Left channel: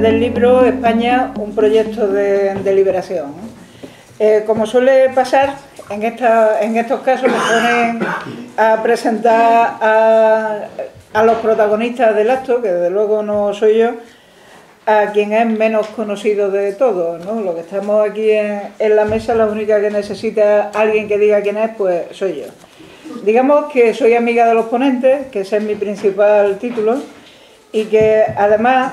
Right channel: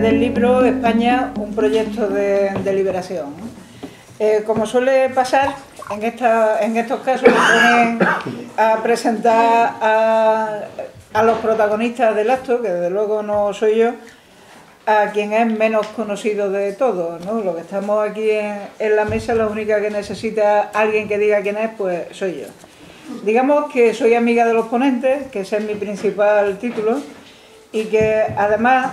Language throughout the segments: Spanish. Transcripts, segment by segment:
Del libro España, un proyecto de liberación. Como suele pasar, en estos casos me ponen a presentar a los protagonistas del acto, que desde luego no soy yo, a quien es menos conocido de todos, ¿no? Los que estamos aquí en la mesa, la única que necesita alguien que diga quién es, pues soy yo. Digamos que soy amiga de los ponentes, que ese es mi principal título, y que además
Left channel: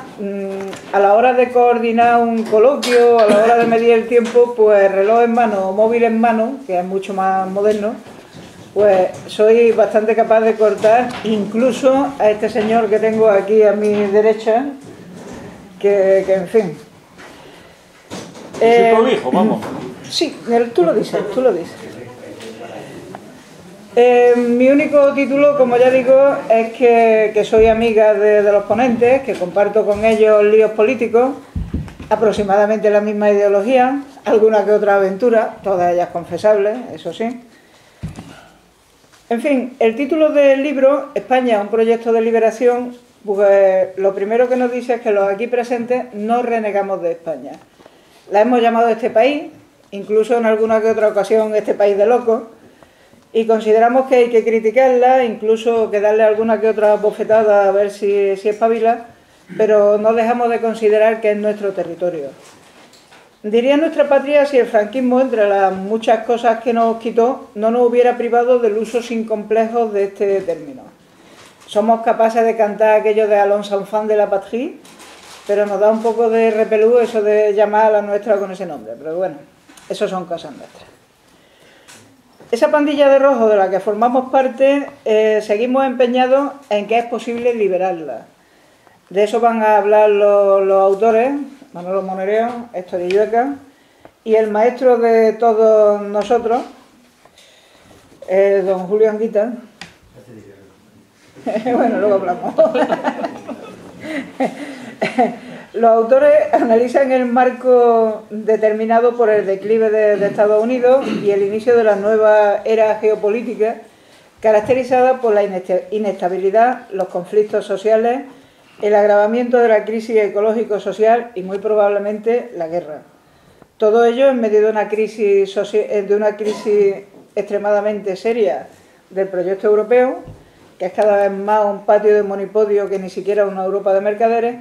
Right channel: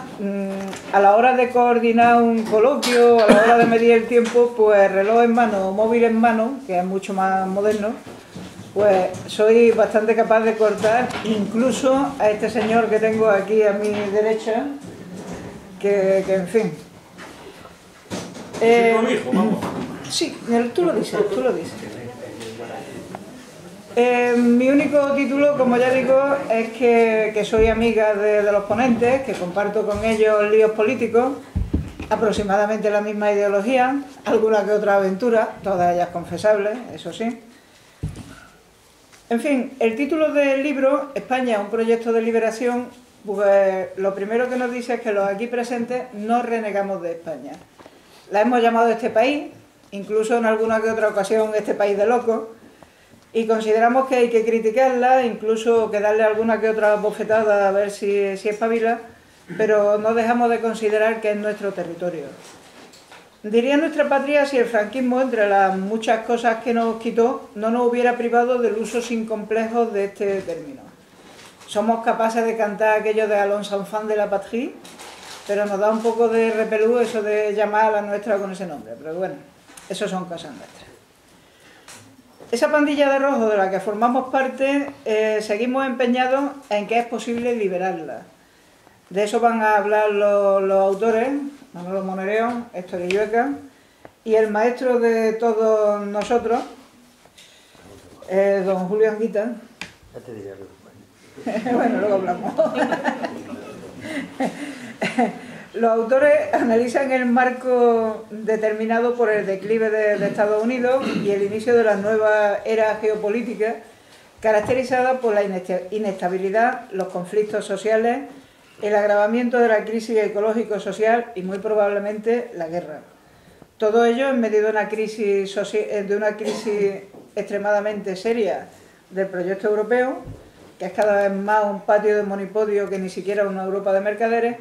a la hora de coordinar un coloquio, a la hora de medir el tiempo, pues reloj en mano o móvil en mano, que es mucho más moderno, pues soy bastante capaz de cortar incluso a este señor que tengo aquí a mi derecha, que en fin. Vamos. Sí, tú lo dices, tú lo dices. Mi único título, como ya digo, es que soy amiga de los ponentes, que comparto con ellos líos políticos, aproximadamente la misma ideología, alguna que otra aventura, todas ellas confesables, eso sí. En fin, el título del libro, España, un proyecto de liberación, pues lo primero que nos dice es que los aquí presentes no renegamos de España. La hemos llamado este país, incluso en alguna que otra ocasión este país de locos, y consideramos que hay que criticarla, incluso que darle alguna que otra bofetada a ver si espabila, pero no dejamos de considerar que es nuestro territorio. Diría nuestra patria si el franquismo, entre las muchas cosas que nos quitó, no nos hubiera privado del uso sin complejos de este término. Somos capaces de cantar aquello de Allons enfants de la patrie, pero nos da un poco de repelú eso de llamar a la nuestra con ese nombre, pero bueno, eso son cosas nuestras. Esa pandilla de rojo de la que formamos parte, seguimos empeñados en que es posible liberarla. De eso van a hablar los autores, Manolo Monereo, Héctor Illueca, y el maestro de todos nosotros, don Julio Anguita. Ya te diré. Bueno, luego hablamos. Los autores analizan el marco determinado por el declive de Estados Unidos y el inicio de la nueva era geopolítica, caracterizada por la inestabilidad, los conflictos sociales, el agravamiento de la crisis ecológico-social y muy probablemente la guerra. Todo ello en medio de una crisis extremadamente seria del proyecto europeo, que es cada vez más un patio de monipodio que ni siquiera una Europa de mercaderes,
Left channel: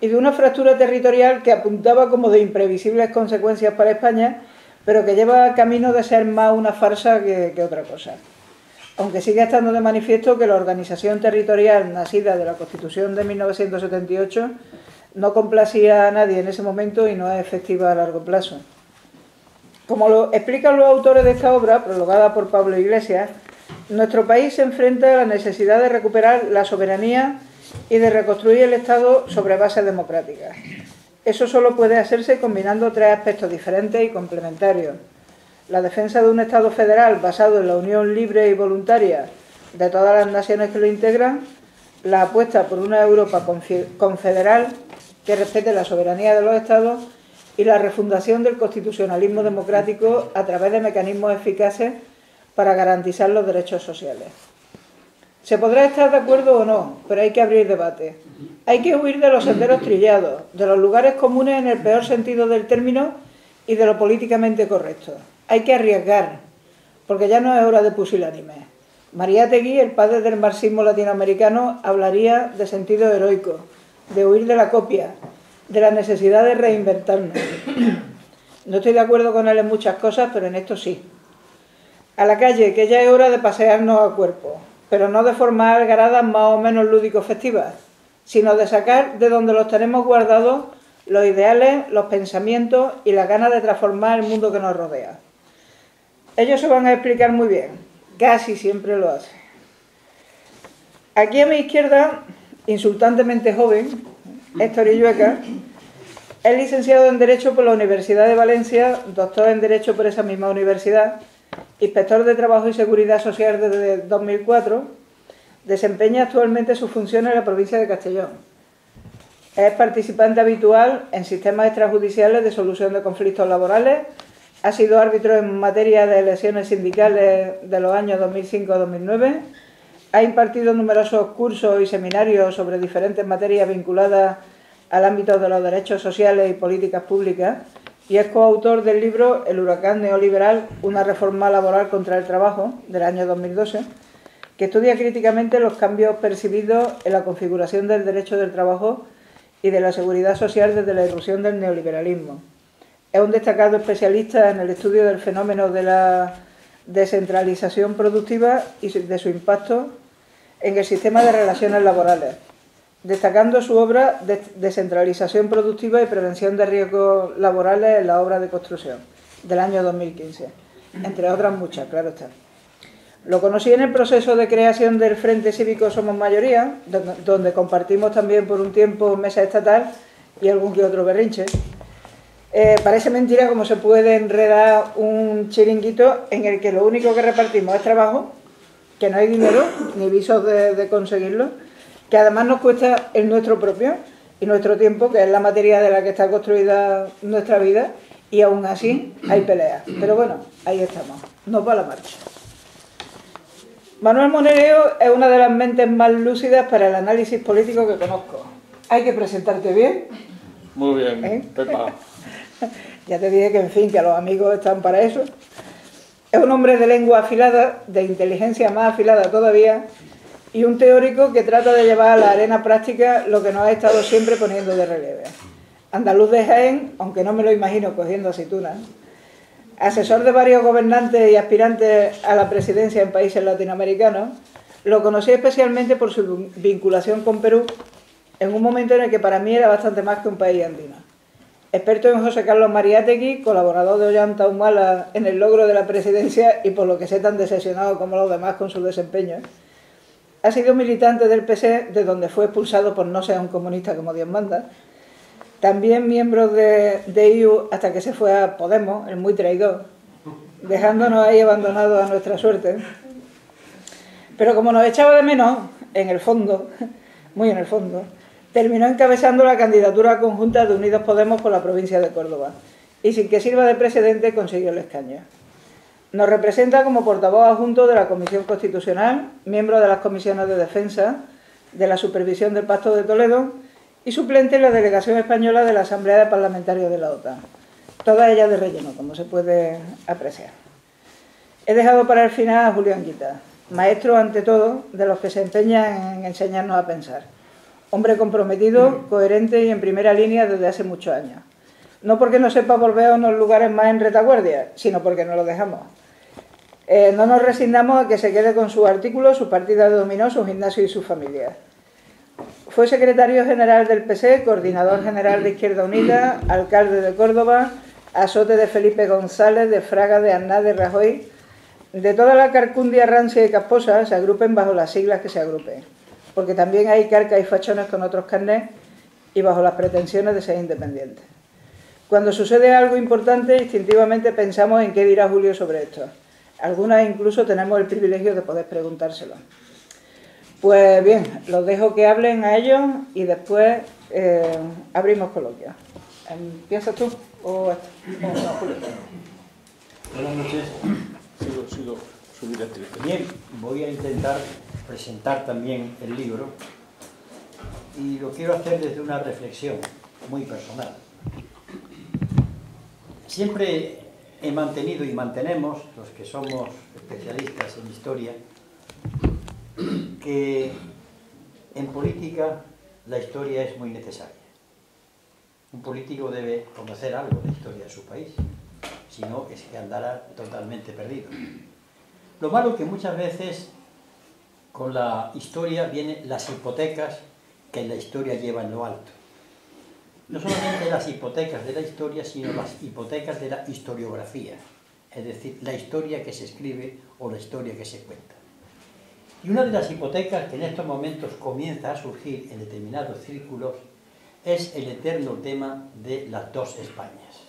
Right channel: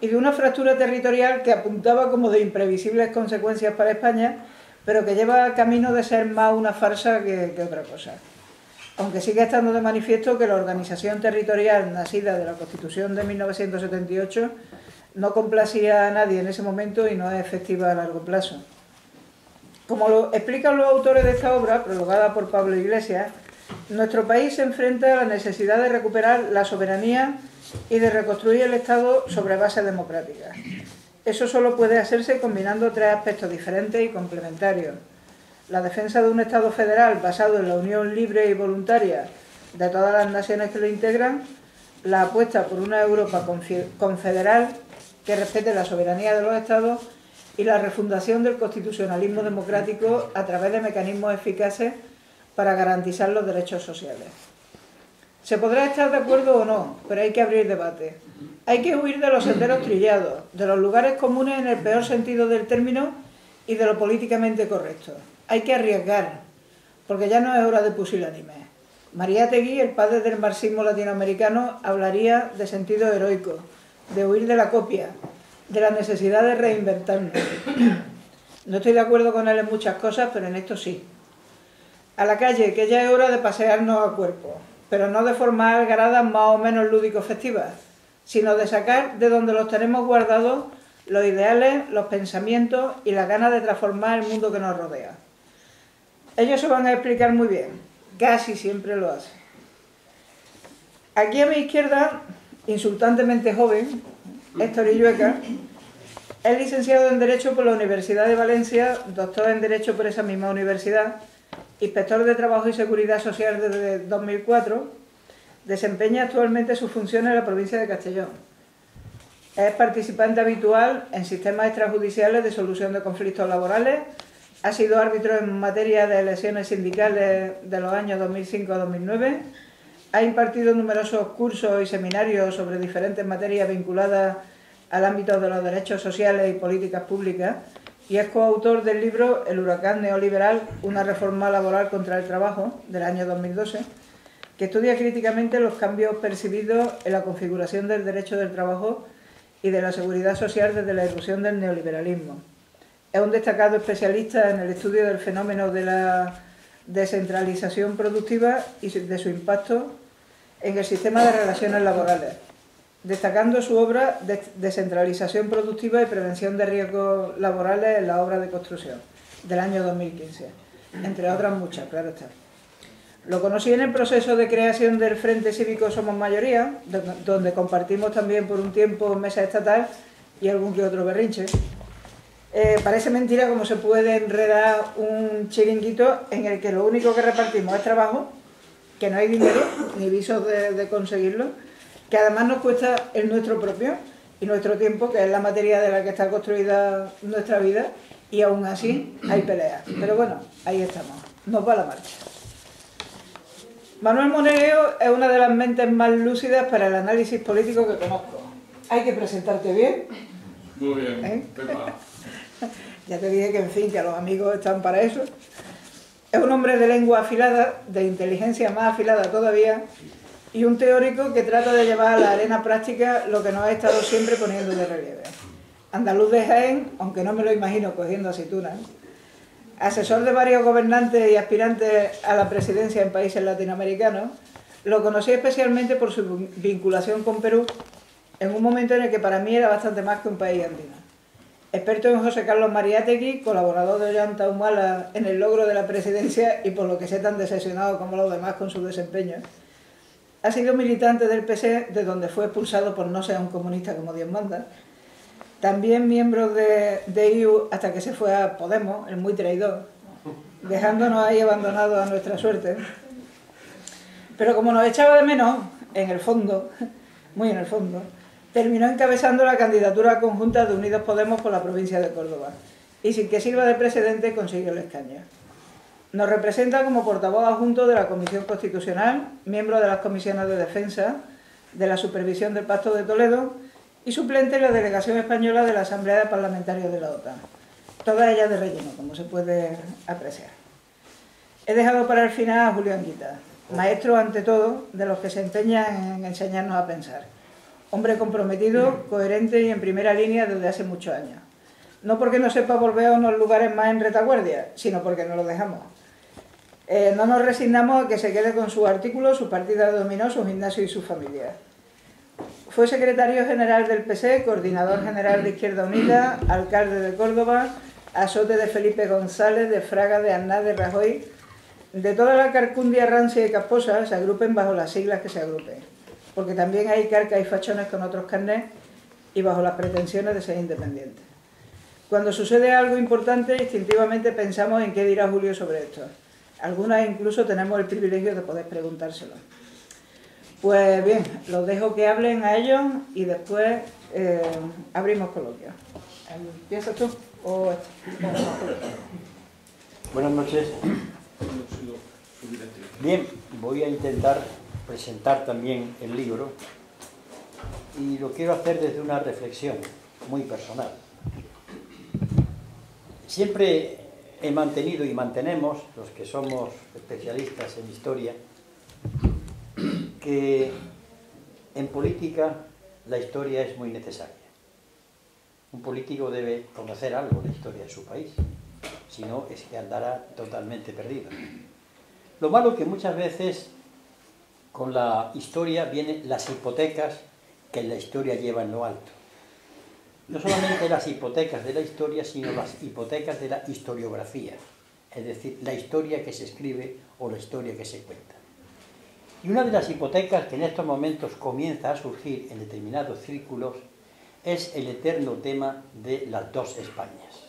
y de una fractura territorial que apuntaba como de imprevisibles consecuencias para España, pero que lleva camino de ser más una farsa que otra cosa. Aunque sigue estando de manifiesto que la organización territorial nacida de la Constitución de 1978 no complacía a nadie en ese momento y no es efectiva a largo plazo. Como lo explican los autores de esta obra, prologada por Pablo Iglesias, nuestro país se enfrenta a la necesidad de recuperar la soberanía y de reconstruir el Estado sobre bases democráticas. Eso solo puede hacerse combinando tres aspectos diferentes y complementarios: la defensa de un Estado federal basado en la unión libre y voluntaria de todas las naciones que lo integran, la apuesta por una Europa confederal que respete la soberanía de los Estados y la refundación del constitucionalismo democrático a través de mecanismos eficaces para garantizar los derechos sociales. Se podrá estar de acuerdo o no, pero hay que abrir debate. Hay que huir de los senderos trillados, de los lugares comunes en el peor sentido del término y de lo políticamente correcto. Hay que arriesgar, porque ya no es hora de pusilánimes. Mariátegui, el padre del marxismo latinoamericano, hablaría de sentido heroico, de huir de la copia, de la necesidad de reinventarnos. No estoy de acuerdo con él en muchas cosas, pero en esto sí. A la calle, que ya es hora de pasearnos a cuerpo, pero no de formas algaradas más o menos lúdico-festivas, sino de sacar de donde los tenemos guardados los ideales, los pensamientos y las ganas de transformar el mundo que nos rodea. Ellos se van a explicar muy bien, casi siempre lo hacen. Aquí a mi izquierda, insultantemente joven, Héctor Illueca, es licenciado en Derecho por la Universidad de Valencia, doctor en Derecho por esa misma universidad, inspector de Trabajo y Seguridad Social desde 2004, desempeña actualmente sus funciones en la provincia de Castellón. Es participante habitual en sistemas extrajudiciales de solución de conflictos laborales. Ha sido árbitro en materia de elecciones sindicales de los años 2005 a 2009. Ha impartido numerosos cursos y seminarios sobre diferentes materias vinculadas al ámbito de los derechos sociales y políticas públicas y es coautor del libro El huracán neoliberal, una reforma laboral contra el trabajo, del año 2012, que estudia críticamente los cambios percibidos en la configuración del derecho del trabajo y de la seguridad social desde la irrupción del neoliberalismo. Es un destacado especialista en el estudio del fenómeno de la descentralización productiva y de su impacto en el sistema de relaciones laborales, destacando su obra de Descentralización productiva y prevención de riesgos laborales en la obra de construcción, del año 2015, entre otras muchas, claro está. Lo conocí en el proceso de creación del Frente Cívico Somos Mayoría, donde compartimos también por un tiempo mesa estatal y algún que otro berrinche. Parece mentira cómo se puede enredar un chiringuito en el que lo único que repartimos es trabajo, que no hay dinero ni visos de conseguirlo, que además nos cuesta el nuestro propio y nuestro tiempo, que es la materia de la que está construida nuestra vida, y aún así hay peleas. Pero bueno, ahí estamos, nos va la marcha. Manuel Monerio es una de las mentes más lúcidas para el análisis político que conozco. Hay que presentarte bien. Muy bien, Pepa. Ya te dije que, en fin, que los amigos están para eso. Es un hombre de lengua afilada, de inteligencia más afilada todavía, y un teórico que trata de llevar a la arena práctica lo que nos ha estado siempre poniendo de relieve. Andaluz de Jaén, aunque no me lo imagino cogiendo aceitunas. Asesor de varios gobernantes y aspirantes a la presidencia en países latinoamericanos, lo conocí especialmente por su vinculación con Perú, en un momento en el que para mí era bastante más que un país andino. Experto en José Carlos Mariátegui, colaborador de Ollanta Humala en el logro de la presidencia y por lo que sé tan decepcionado como los demás con su desempeño. Ha sido militante del PC, de donde fue expulsado por no ser un comunista como Dios manda. También miembro de IU hasta que se fue a Podemos, el muy traidor, dejándonos ahí abandonados a nuestra suerte. Pero como nos echaba de menos, en el fondo, muy en el fondo, terminó encabezando la candidatura conjunta de Unidos Podemos por la provincia de Córdoba y sin que sirva de precedente consiguió el escaño. Nos representa como portavoz adjunto de la Comisión Constitucional, miembro de las comisiones de Defensa, de la Supervisión del Pacto de Toledo y suplente en la Delegación Española de la Asamblea de Parlamentarios de la OTAN. Todas ellas de relleno, como se puede apreciar. He dejado para el final a Julio Anguita, maestro ante todo de los que se empeñan en enseñarnos a pensar. Hombre comprometido, coherente y en primera línea desde hace muchos años. No porque no sepa volver a unos lugares más en retaguardia, sino porque no lo dejamos. No nos resignamos a que se quede con sus artículos, su partida de dominó, su gimnasio y su familia. Fue secretario general del PC, coordinador general de Izquierda Unida, alcalde de Córdoba, azote de Felipe González, de Fraga, de Aznar, de Rajoy. De toda la carcundia rancia y casposa se agrupen bajo las siglas que se agrupen, porque también hay carcas y fachones con otros carnés y bajo las pretensiones de ser independientes. Cuando sucede algo importante, instintivamente pensamos en qué dirá Julio sobre esto. Algunas incluso tenemos el privilegio de poder preguntárselo. Pues bien, los dejo que hablen a ellos y después abrimos coloquio. ¿Empiezas tú o esto? No, Julio. Buenas noches. Bien, voy a intentar presentar también el libro y lo quiero hacer desde una reflexión muy personal. Siempre he mantenido y mantenemos, los que somos especialistas en historia, que en política la historia es muy necesaria. Un político debe conocer algo de la historia de su país, si no es que andará totalmente perdido. Lo malo es que muchas veces con la historia vienen las hipotecas que la historia lleva en lo alto. No solamente las hipotecas de la historia, sino las hipotecas de la historiografía, es decir, la historia que se escribe o la historia que se cuenta. Y una de las hipotecas que en estos momentos comienza a surgir en determinados círculos es el eterno tema de las dos Españas.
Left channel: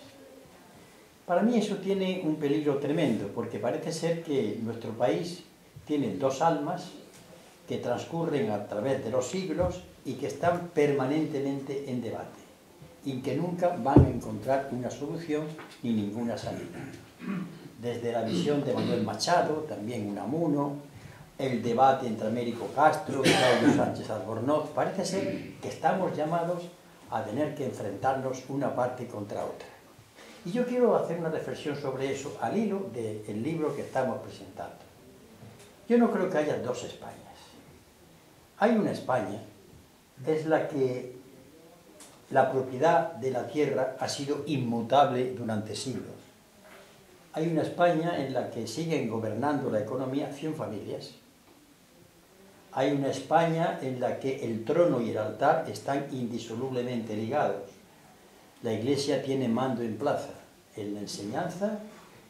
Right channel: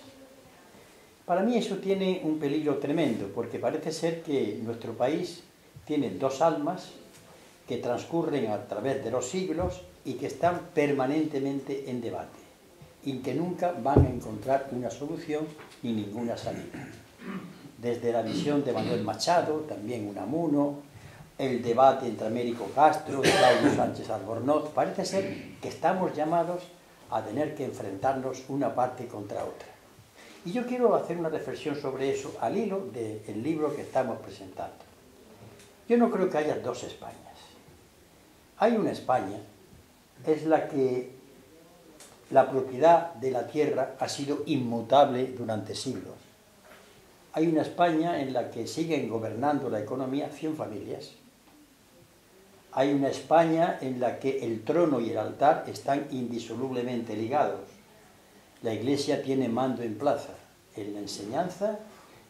Para mí eso tiene un peligro tremendo, porque parece ser que nuestro país tiene dos almas que transcurren a través de los siglos y que están permanentemente en debate y que nunca van a encontrar una solución ni ninguna salida. Desde la visión de Manuel Machado, también Unamuno, el debate entre Américo Castro, Claudio Sánchez Albornoz, parece ser que estamos llamados a tener que enfrentarnos una parte contra otra. Y yo quiero hacer una reflexión sobre eso al hilo del libro que estamos presentando. Yo no creo que haya dos Españas. Hay una España, es la que la propiedad de la tierra ha sido inmutable durante siglos. Hay una España en la que siguen gobernando la economía 100 familias. Hay una España en la que el trono y el altar están indisolublemente ligados. La Iglesia tiene mando en plaza, en la enseñanza,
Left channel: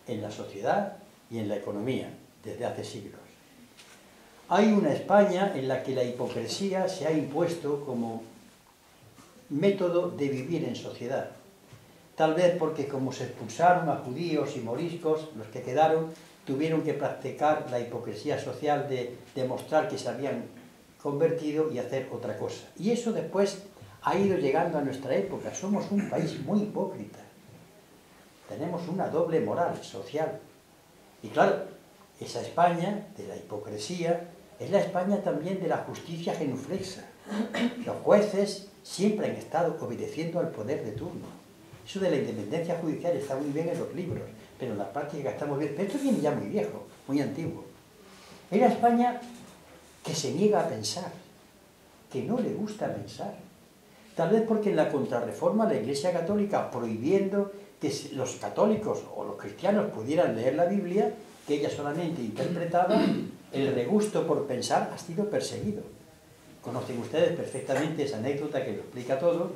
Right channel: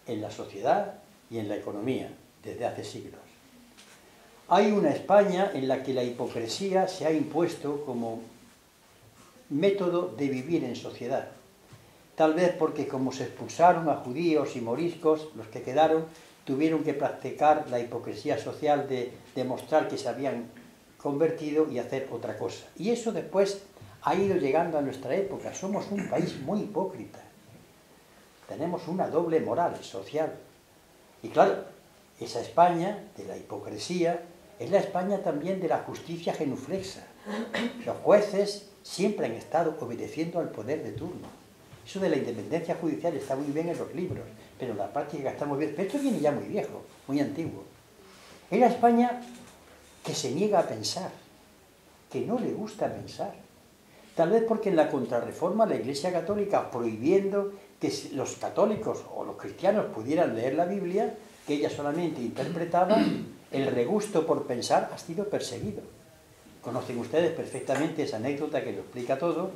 en la sociedad y en la economía, desde hace siglos. Hay una España en la que la hipocresía se ha impuesto como método de vivir en sociedad. Tal vez porque como se expulsaron a judíos y moriscos, los que quedaron tuvieron que practicar la hipocresía social de demostrar que se habían convertido y hacer otra cosa. Y eso después ha ido llegando a nuestra época. Somos un país muy hipócrita. Tenemos una doble moral social. Y claro, esa España de la hipocresía es la España también de la justicia genuflexa. Los jueces siempre han estado obedeciendo al poder de turno. Eso de la independencia judicial está muy bien en los libros, pero en la práctica está muy bien. Pero esto viene ya muy viejo, muy antiguo. Es la España que se niega a pensar, que no le gusta pensar. Tal vez porque en la Contrarreforma la Iglesia Católica, prohibiendo que los católicos o los cristianos pudieran leer la Biblia, que ella solamente interpretaba, el regusto por pensar ha sido perseguido. Conocen ustedes perfectamente esa anécdota que lo explica todo,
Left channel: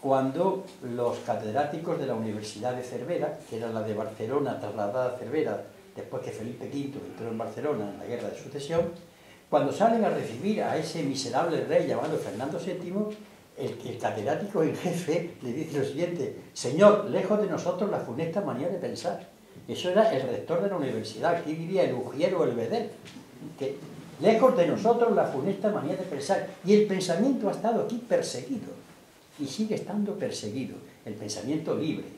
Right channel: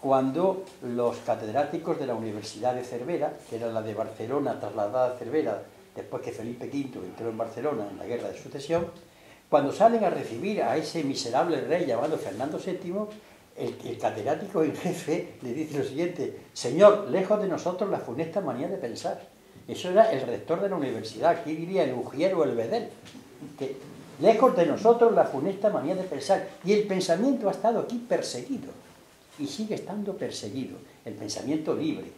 cuando los catedráticos de la Universidad de Cervera, que era la de Barcelona trasladada a Cervera después que Felipe V entró en Barcelona en la Guerra de Sucesión, cuando salen a recibir a ese miserable rey llamado Fernando VII, el catedrático en jefe le dice lo siguiente: señor, lejos de nosotros la funesta manía de pensar. Eso era el rector de la universidad, aquí diría el Ujier o el Bedel, que lejos de nosotros la funesta manía de pensar. Y el pensamiento ha estado aquí perseguido. Y sigue estando perseguido, el pensamiento libre.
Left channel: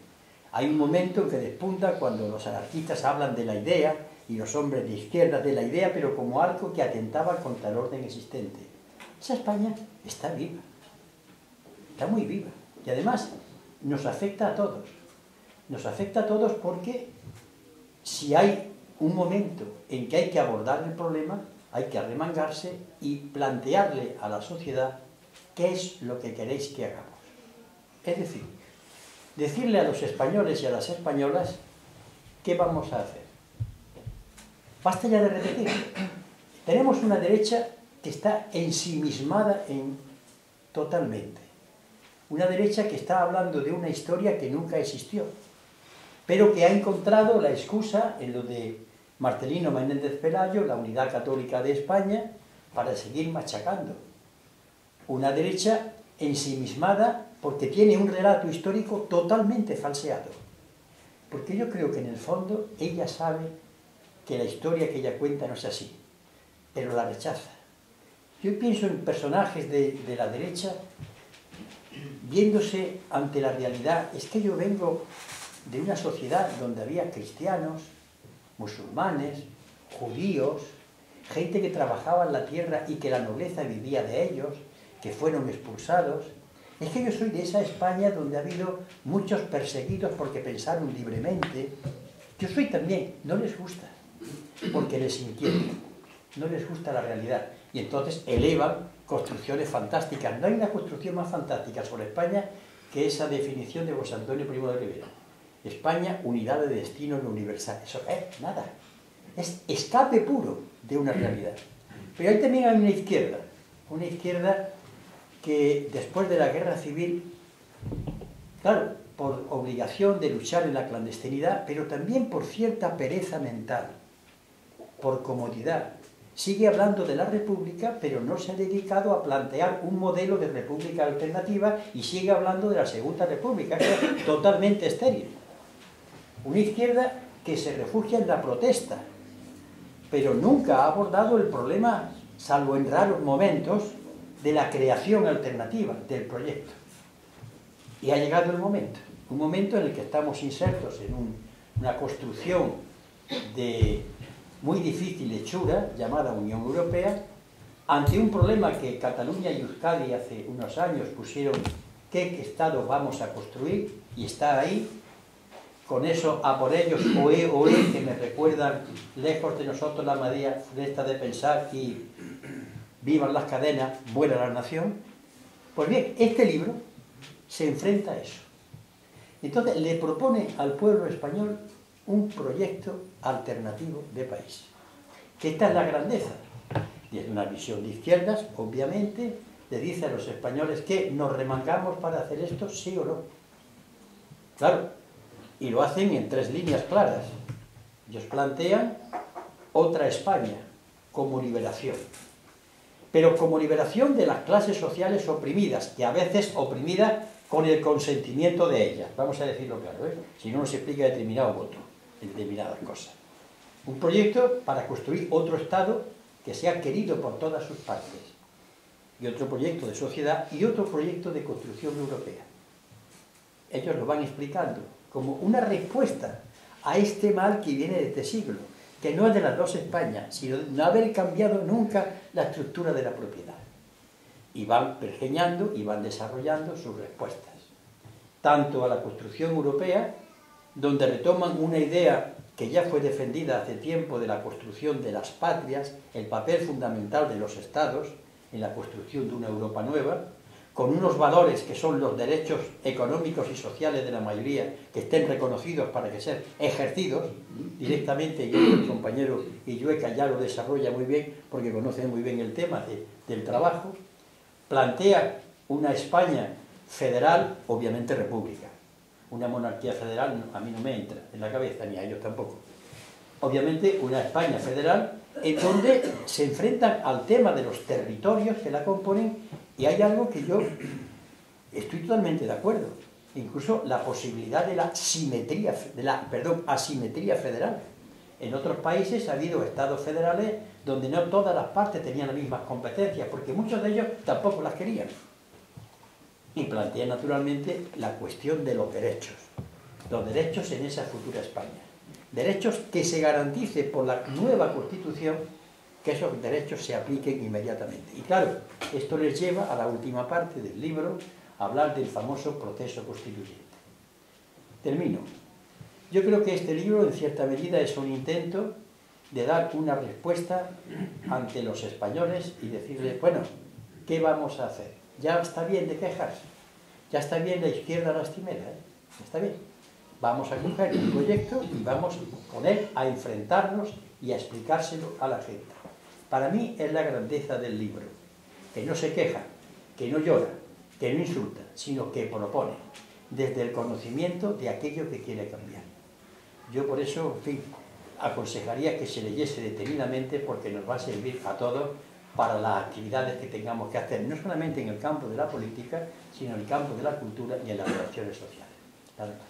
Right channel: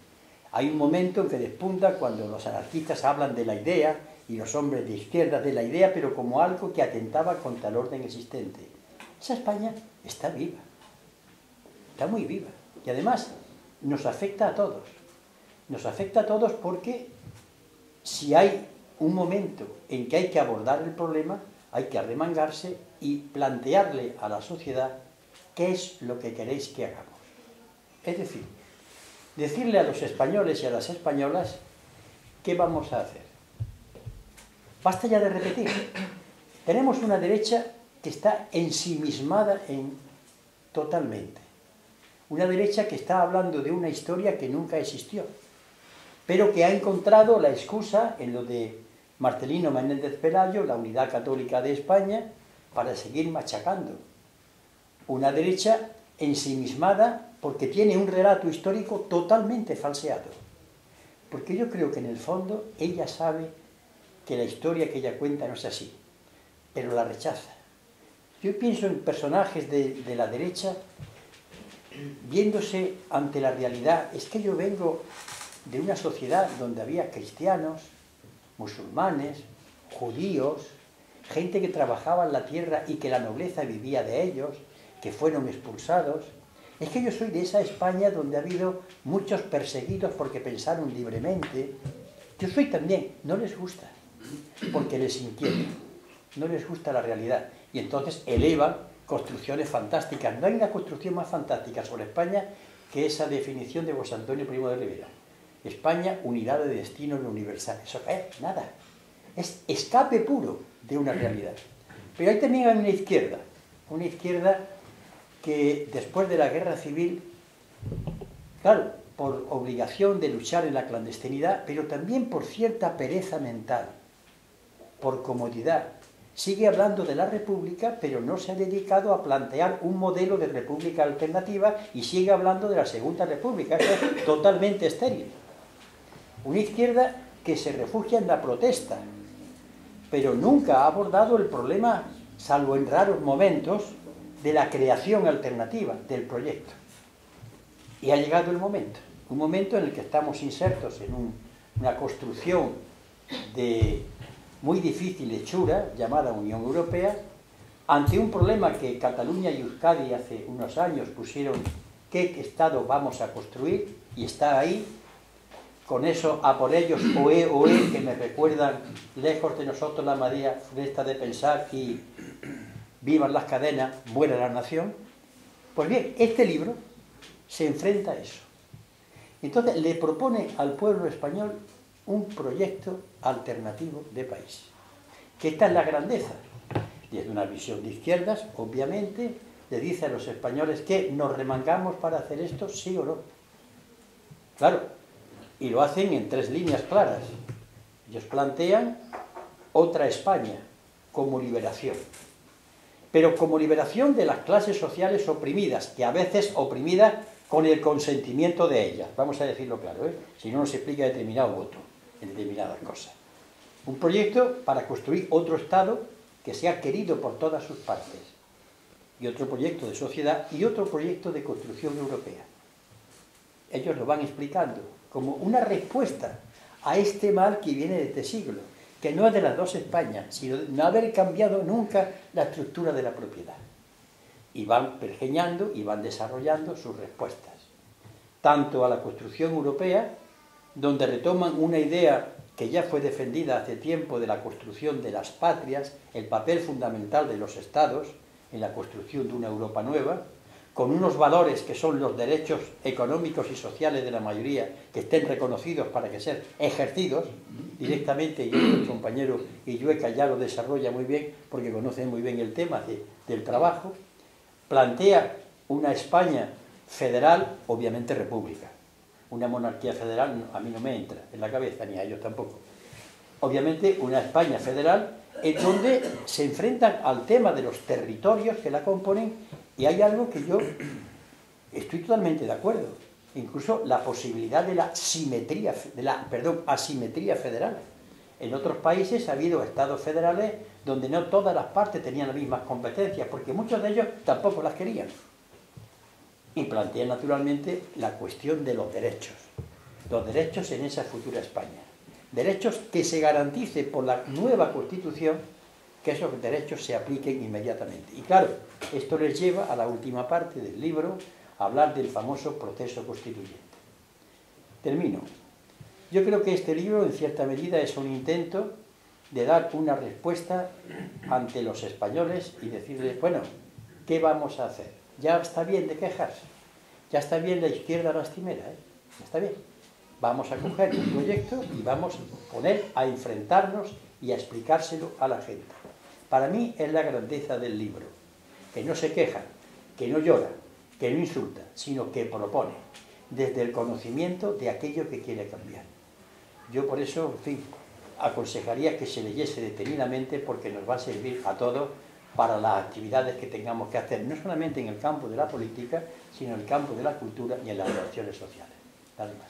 Hay un momento en que despunta cuando los anarquistas hablan de la idea y los hombres de izquierda de la idea, pero como algo que atentaba contra el orden existente. Esa España está viva, está muy viva. Y además nos afecta a todos. Nos afecta a todos porque si hay un momento en que hay que abordar el problema, hay que arremangarse y plantearle a la sociedad qué es lo que queréis que hagamos. Es decir, decirle a los españoles y a las españolas qué vamos a hacer. Basta ya de repetir. Tenemos una derecha que está ensimismada totalmente. Una derecha que está hablando de una historia que nunca existió, pero que ha encontrado la excusa en lo de Marcelino Menéndez Pelayo, la unidad católica de España, para seguir machacando. Una derecha ensimismada porque tiene un relato histórico totalmente falseado. Porque yo creo que en el fondo ella sabe que la historia que ella cuenta no es así, pero la rechaza. Yo pienso en personajes de la derecha viéndose ante la realidad. Es que yo vengo de una sociedad donde había cristianos, musulmanes, judíos, gente que trabajaba en la tierra y que la nobleza vivía de ellos, que fueron expulsados. Es que yo soy de esa España donde ha habido muchos perseguidos porque pensaron libremente. Yo soy también, no les gusta, porque les inquieta, no les gusta la realidad. Y entonces elevan construcciones fantásticas. No hay una construcción más fantástica sobre España que esa definición de José Antonio Primo de Rivera. España, unidad de destino en lo universal. Eso es nada. Es escape puro de una realidad. Pero ahí también hay una izquierda que después de la guerra civil, claro, por obligación de luchar en la clandestinidad, pero también por cierta pereza mental, por comodidad, sigue hablando de la república, pero no se ha dedicado a plantear un modelo de república alternativa y sigue hablando de la segunda república. Eso es totalmente estéril. Una izquierda que se refugia en la protesta, pero nunca ha abordado el problema, salvo en raros momentos, de la creación alternativa del proyecto. Y ha llegado el momento, un momento en el que estamos insertos en una construcción de muy difícil hechura llamada Unión Europea, ante un problema que Cataluña y Euskadi hace unos años pusieron qué Estado vamos a construir, y está ahí, con eso a por ellos, oe, oe, que me recuerdan lejos de nosotros la María Furesta de pensar y vivan las cadenas, muera la nación. Pues bien, este libro se enfrenta a eso. Entonces le propone al pueblo español un proyecto alternativo de país. Que esta es la grandeza. Desde una visión de izquierdas, obviamente, le dice a los españoles que nos remangamos para hacer esto, sí o no. Claro, y lo hacen en 3 líneas claras. Ellos plantean otra España como liberación. Pero como liberación de las clases sociales oprimidas, que a veces oprimidas con el consentimiento de ellas. Vamos a decirlo claro, ¿eh? Si no nos explica determinado voto en determinadas cosas. Un proyecto para construir otro Estado que sea querido por todas sus partes. Y otro proyecto de sociedad y otro proyecto de construcción europea. Ellos lo van explicando como una respuesta a este mal que viene de este siglo, que no es de las 2 Españas, sino de no haber cambiado nunca la estructura de la propiedad. Y van pergeñando y van desarrollando sus respuestas. Tanto a la construcción europea, donde retoman una idea que ya fue defendida hace tiempo de la construcción de las patrias, el papel fundamental de los Estados en la construcción de una Europa nueva, con unos valores que son los derechos económicos y sociales de la mayoría, que estén reconocidos para que sean ejercidos directamente, y el compañero Illueca ya lo desarrolla muy bien, porque conoce muy bien el tema del trabajo. Plantea una España federal, obviamente república. Una monarquía federal a mí no me entra en la cabeza, ni a ellos tampoco. Obviamente una España federal en donde se enfrentan al tema de los territorios que la componen, y hay algo que yo estoy totalmente de acuerdo. Incluso la posibilidad de la asimetría federal. En otros países ha habido estados federales donde no todas las partes tenían las mismas competencias, porque muchos de ellos tampoco las querían. Y plantea naturalmente la cuestión de los derechos en esa futura España. Derechos que se garantice por la nueva Constitución, que esos derechos se apliquen inmediatamente. Y claro, esto les lleva a la última parte del libro, a hablar del famoso proceso constituyente. Termino. Yo creo que este libro, en cierta medida, es un intento de dar una respuesta ante los españoles y decirles, bueno, ¿qué vamos a hacer? Ya está bien de quejarse, ya está bien la izquierda lastimera, ya está bien. Vamos a coger un proyecto y vamos a poner a enfrentarnos y a explicárselo a la gente. Para mí es la grandeza del libro, que no se queja, que no llora, que no insulta, sino que propone, desde el conocimiento de aquello que quiere cambiar. Yo por eso, en fin, aconsejaría que se leyese detenidamente, porque nos va a servir a todos para las actividades que tengamos que hacer, no solamente en el campo de la política, sino en el campo de la cultura y en las relaciones sociales. Nada más.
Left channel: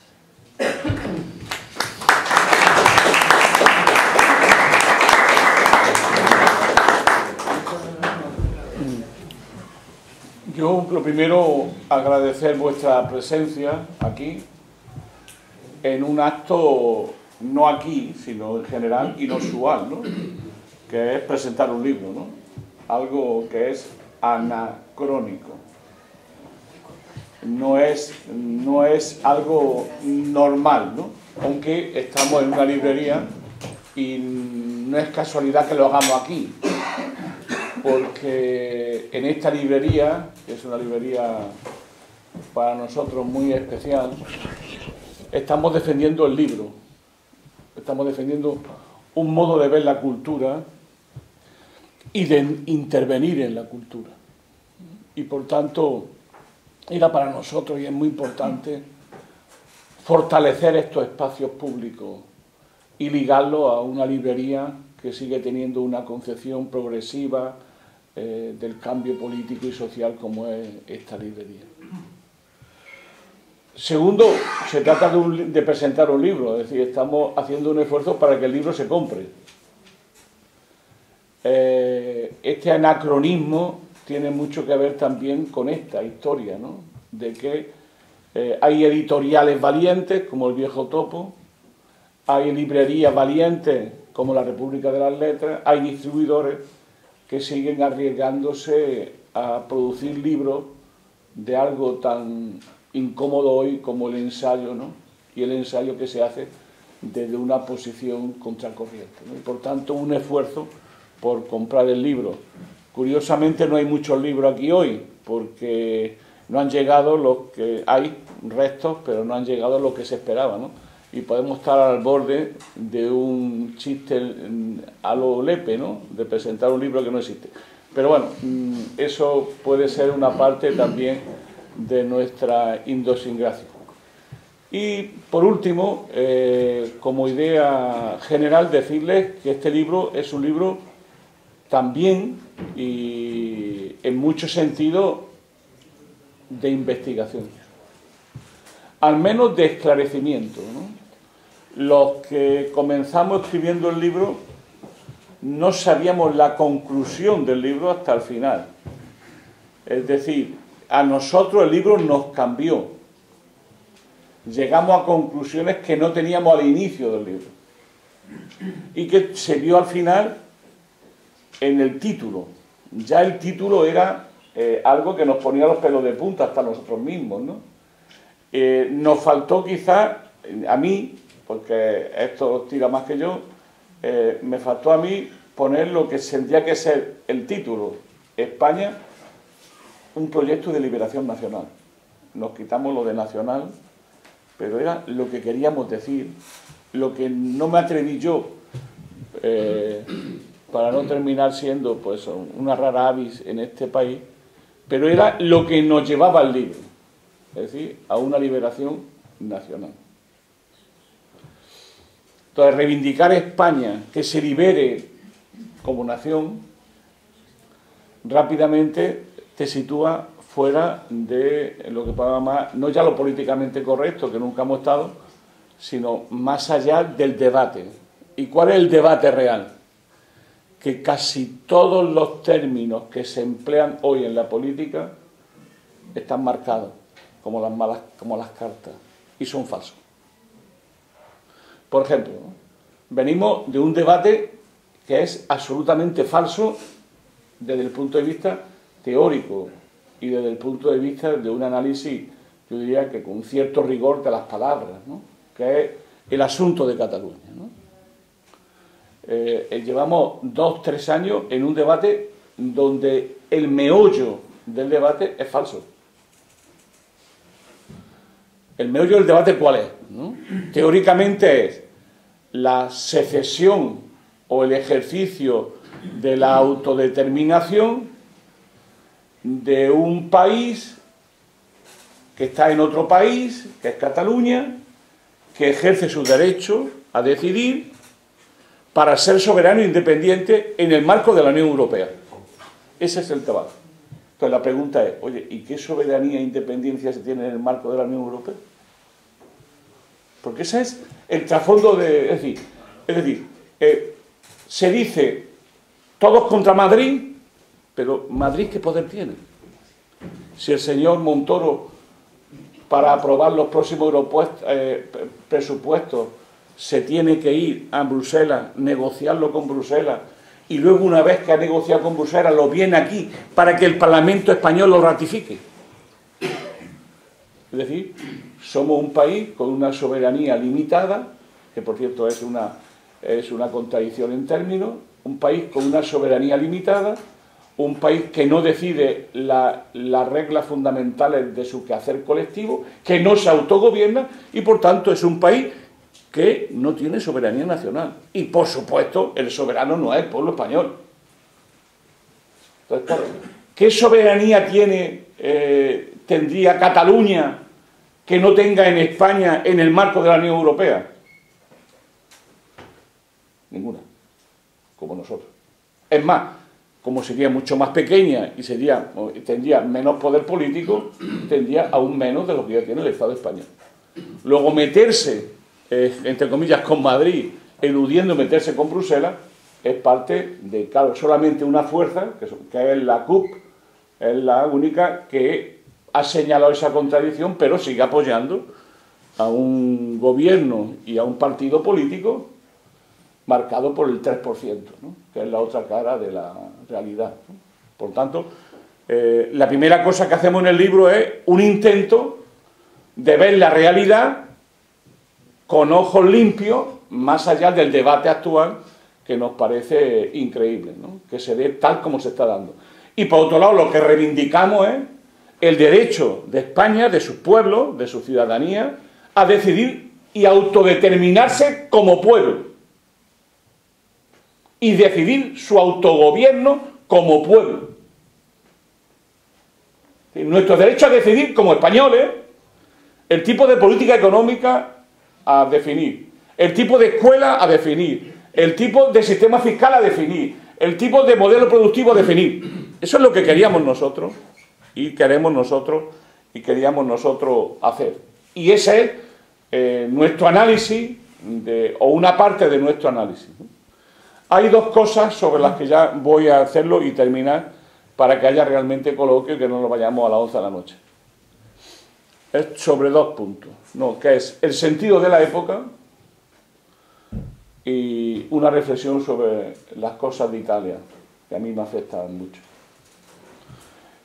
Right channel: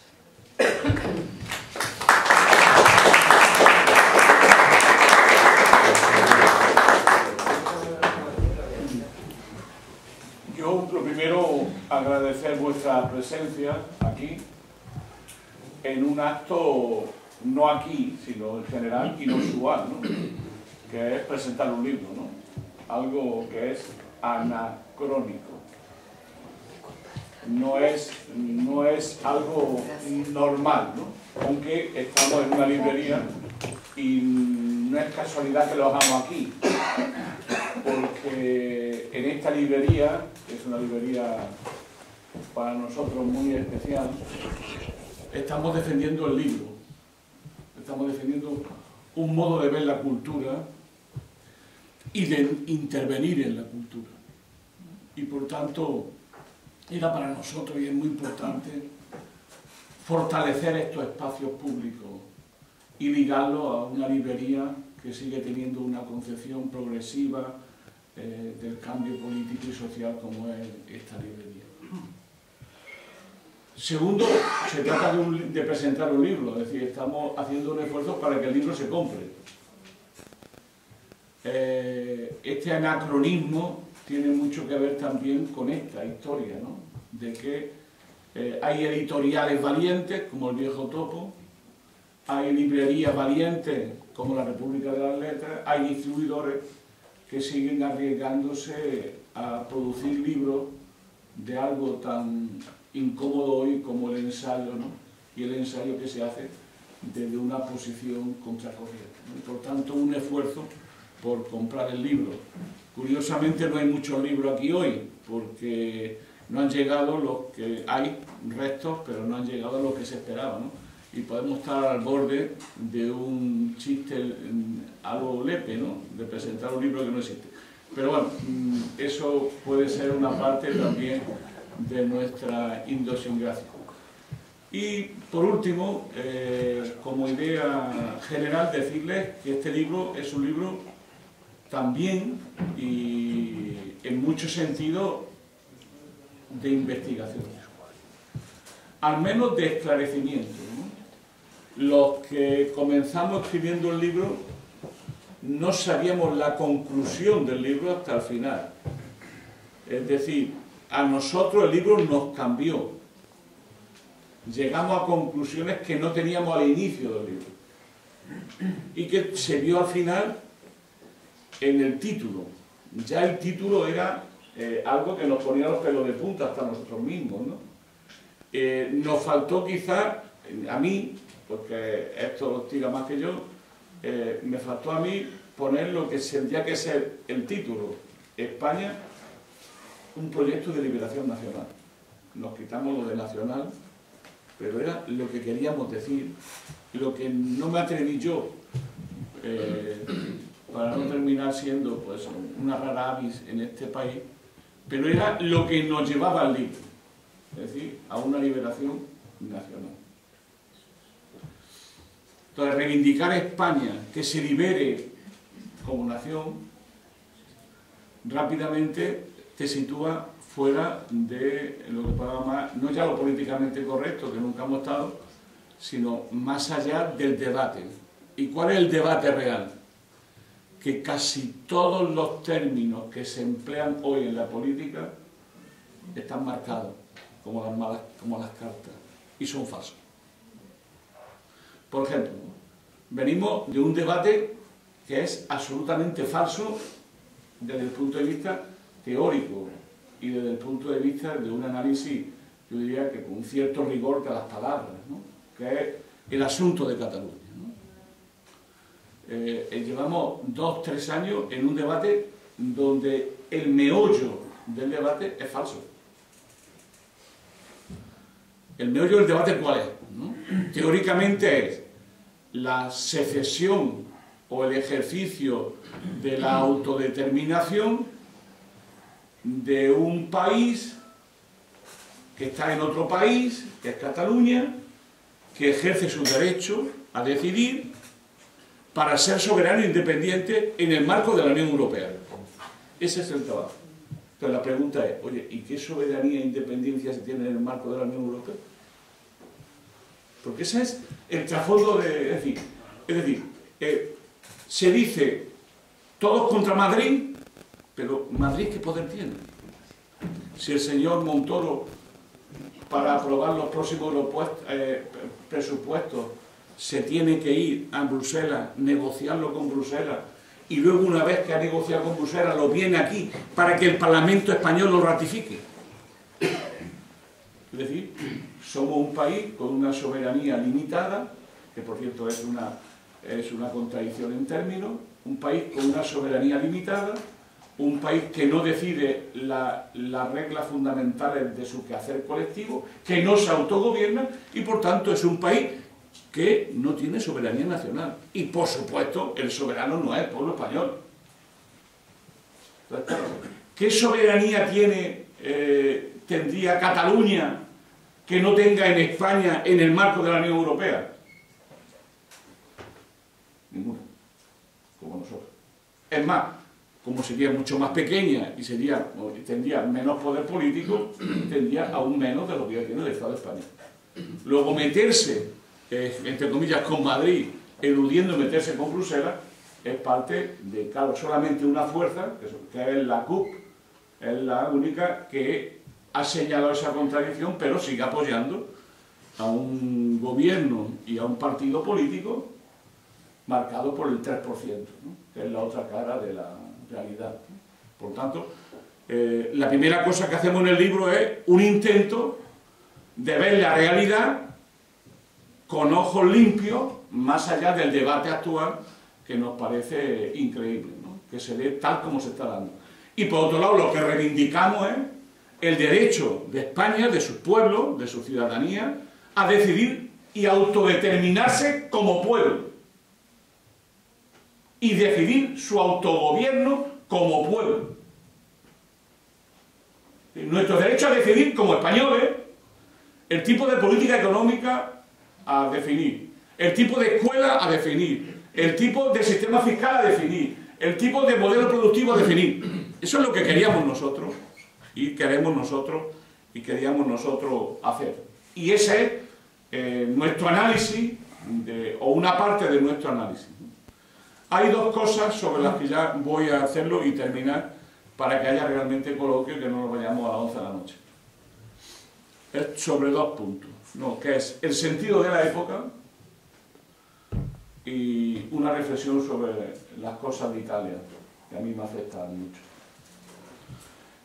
Yo, lo primero, agradecer vuestra presencia aquí, en un acto, no aquí, sino en general, inusual, ¿no? Que es presentar un libro, ¿no? Algo que es anacrónico. No es algo normal, ¿no? Aunque estamos en una librería y no es casualidad que lo hagamos aquí, porque en esta librería, que es una librería para nosotros muy especial, estamos defendiendo el libro, estamos defendiendo un modo de ver la cultura y de intervenir en la cultura. Y por tanto, era para nosotros, y es muy importante, fortalecer estos espacios públicos y ligarlo a una librería que sigue teniendo una concepción progresiva del cambio político y social como es esta librería. Segundo, se trata de presentar un libro, es decir, estamos haciendo un esfuerzo para que el libro se compre. Este anacronismo tiene mucho que ver también con esta historia, ¿no? De que hay editoriales valientes, como El Viejo Topo, hay librerías valientes, como La República de las Letras, hay distribuidores que siguen arriesgándose a producir libros de algo tan incómodo hoy como el ensayo, ¿no? Y el ensayo que se hace desde una posición contracorriente, ¿no? Y por tanto un esfuerzo por comprar el libro. Curiosamente no hay muchos libros aquí hoy, porque no han llegado los que hay, restos, pero no han llegado los que se esperaba, ¿no? Y podemos estar al borde de un chiste a lo Lepe, ¿no? De presentar un libro que no existe. Pero bueno, eso puede ser una parte también de nuestra idiosincrasia. Y por último, como idea general, decirles que este libro es un libro también y en muchos sentidos de investigación, al menos de esclarecimiento, ¿no? Los que comenzamos escribiendo el libro no sabíamos la conclusión del libro hasta el final. Es decir, a nosotros el libro nos cambió. Llegamos a conclusiones que no teníamos al inicio del libro y que se vio al final en el título. Ya el título era algo que nos ponía los pelos de punta hasta nosotros mismos, ¿no? Nos faltó quizás, a mí, porque esto lo tira más que yo, me faltó a mí poner lo que tendría que ser el título: España, un proyecto de liberación nacional. Nos quitamos lo de nacional, pero era lo que queríamos decir, lo que no me atreví yo, para no terminar siendo pues una rara avis en este país, pero era lo que nos llevaba al libro, es decir, a una liberación nacional. Entonces, reivindicar España, que se libere como nación, rápidamente te sitúa fuera de lo que podemos llamar, no ya lo políticamente correcto, que nunca hemos estado, sino más allá del debate. ¿Y cuál es el debate real? Que casi todos los términos que se emplean hoy en la política están marcados como las cartas, y son falsos. Por ejemplo, venimos de un debate que es absolutamente falso desde el punto de vista teórico y desde el punto de vista de un análisis, yo diría que con cierto rigor de las palabras, ¿no? Que es el asunto de Cataluña, ¿no? Llevamos 2-3 años en un debate donde el meollo del debate es falso. El meollo del debate, ¿cuál es? ¿No? Teóricamente es la secesión o el ejercicio de la autodeterminación de un país que está en otro país, que es Cataluña, que ejerce su derecho a decidir para ser soberano e independiente en el marco de la Unión Europea. Ese es el debate. Entonces la pregunta es, oye, ¿y qué soberanía e independencia se tiene en el marco de la Unión Europea? Porque ese es el trasfondo de... Es decir, se dice todos contra Madrid, pero ¿Madrid qué poder tiene? Si el señor Montoro, para aprobar los próximos presupuestos, se tiene que ir a Bruselas, negociarlo con Bruselas, y luego una vez que ha negociado con Bruselas lo viene aquí para que el Parlamento español lo ratifique. Es decir, somos un país con una soberanía limitada, que por cierto es una contradicción en términos, un país con una soberanía limitada, un país que no decide las reglas fundamentales de su quehacer colectivo, que no se autogobierna y por tanto es un país que no tiene soberanía nacional. Y por supuesto el soberano no es el pueblo español. Entonces, claro, ¿qué soberanía tendría Cataluña que no tenga en España en el marco de la Unión Europea? Ninguna, como nosotros. Es más, como sería mucho más pequeña y tendría menos poder político, tendría aún menos de lo que ya tiene el Estado español. Luego meterse, entre comillas, con Madrid, eludiendo meterse con Bruselas, es parte de, claro, solamente una fuerza, que es la CUP, Es la única que ha señalado esa contradicción, pero sigue apoyando a un gobierno y a un partido político marcado por el 3%, ¿no? Que es la otra cara de la realidad, ¿no? Por tanto, la primera cosa que hacemos en el libro es un intento de ver la realidad con ojos limpios, más allá del debate actual que nos parece increíble, ¿no? Que se dé tal como se está dando. Y por otro lado, lo que reivindicamos es el derecho de España, de sus pueblos, de su ciudadanía, a decidir y autodeterminarse como pueblo. Y decidir su autogobierno como pueblo. Nuestro derecho a decidir como españoles el tipo de política económica a definir, el tipo de escuela a definir, el tipo de sistema fiscal a definir, el tipo de modelo productivo a definir. Eso es lo que queríamos nosotros y queremos nosotros y queríamos nosotros hacer. Y ese es nuestro análisis, o una parte de nuestro análisis. Hay dos cosas sobre las que ya voy a hacerlo y terminar para que haya realmente coloquio y que no nos vayamos a las 11 de la noche. Es sobre dos puntos, ¿no? Que es el sentido de la época y una reflexión sobre las cosas de Italia, que a mí me afectan mucho.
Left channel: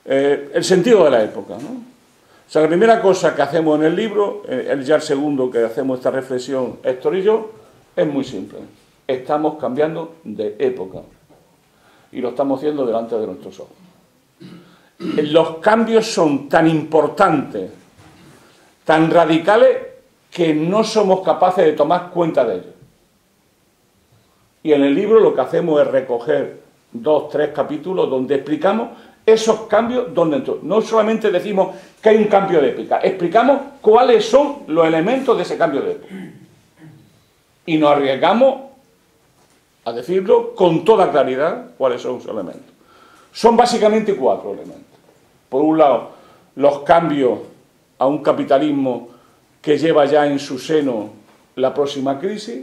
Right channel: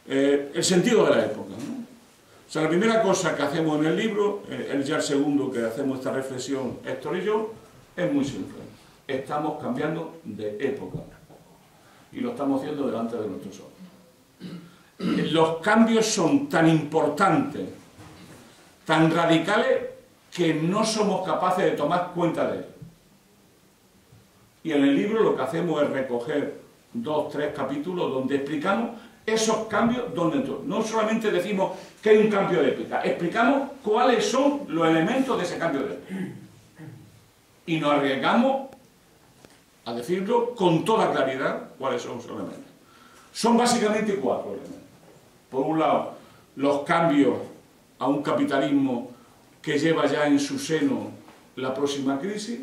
El sentido de la época, ¿no? O sea, la primera cosa que hacemos en el libro, ya el segundo que hacemos esta reflexión, Héctor y yo, es muy simple. Estamos cambiando de época y lo estamos haciendo delante de nuestros ojos. Los cambios son tan importantes, tan radicales, que no somos capaces de tomar cuenta de ellos. Y en el libro lo que hacemos es recoger 2, 3 capítulos donde explicamos esos cambios donde entran. No solamente decimos que hay un cambio de época, explicamos cuáles son los elementos de ese cambio de época. Y nos arriesgamos a decirlo con toda claridad cuáles son sus elementos. Son básicamente 4 elementos. Por un lado, los cambios a un capitalismo que lleva ya en su seno la próxima crisis,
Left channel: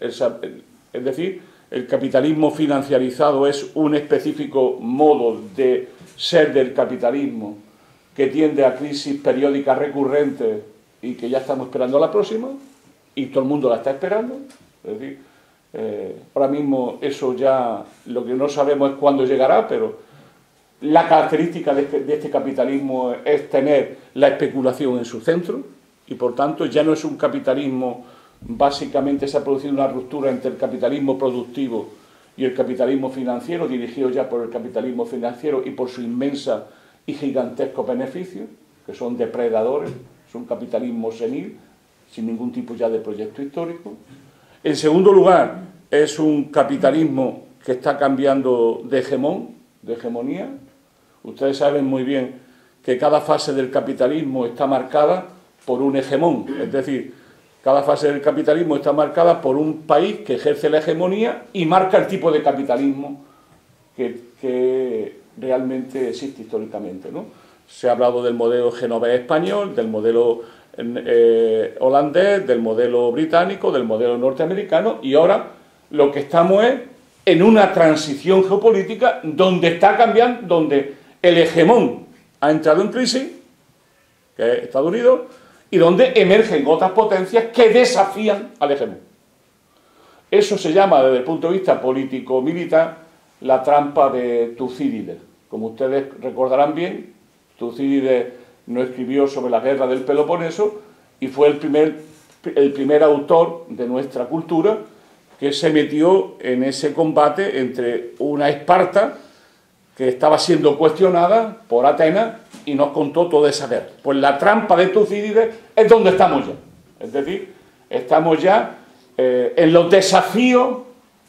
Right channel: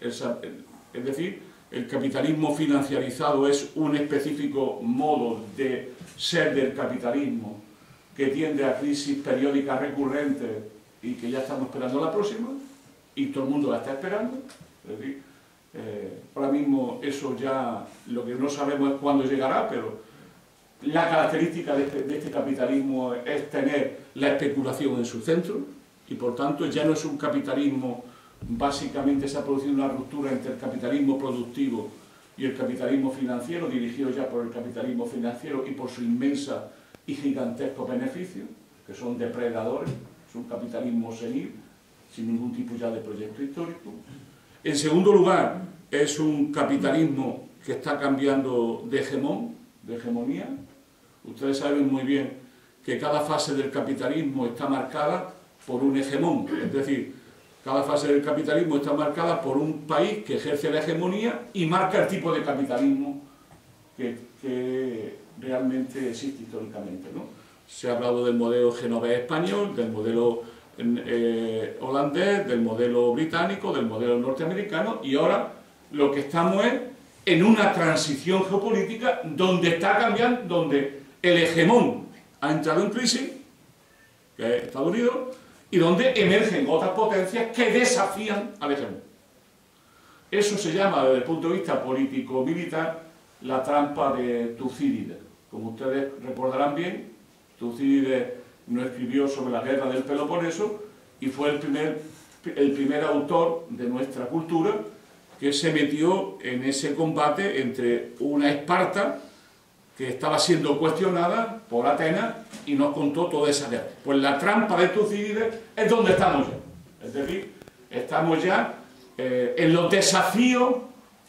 es decir, el capitalismo financiarizado es un específico modo de ser del capitalismo que tiende a crisis periódicas recurrentes y que ya estamos esperando la próxima, y todo el mundo la está esperando. Es decir, ahora mismo eso ya, lo que no sabemos es cuándo llegará, pero la característica de este capitalismo es tener la especulación en su centro, y por tanto ya no es un capitalismo. Básicamente se ha producido una ruptura entre el capitalismo productivo y el capitalismo financiero, dirigido ya por el capitalismo financiero y por su inmensa y gigantesco beneficio, que son depredadores, es un capitalismo senil, sin ningún tipo ya de proyecto histórico. En segundo lugar, es un capitalismo que está cambiando de hegemonía. Ustedes saben muy bien que cada fase del capitalismo está marcada por un hegemón, es decir, cada fase del capitalismo está marcada por un país que ejerce la hegemonía y marca el tipo de capitalismo que realmente existe históricamente, ¿no? Se ha hablado del modelo genovés español, del modelo holandés, del modelo británico, del modelo norteamericano, y ahora lo que estamos es en una transición geopolítica donde está cambiando, donde el hegemón ha entrado en crisis, que es Estados Unidos, y donde emergen otras potencias que desafían al hegemón. Eso se llama, desde el punto de vista político-militar, la trampa de Tucídides. Como ustedes recordarán bien, Tucídides no escribió sobre la guerra del Peloponeso y fue el primer autor de nuestra cultura que se metió en ese combate entre una Esparta que estaba siendo cuestionada por Atenas y nos contó toda esa guerra. Pues la trampa de Tucídides es donde estamos ya. Es decir, estamos ya en los desafíos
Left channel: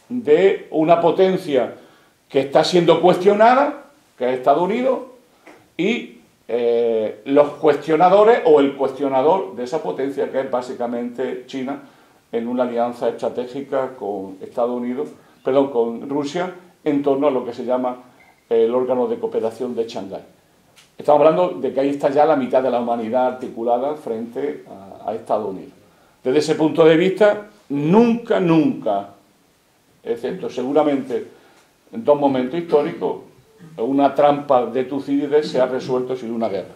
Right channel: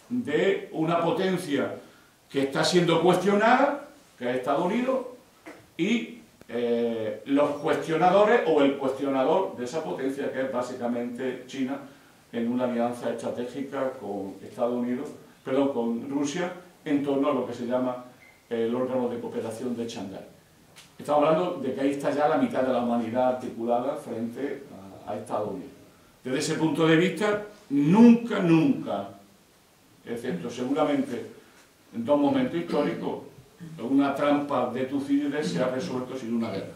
de una potencia que está siendo cuestionada, que es Estados Unidos, y los cuestionadores o el cuestionador de esa potencia, que es básicamente China, en una alianza estratégica con Estados Unidos, perdón, con Rusia, en torno a lo que se llama el órgano de cooperación de Shanghái. Estamos hablando de que ahí está ya la mitad de la humanidad articulada frente a Estados Unidos. Desde ese punto de vista, nunca, excepto seguramente en 2 momentos históricos, una trampa de Tucídides se ha resuelto sin una guerra.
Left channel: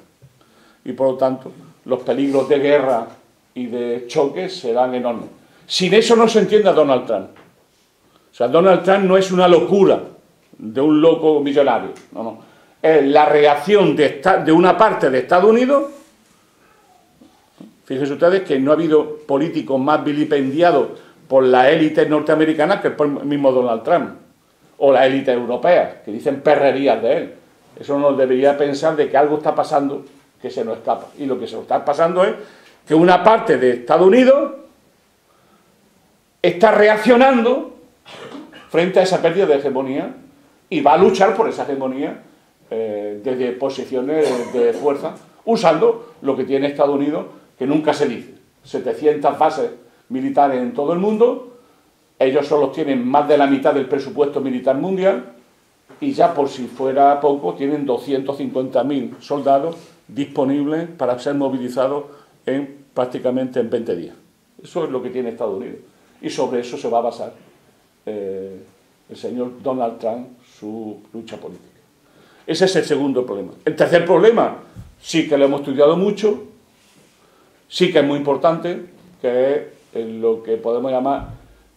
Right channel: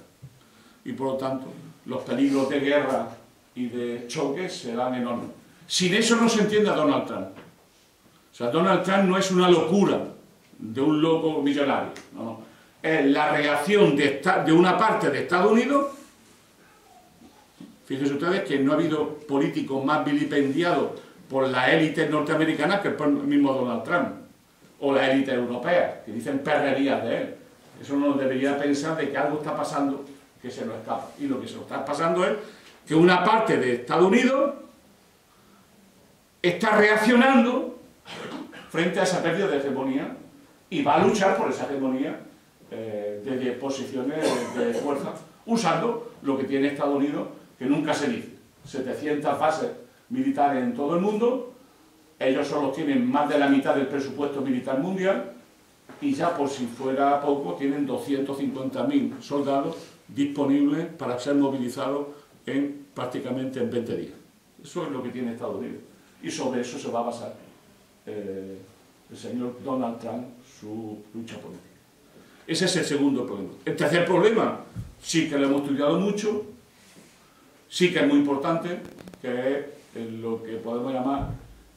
Y por lo tanto, los peligros de guerra y de choque serán enormes. Sin eso no se entiende a Donald Trump. O sea, Donald Trump no es una locura de un loco millonario. No, no. Es la reacción de una parte de Estados Unidos. Fíjense ustedes que no ha habido políticos más vilipendiados por la élite norteamericana que el mismo Donald Trump. O la élite europea, que dicen perrerías de él. Eso nos debería pensar de que algo está pasando que se nos escapa. Y lo que se nos está pasando es que una parte de Estados Unidos está reaccionando frente a esa pérdida de hegemonía y va a luchar por esa hegemonía desde posiciones de fuerza, usando lo que tiene Estados Unidos, que nunca se dice. 700 bases militares en todo el mundo, ellos solo tienen más de la mitad del presupuesto militar mundial y ya por si fuera poco tienen 250.000 soldados disponibles para ser movilizados prácticamente en 20 días. Eso es lo que tiene Estados Unidos. Y sobre eso se va a basar el señor Donald Trump, su lucha política. Ese es el segundo problema. El tercer problema, sí que lo hemos estudiado mucho, sí que es muy importante, que es lo que podemos llamar,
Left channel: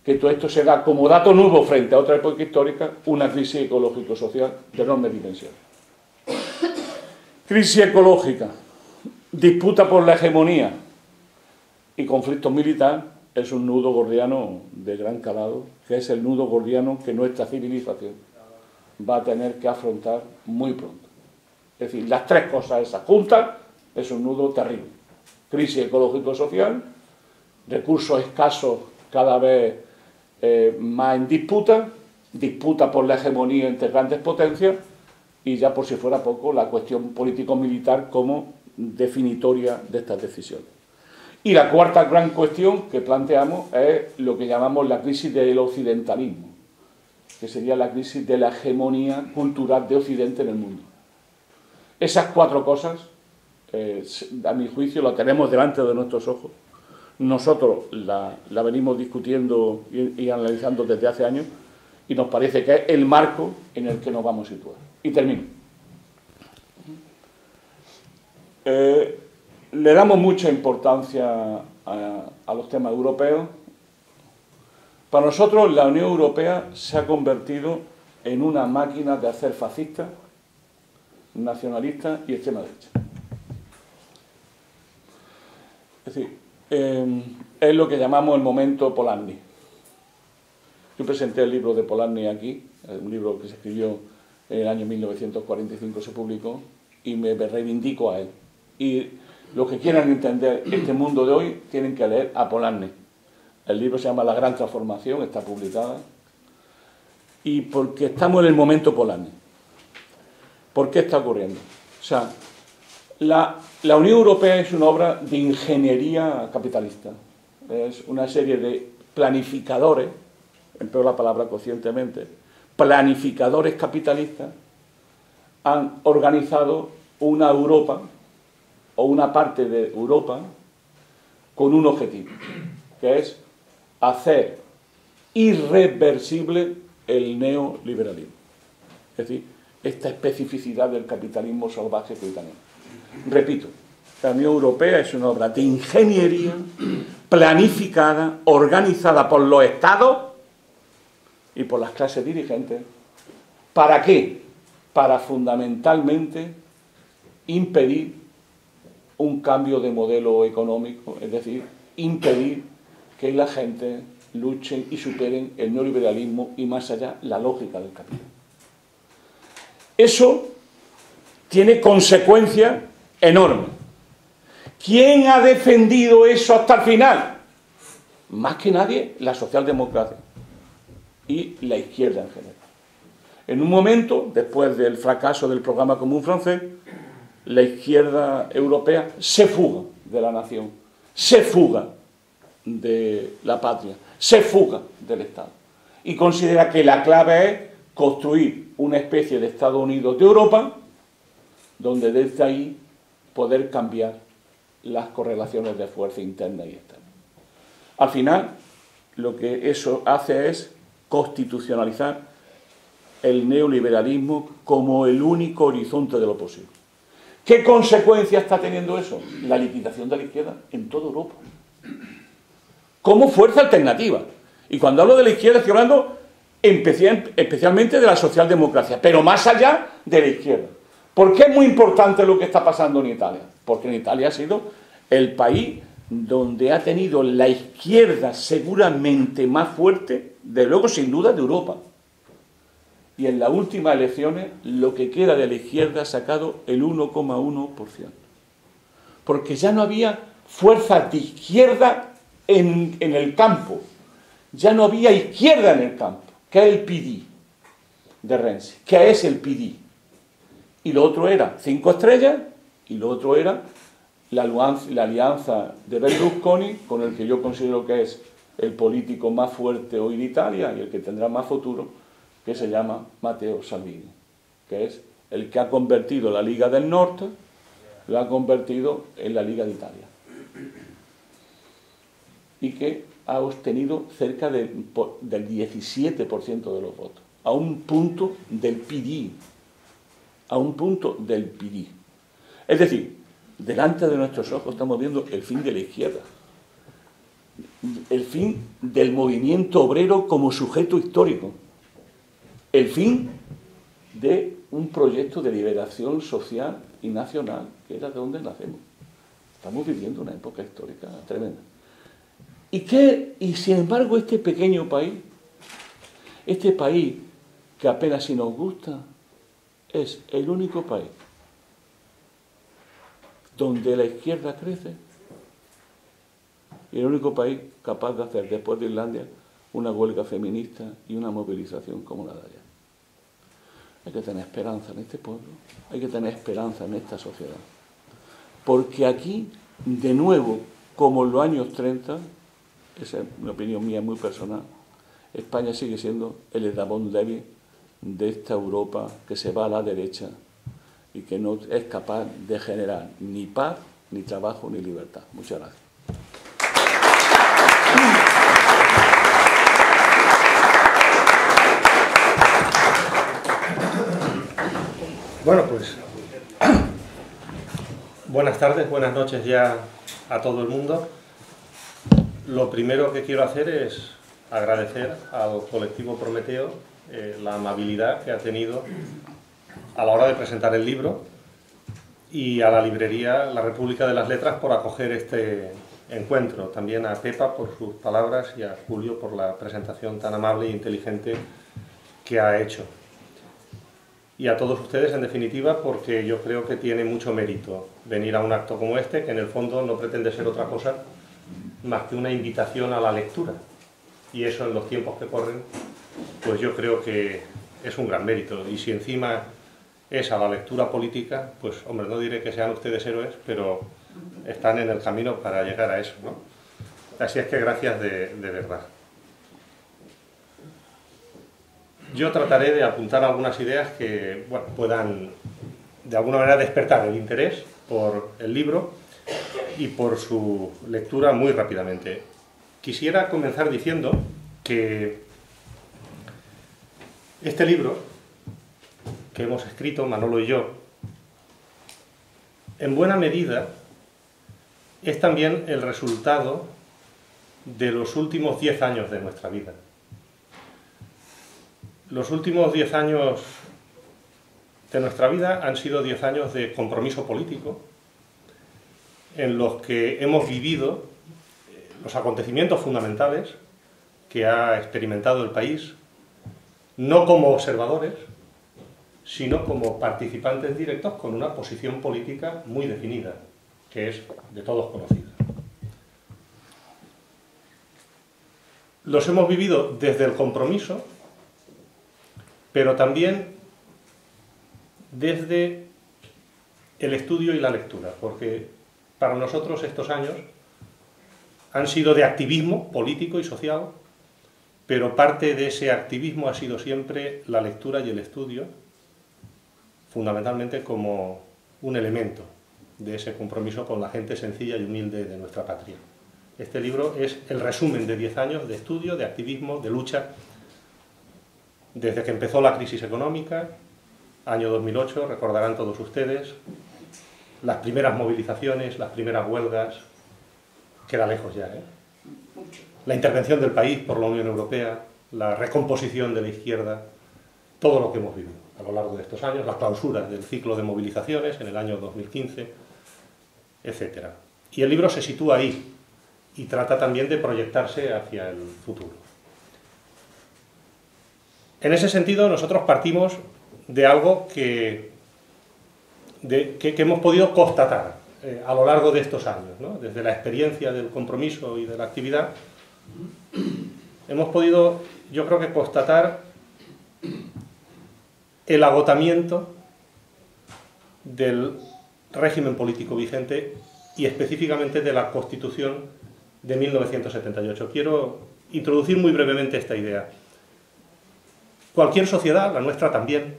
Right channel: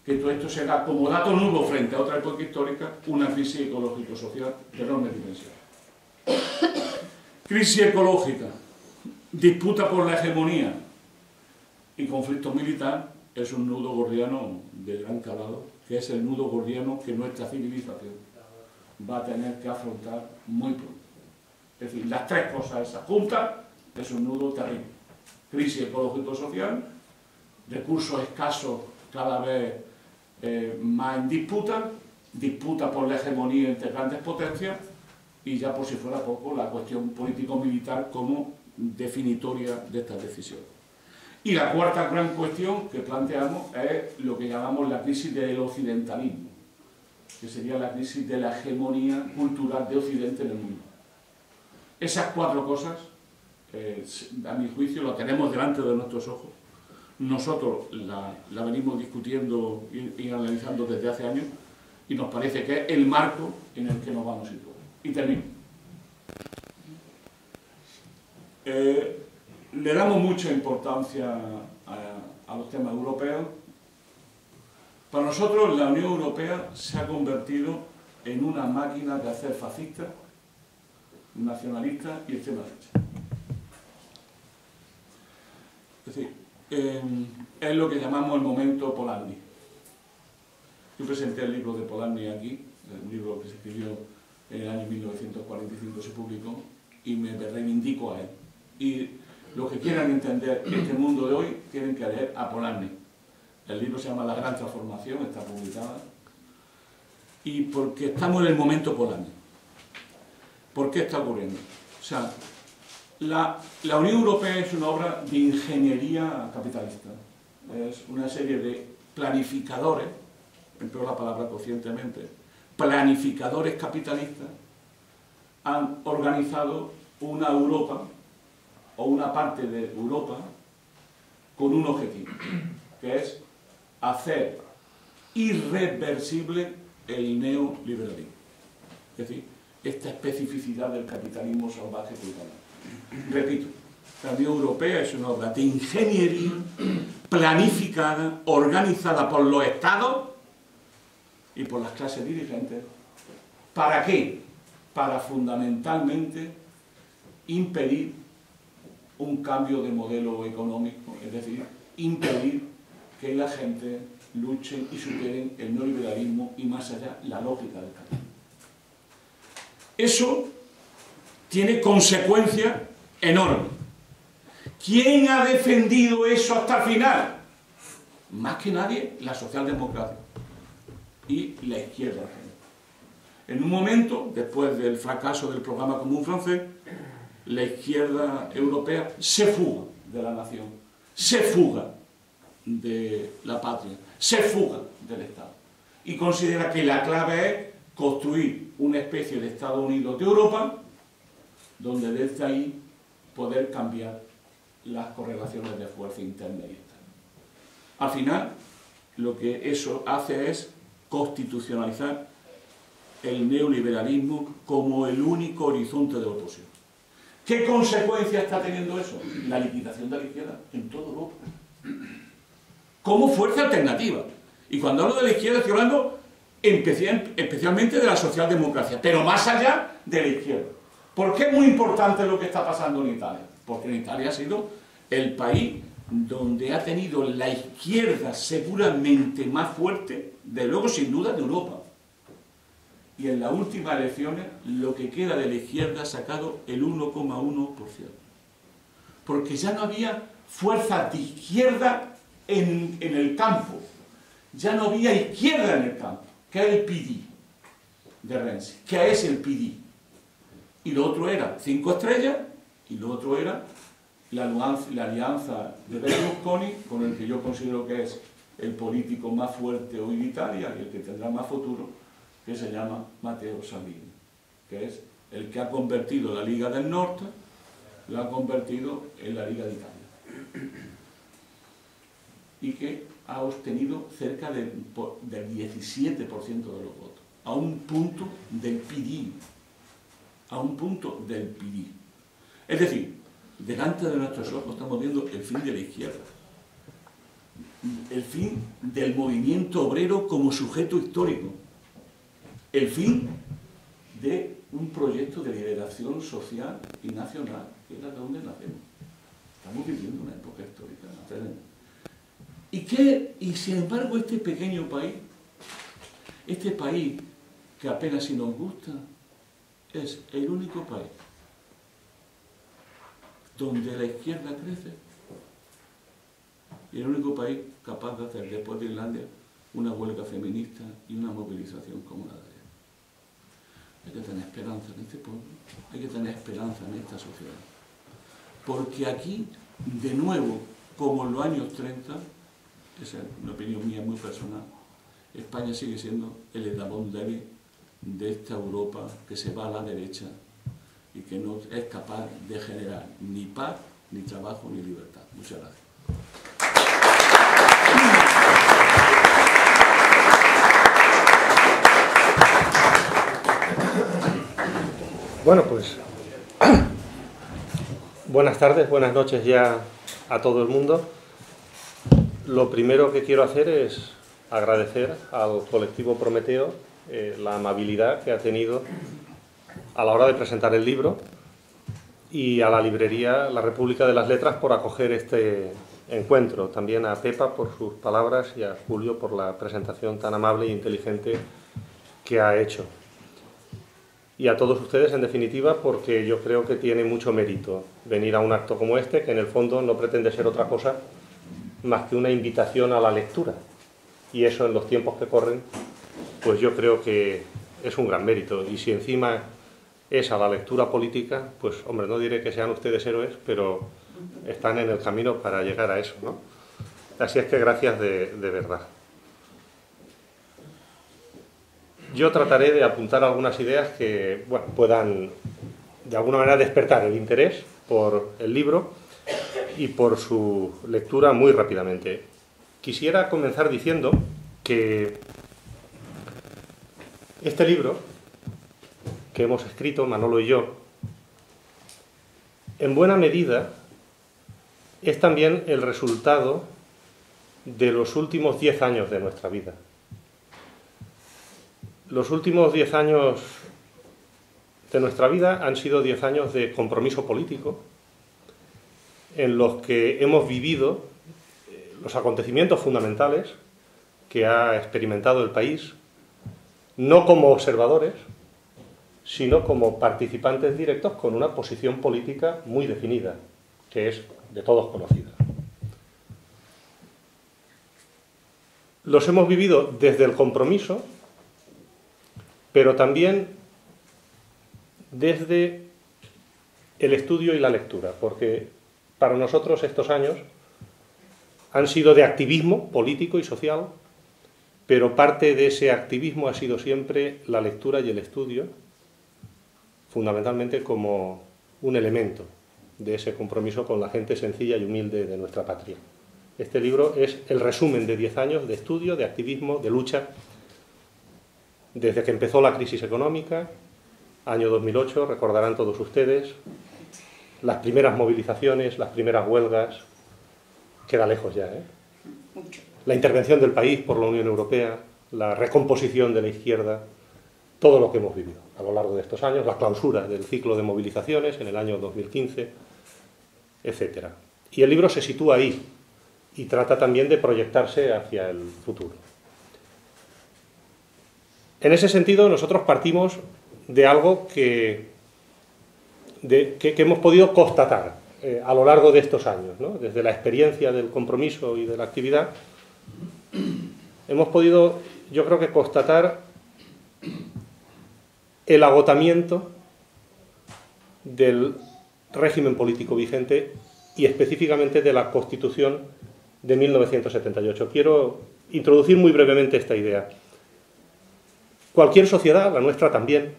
que todo esto se da como dato nuevo frente a otra época histórica, una crisis ecológico-social de enorme dimensión. Crisis ecológica, disputa por la hegemonía y conflicto militar es un nudo gordiano de gran calado, que es el nudo gordiano que nuestra civilización va a tener que afrontar muy pronto. Es decir, las tres cosas esas juntas es un nudo terrible. Crisis ecológico-social, recursos escasos cada vez más en disputa, disputa por la hegemonía entre grandes potencias y ya por si fuera poco la cuestión político-militar como definitoria de estas decisiones. Y la cuarta gran cuestión que planteamos es lo que llamamos la crisis del occidentalismo, que sería la crisis de la hegemonía cultural de Occidente en el mundo. Esas cuatro cosas, a mi juicio, lo tenemos delante de nuestros ojos. Nosotros la venimos discutiendo y analizando desde hace años y nos parece que es el marco en el que nos vamos a situar. Y termino. Le damos mucha importancia a los temas europeos. Para nosotros la Unión Europea se ha convertido en una máquina de hacer fascista, nacionalista y extrema derecha. Es decir, es lo que llamamos el momento Polanyi. Yo presenté el libro de Polanyi aquí, un libro que se escribió en el año 1945, se publicó, y me reivindico a él. Y los que quieran entender este mundo de hoy tienen que leer a Polanyi. El libro se llama La Gran Transformación, está publicada. Y porque estamos en el momento Polanyi. ¿Por qué está ocurriendo? O sea, la Unión Europea es una obra de ingeniería capitalista. Es una serie de planificadores, empleo la palabra conscientemente, planificadores capitalistas han organizado una Europa o una parte de Europa con un objetivo, que es hacer irreversible el neoliberalismo. Es decir, esta especificidad del capitalismo salvaje que tenemos. Repito, la Unión Europea es una obra de ingeniería planificada, organizada por los estados y por las clases dirigentes. ¿Para qué? Para fundamentalmente impedir un cambio de modelo económico, es decir, impedir que la gente luche y superen el neoliberalismo y más allá la lógica del capitalismo. Eso tiene consecuencias enormes. ¿Quién ha defendido eso hasta el final? Más que nadie, la socialdemocracia y la izquierda en general. En un momento, después del fracaso del programa común francés, la izquierda europea se fuga de la nación, se fuga de la patria, se fuga del Estado. Y considera que la clave es construir una especie de Estados Unidos de Europa, donde desde ahí poder cambiar las correlaciones de fuerza interna y externa. Al final, lo que eso hace es constitucionalizar el neoliberalismo como el único horizonte de lo posible. ¿Qué consecuencia está teniendo eso? La liquidación de la izquierda en toda Europa. Como fuerza alternativa. Y cuando hablo de la izquierda estoy hablando especialmente de la socialdemocracia, pero más allá de la izquierda. ¿Por qué es muy importante lo que está pasando en Italia? Porque en Italia ha sido el país donde ha tenido la izquierda seguramente más fuerte, de luego sin duda, de Europa. Y en las últimas elecciones lo que queda de la izquierda ha sacado el 1,1%. Porque ya no había fuerzas de izquierda en el campo. Ya no había izquierda en el campo, que es el PD de Renzi, que es el PD. Y lo otro era 5 estrellas y lo otro era la alianza de Berlusconi, con el que yo considero que es el político más fuerte hoy en Italia y el que tendrá más futuro, que se llama Matteo Salvini, que es el que ha convertido la Liga del Norte, la ha convertido en la Liga de Italia. Y que ha obtenido cerca del 17% de los votos, a un punto del PD, a un punto del PD. Es decir, delante de nuestros ojos estamos viendo el fin de la izquierda, el fin del movimiento obrero como sujeto histórico, el fin de un proyecto de liberación social y nacional, que era de donde nacemos. Estamos viviendo una época histórica tremenda. Y sin embargo este pequeño país, este país que apenas si nos gusta, es el único país donde la izquierda crece y el único país capaz de hacer, después de Islandia, una huelga feminista y una movilización como la de ayer. Hay que tener esperanza en este pueblo, hay que tener esperanza en esta sociedad. Porque aquí, de nuevo, como en los años 30, esa es una opinión mía muy personal, España sigue siendo el eslabón débil de esta Europa que se va a la derecha y que no es capaz de generar ni paz, ni trabajo, ni libertad. Muchas gracias. Bueno, pues buenas tardes, buenas noches ya a todo el mundo. Lo primero que quiero hacer es agradecer al colectivo Prometeo la amabilidad que ha tenido a la hora de presentar el libro y a la librería La República de las Letras por acoger este encuentro. También a Pepa por sus palabras y a Julio por la presentación tan amable e inteligente que ha hecho. Y a todos ustedes, en definitiva, porque yo creo que tiene mucho mérito venir a un acto como este, que en el fondo no pretende ser otra cosa más que una invitación a la lectura. Y eso en los tiempos que corren, pues yo creo que es un gran mérito. Y si encima es a la lectura política, pues hombre, no diré que sean ustedes héroes, pero están en el camino para llegar a eso, ¿no? Así es que gracias de verdad. Yo trataré de apuntar algunas ideas que bueno, puedan de alguna manera despertar el interés por el libro y por su lectura muy rápidamente. Quisiera comenzar diciendo que este libro que hemos escrito, Manolo y yo, en buena medida es también el resultado de los últimos 10 años de nuestra vida. Los últimos 10 años de nuestra vida han sido 10 años de compromiso político, en los que hemos vivido los acontecimientos fundamentales que ha experimentado el país, no como observadores, sino como participantes directos con una posición política muy definida, que es de todos conocida. Los hemos vivido desde el compromiso, pero también desde el estudio y la lectura, porque para nosotros estos años han sido de activismo político y social, pero parte de ese activismo ha sido siempre la lectura y el estudio, fundamentalmente como un elemento de ese compromiso con la gente sencilla y humilde de nuestra patria. Este libro es el resumen de 10 años de estudio, de activismo, de lucha, desde que empezó la crisis económica, año 2008, recordarán todos ustedes, las primeras movilizaciones, las primeras huelgas, queda lejos ya, ¿eh? La intervención del país por la Unión Europea, la recomposición de la izquierda, todo lo que hemos vivido a lo largo de estos años, la clausura del ciclo de movilizaciones en el año 2015, etc. Y el libro se sitúa ahí y trata también de proyectarse hacia el futuro. En ese sentido, nosotros partimos de algo que hemos podido constatar a lo largo de estos años, ¿no? Desde la experiencia del compromiso y de la actividad, hemos podido, yo creo que constatar el agotamiento del régimen político vigente y específicamente de la Constitución de 1978. Quiero introducir muy brevemente esta idea. Cualquier sociedad, la nuestra también,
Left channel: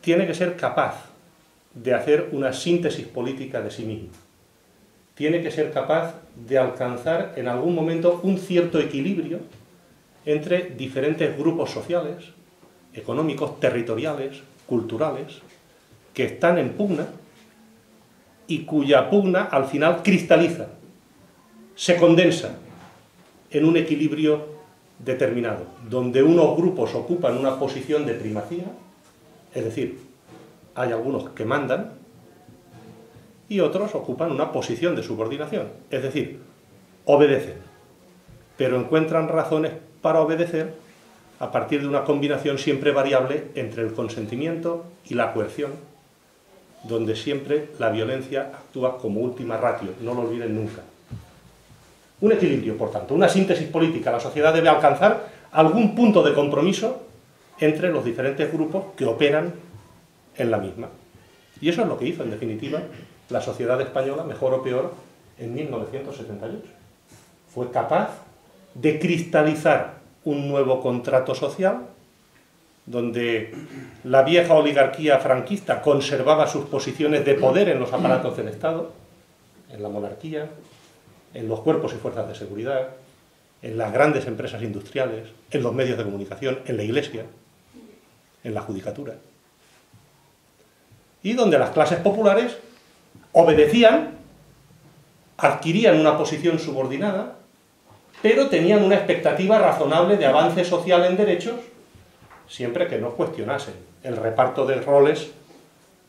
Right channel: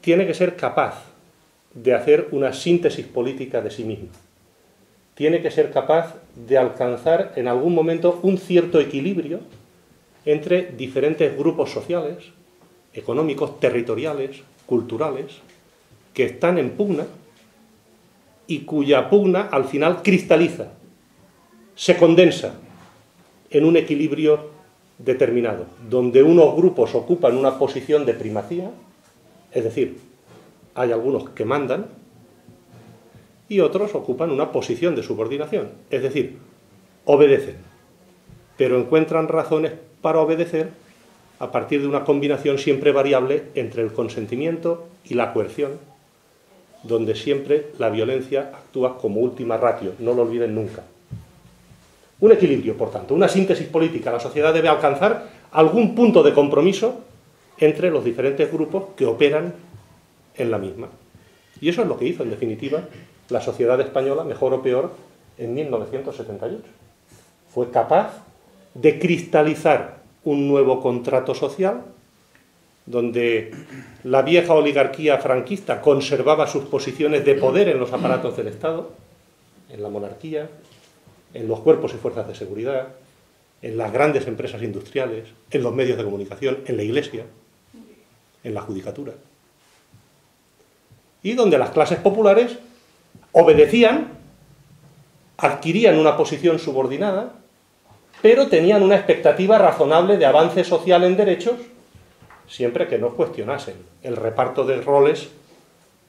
tiene que ser capaz de hacer una síntesis política de sí misma. Tiene que ser capaz de alcanzar en algún momento un cierto equilibrio entre diferentes grupos sociales, económicos, territoriales, culturales, que están en pugna y cuya pugna al final cristaliza, se condensa en un equilibrio determinado, donde unos grupos ocupan una posición de primacía, es decir, hay algunos que mandan, y otros ocupan una posición de subordinación, es decir, obedecen, pero encuentran razones para obedecer a partir de una combinación siempre variable entre el consentimiento y la coerción, donde siempre la violencia actúa como última ratio, no lo olviden nunca. Un equilibrio, por tanto, una síntesis política. La sociedad debe alcanzar algún punto de compromiso entre los diferentes grupos que operan en la misma. Y eso es lo que hizo, en definitiva, la sociedad española, mejor o peor, en 1978. Fue capaz de cristalizar un nuevo contrato social donde la vieja oligarquía franquista conservaba sus posiciones de poder en los aparatos del Estado, en la monarquía, en los cuerpos y fuerzas de seguridad, en las grandes empresas industriales, en los medios de comunicación, en la Iglesia, en la judicatura. Y donde las clases populares obedecían, adquirían una posición subordinada, pero tenían una expectativa razonable de avance social en derechos, siempre que no cuestionasen el reparto de roles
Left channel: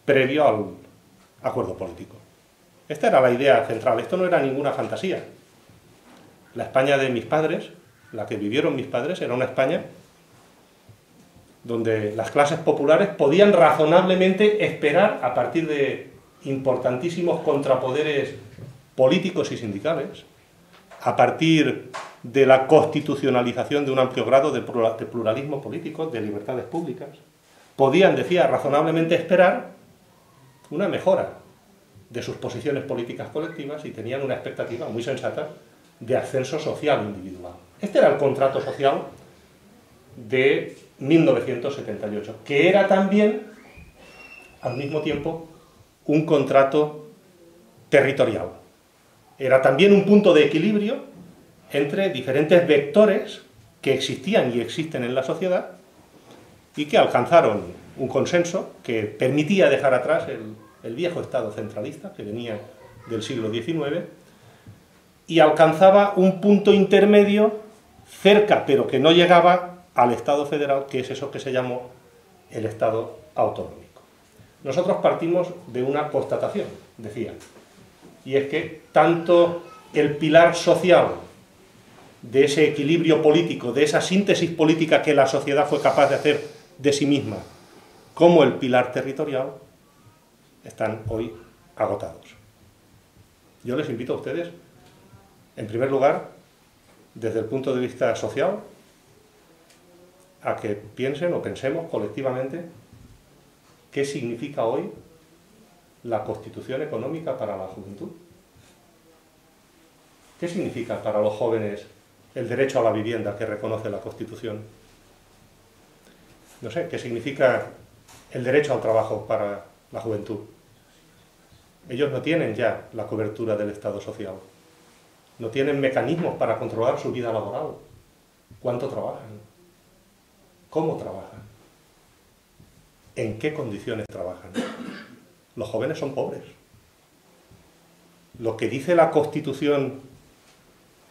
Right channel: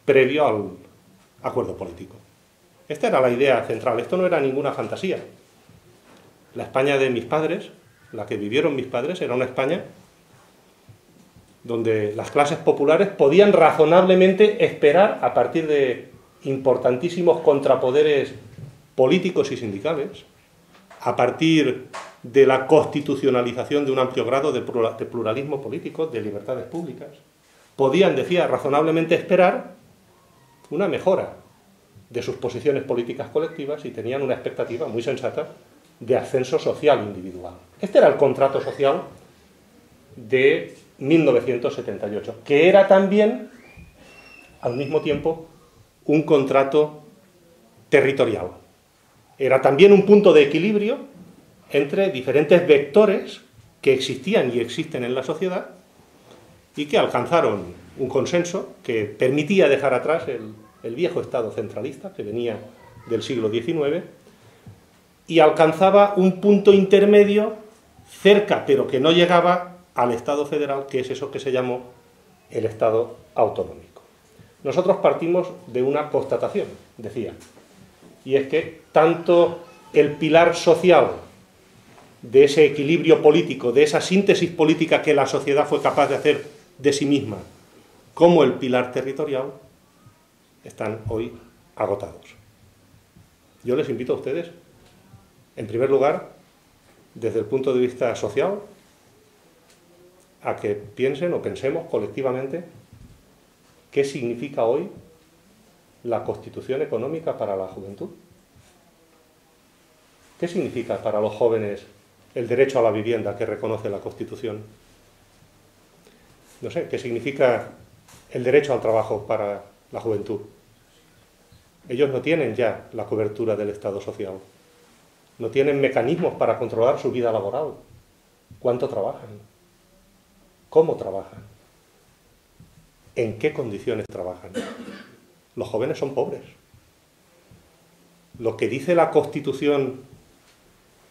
previo al acuerdo político. Esta era la idea central, esto no era ninguna fantasía. La España de mis padres, la que vivieron mis padres, era una España donde las clases populares podían razonablemente esperar, a partir de importantísimos contrapoderes políticos y sindicales, a partir de la constitucionalización de un amplio grado de pluralismo político, de libertades públicas, podían, decía, razonablemente esperar una mejora de sus posiciones políticas colectivas y tenían una expectativa muy sensata de ascenso social individual. Este era el contrato social de 1978, que era también, al mismo tiempo, un contrato territorial. Era también un punto de equilibrio entre diferentes vectores que existían y existen en la sociedad y que alcanzaron un consenso que permitía dejar atrás el viejo Estado centralista que venía del siglo XIX y alcanzaba un punto intermedio cerca, pero que no llegaba al Estado federal, que es eso que se llamó el Estado autonómico. Nosotros partimos de una constatación, decía, y es que tanto el pilar social de ese equilibrio político, de esa síntesis política que la sociedad fue capaz de hacer de sí misma, como el pilar territorial, están hoy agotados. Yo les invito a ustedes, en primer lugar, desde el punto de vista social, a que piensen o pensemos colectivamente qué significa hoy la Constitución económica para la juventud. ¿Qué significa para los jóvenes el derecho a la vivienda que reconoce la Constitución? No sé, ¿qué significa el derecho al trabajo para la juventud? Ellos no tienen ya la cobertura del Estado social. No tienen mecanismos para controlar su vida laboral. ¿Cuánto trabajan? ¿Cómo trabajan? ¿En qué condiciones trabajan? Los jóvenes son pobres. Lo que dice la Constitución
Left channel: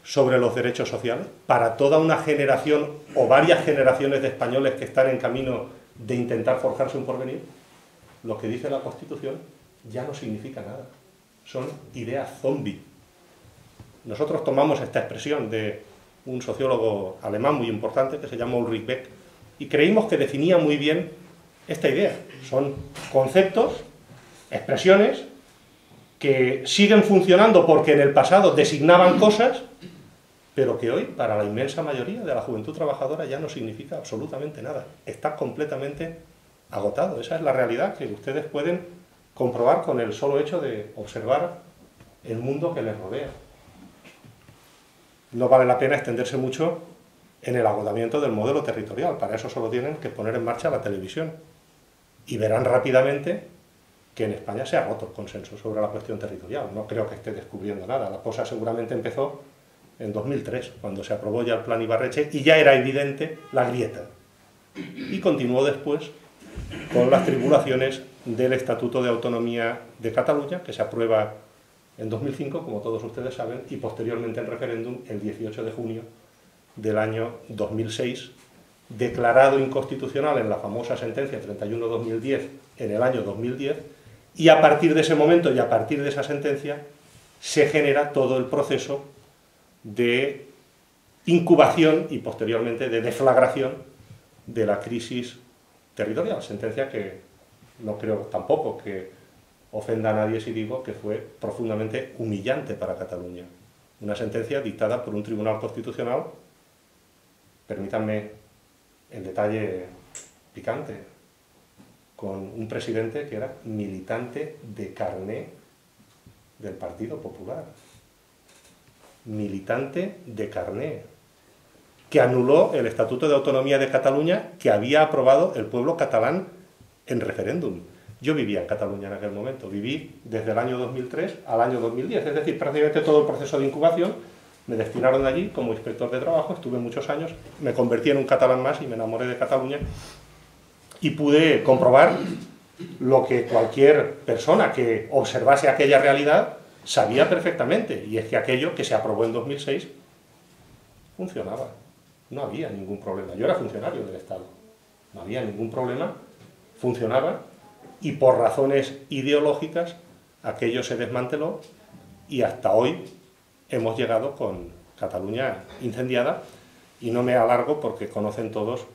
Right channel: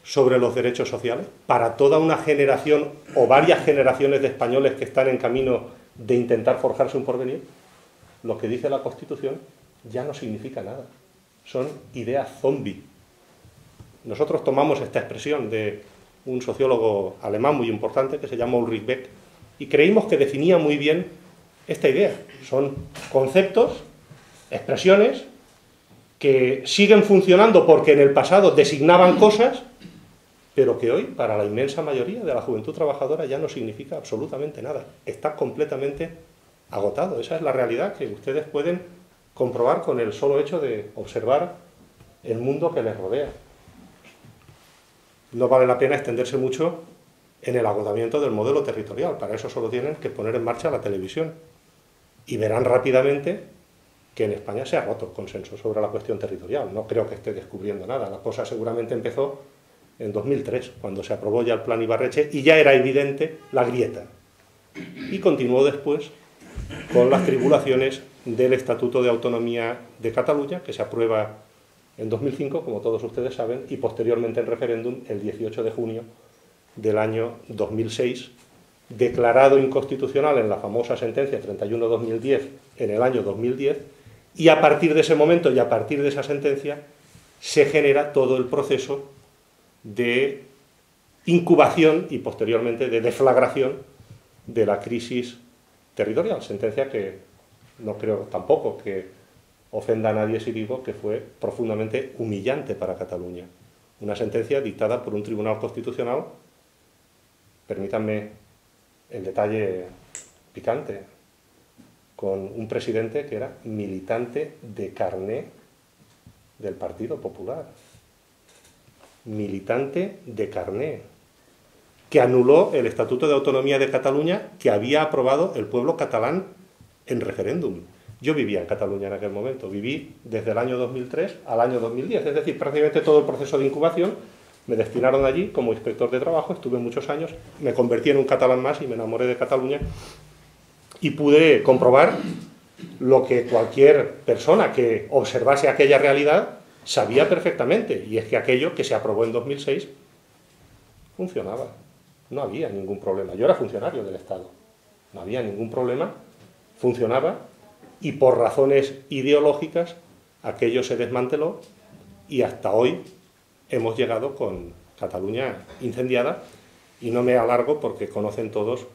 sobre los derechos sociales, para toda una generación o varias generaciones de españoles que están en camino de intentar forjarse un porvenir, lo que dice la Constitución ya no significa nada. Son ideas zombie. Nosotros tomamos esta expresión de un sociólogo alemán muy importante que se llama Ulrich Beck y creímos que definía muy bien esta idea. Son conceptos, expresiones que siguen funcionando porque en el pasado designaban cosas, pero que hoy, para la inmensa mayoría de la juventud trabajadora, ya no significa absolutamente nada. Está completamente agotado. Esa es la realidad que ustedes pueden comprobar con el solo hecho de observar el mundo que les rodea. No vale la pena extenderse mucho en el agotamiento del modelo territorial. Para eso solo tienen que poner en marcha la televisión. Y verán rápidamente que en España se ha roto el consenso sobre la cuestión territorial. No creo que esté descubriendo nada. La cosa seguramente empezó en 2003, cuando se aprobó ya el Plan Ibarretxe, y ya era evidente la grieta. Y continuó después con las tribulaciones del Estatuto de Autonomía de Cataluña, que se aprueba en 2005, como todos ustedes saben, y posteriormente en referéndum el 18 de junio del año 2006, declarado inconstitucional en la famosa sentencia 31/2010 en el año 2010, y a partir de ese momento y a partir de esa sentencia se genera todo el proceso de incubación y posteriormente de deflagración de la crisis territorial, sentencia que no creo tampoco que ofenda a nadie si digo que fue profundamente humillante para Cataluña. Una sentencia dictada por un tribunal constitucional, permítanme el detalle picante, con un presidente que era militante de carné del Partido Popular. Militante de carné, que anuló el Estatuto de Autonomía de Cataluña que había aprobado el pueblo catalán en referéndum. Yo vivía en Cataluña en aquel momento, viví desde el año 2003 al año 2010, es decir, prácticamente todo el proceso de incubación. Me destinaron allí como inspector de trabajo, estuve muchos años, me convertí en un catalán más y me enamoré de Cataluña y pude comprobar lo que cualquier persona que observase aquella realidad sabía perfectamente, y es que aquello que se aprobó en 2006 funcionaba, no había ningún problema. Yo era funcionario del Estado, no había ningún problema, funcionaba, y por razones ideológicas aquello se desmanteló y hasta hoy hemos llegado con Cataluña incendiada, y no me alargo porque conocen todos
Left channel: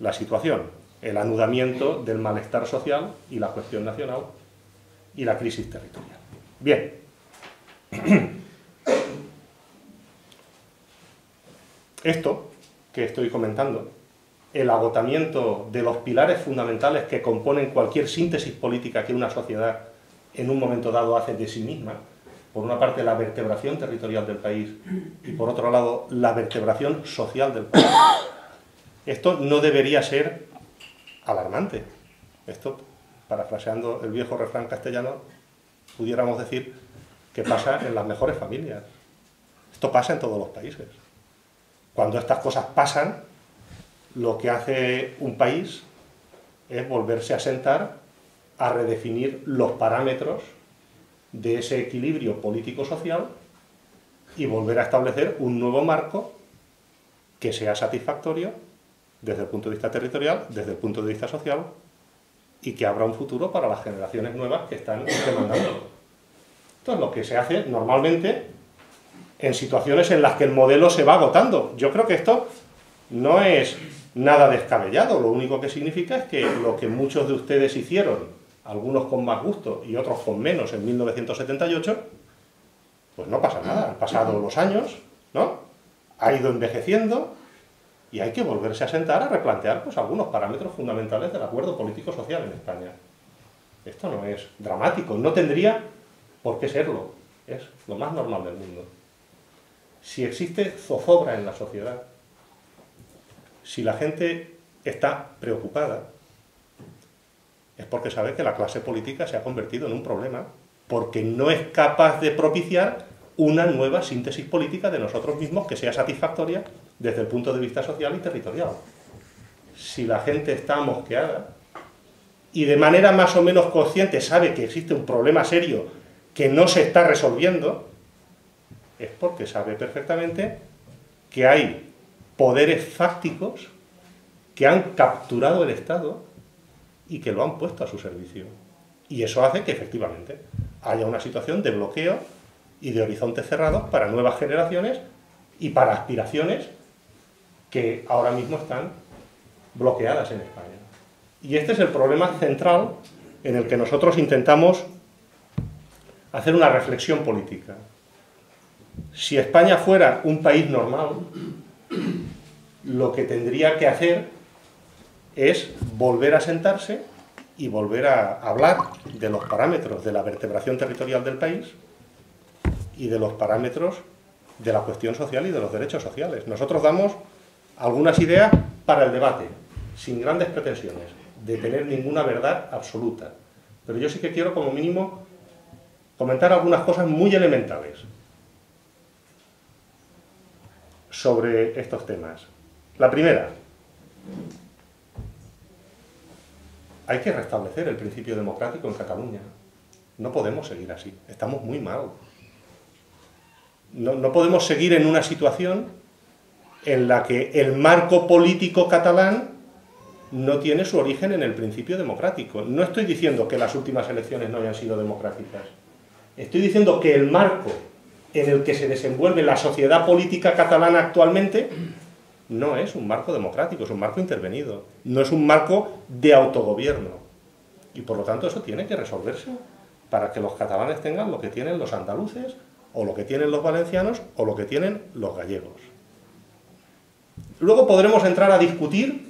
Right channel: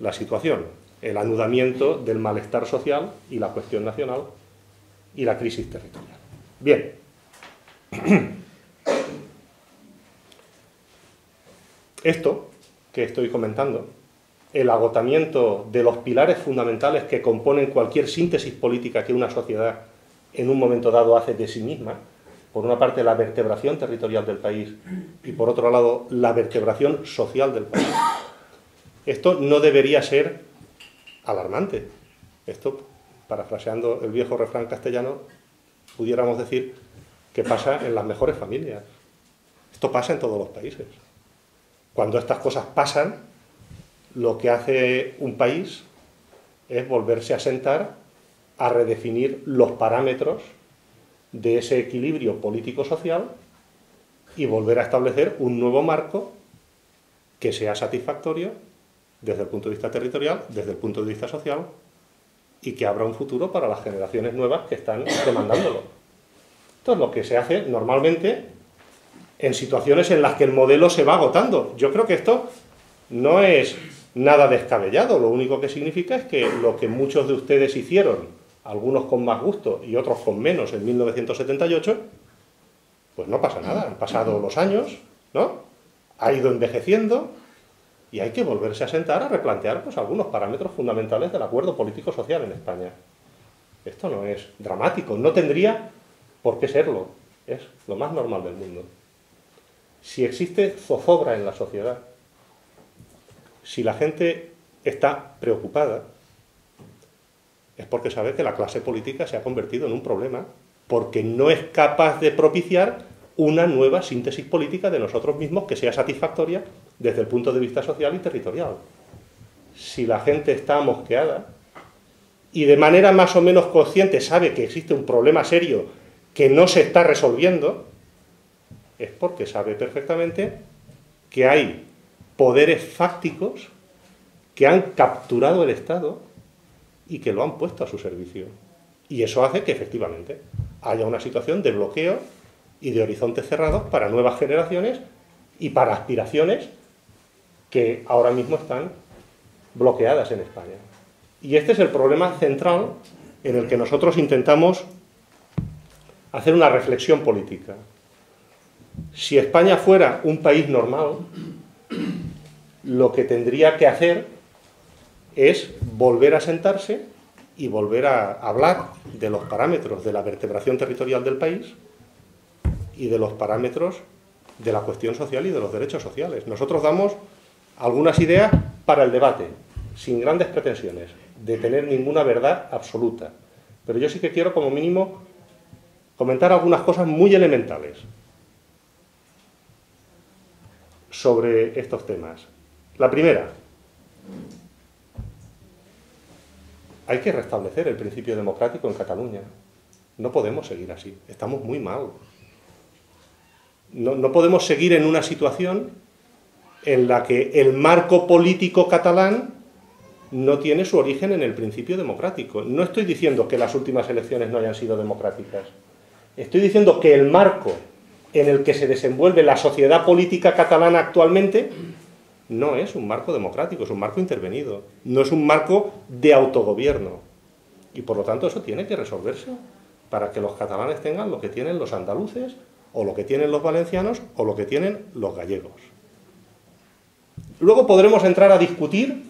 la situación, el anudamiento del malestar social y la cuestión nacional y la crisis territorial. Bien, esto que estoy comentando, el agotamiento de los pilares fundamentales que componen cualquier síntesis política que una sociedad en un momento dado hace de sí misma, por una parte la vertebración territorial del país y por otro lado la vertebración social del país. Esto no debería ser alarmante. Esto, parafraseando el viejo refrán castellano, pudiéramos decir que pasa en las mejores familias. Esto pasa en todos los países. Cuando estas cosas pasan, lo que hace un país es volverse a sentar a redefinir los parámetros de ese equilibrio político-social y volver a establecer un nuevo marco que sea satisfactorio desde el punto de vista territorial, desde el punto de vista social, y que abra un futuro para las generaciones nuevas que están demandándolo. Esto es lo que se hace normalmente en situaciones en las que el modelo se va agotando. Yo creo que esto no es nada descabellado, lo único que significa es que lo que muchos de ustedes hicieron, algunos con más gusto y otros con menos, en 1978, pues no pasa nada, han pasado los años, ¿no? Ha ido envejeciendo y hay que volverse a sentar a replantear pues algunos parámetros fundamentales del acuerdo político-social en España. Esto no es dramático, no tendría por qué serlo, es lo más normal del mundo. Si existe zozobra en la sociedad, si la gente está preocupada, es porque sabe que la clase política se ha convertido en un problema, porque no es capaz de propiciar una nueva síntesis política de nosotros mismos que sea satisfactoria desde el punto de vista social y territorial. Si la gente está mosqueada y de manera más o menos consciente sabe que existe un problema serio que no se está resolviendo, es porque sabe perfectamente que hay poderes fácticos que han capturado el Estado y que lo han puesto a su servicio. Y eso hace que efectivamente haya una situación de bloqueo y de horizontes cerrados para nuevas generaciones y para aspiraciones que ahora mismo están bloqueadas en España. Y este es el problema central en el que nosotros intentamos hacer una reflexión política. Si España fuera un país normal, lo que tendría que hacer es volver a sentarse y volver a hablar de los parámetros de la vertebración territorial del país y de los parámetros de la cuestión social y de los derechos sociales. Nosotros damos algunas ideas para el debate, sin grandes pretensiones, de tener ninguna verdad absoluta. Pero yo sí que quiero, como mínimo, comentar algunas cosas muy elementales sobre estos temas. La primera, hay que restablecer el principio democrático en Cataluña. No podemos seguir así, estamos muy mal. No podemos seguir en una situación en la que el marco político catalán no tiene su origen en el principio democrático. No estoy diciendo que las últimas elecciones no hayan sido democráticas. Estoy diciendo que el marco en el que se desenvuelve la sociedad política catalana actualmente no es un marco democrático, es un marco intervenido. No es un marco de autogobierno. Y por lo tanto eso tiene que resolverse para que los catalanes tengan lo que tienen los andaluces, o lo que tienen los valencianos, o lo que tienen los gallegos. Luego podremos entrar a discutir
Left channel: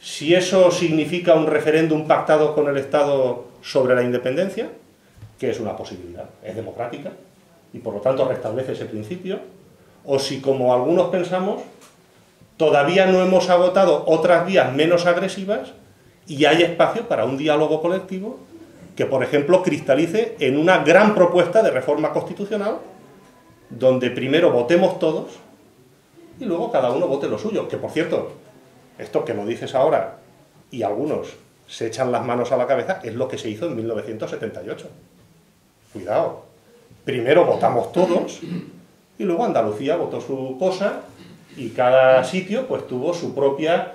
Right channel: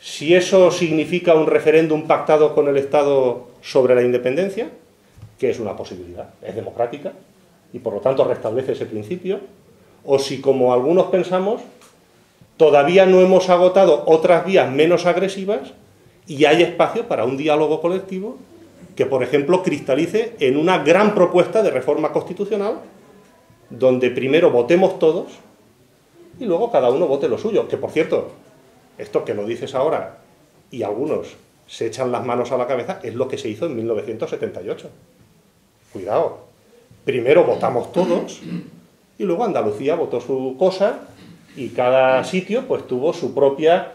si eso significa un referéndum pactado con el Estado sobre la independencia, que es una posibilidad, es democrática, y por lo tanto restablece ese principio, o si, como algunos pensamos, todavía no hemos agotado otras vías menos agresivas y hay espacio para un diálogo colectivo que, por ejemplo, cristalice en una gran propuesta de reforma constitucional donde primero votemos todos y luego cada uno vote lo suyo. Que, por cierto, esto que lo dices ahora y algunos se echan las manos a la cabeza, es lo que se hizo en 1978. Cuidado. Primero votamos todos y luego Andalucía votó su cosa y cada sitio pues tuvo su propia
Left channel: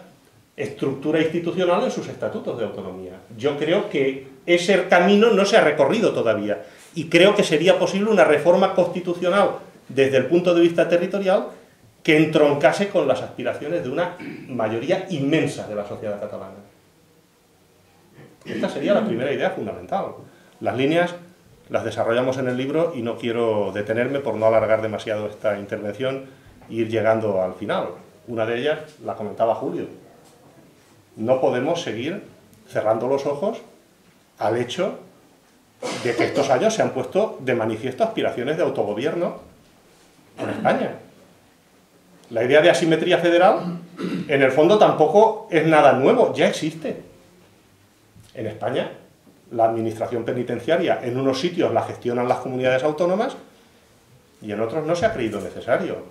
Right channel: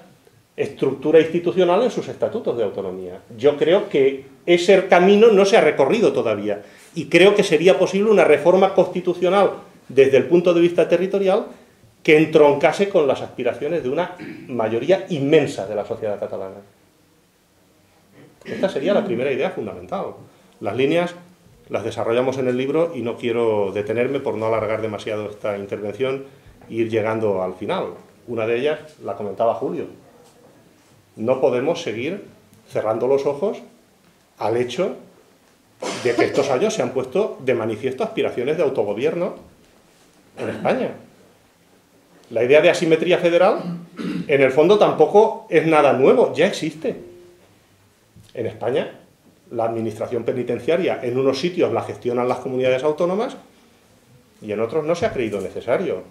estructura institucional en sus estatutos de autonomía. Yo creo que ese camino no se ha recorrido todavía y creo que sería posible una reforma constitucional desde el punto de vista territorial que entroncase con las aspiraciones de una mayoría inmensa de la sociedad catalana. Esta sería la primera idea fundamental. Las líneas las desarrollamos en el libro y no quiero detenerme por no alargar demasiado esta intervención e ir llegando al final. Una de ellas la comentaba Julio. No podemos seguir cerrando los ojos al hecho de que estos años se han puesto de manifiesto aspiraciones de autogobierno en España. La idea de asimetría federal, en el fondo, tampoco es nada nuevo, ya existe. En España, la administración penitenciaria en unos sitios la gestionan las comunidades autónomas y en otros no se ha creído necesario.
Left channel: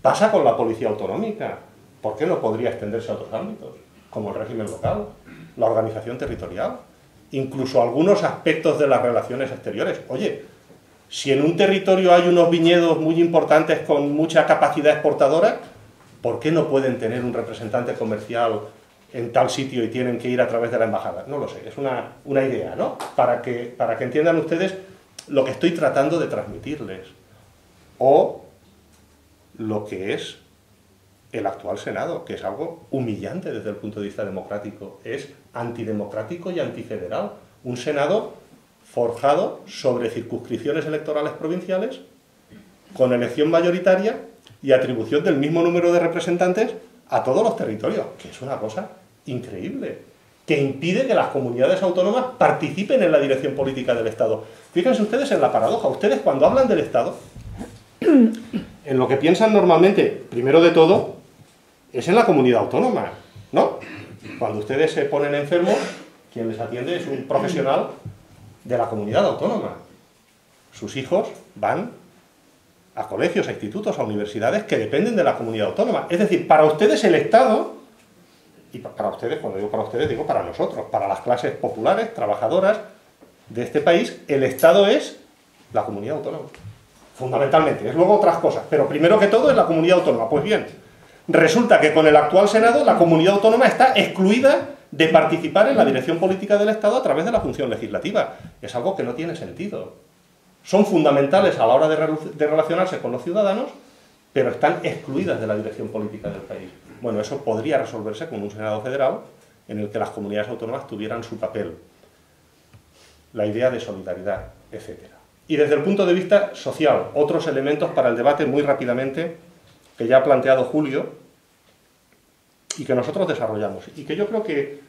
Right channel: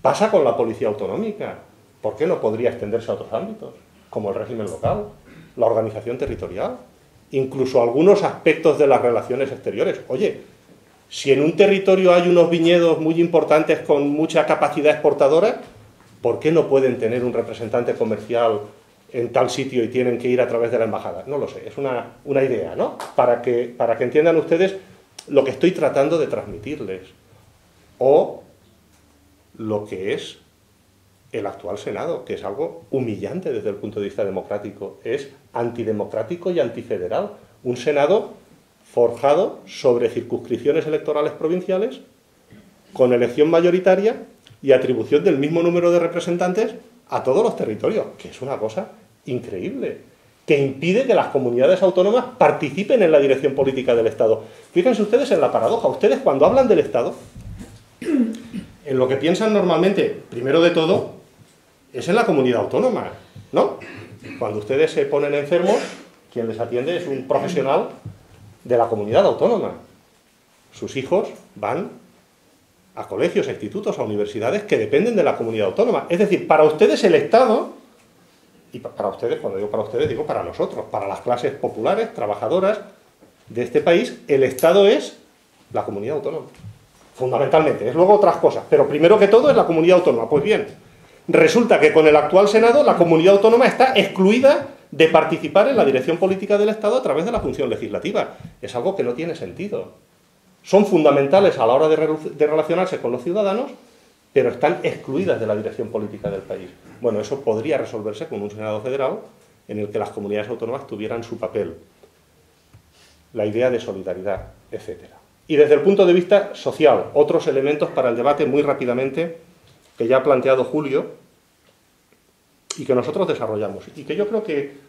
Pasa con la policía autonómica. ¿Por qué no podría extenderse a otros ámbitos? Como el régimen local, la organización territorial, incluso algunos aspectos de las relaciones exteriores. Oye, si en un territorio hay unos viñedos muy importantes con mucha capacidad exportadora, ¿por qué no pueden tener un representante comercial en tal sitio y tienen que ir a través de la embajada? No lo sé, es una idea, ¿no? Para que entiendan ustedes lo que estoy tratando de transmitirles. O lo que es el actual Senado, que es algo humillante desde el punto de vista democrático. Es antidemocrático y antifederal. Un Senado forjado sobre circunscripciones electorales provinciales, con elección mayoritaria y atribución del mismo número de representantes a todos los territorios, que es una cosa increíble, que impide que las comunidades autónomas participen en la dirección política del Estado. Fíjense ustedes en la paradoja. Ustedes, cuando hablan del Estado, en lo que piensan normalmente, primero de todo, es en la comunidad autónoma, ¿no? Cuando ustedes se ponen enfermos, quien les atiende es un profesional de la comunidad autónoma. sus hijos van a colegios, a institutos, a universidades que dependen de la comunidad autónoma. Es decir, para ustedes el Estado, y para ustedes, cuando digo para ustedes, digo para nosotros, para las clases populares, trabajadoras de este país, el Estado es la comunidad autónoma. Fundamentalmente, es luego otras cosas, pero primero que todo es la comunidad autónoma. Pues bien, resulta que con el actual Senado la comunidad autónoma está excluida de participar en la dirección política del Estado a través de la función legislativa. Es algo que no tiene sentido. Son fundamentales a la hora de relacionarse con los ciudadanos, pero están excluidas de la dirección política del país. Bueno, eso podría resolverse con un Senado federal en el que las comunidades autónomas tuvieran su papel, la idea de solidaridad, etc. Y desde el punto de vista social, otros elementos para el debate muy rápidamente que ya ha planteado Julio y que nosotros desarrollamos y que yo creo que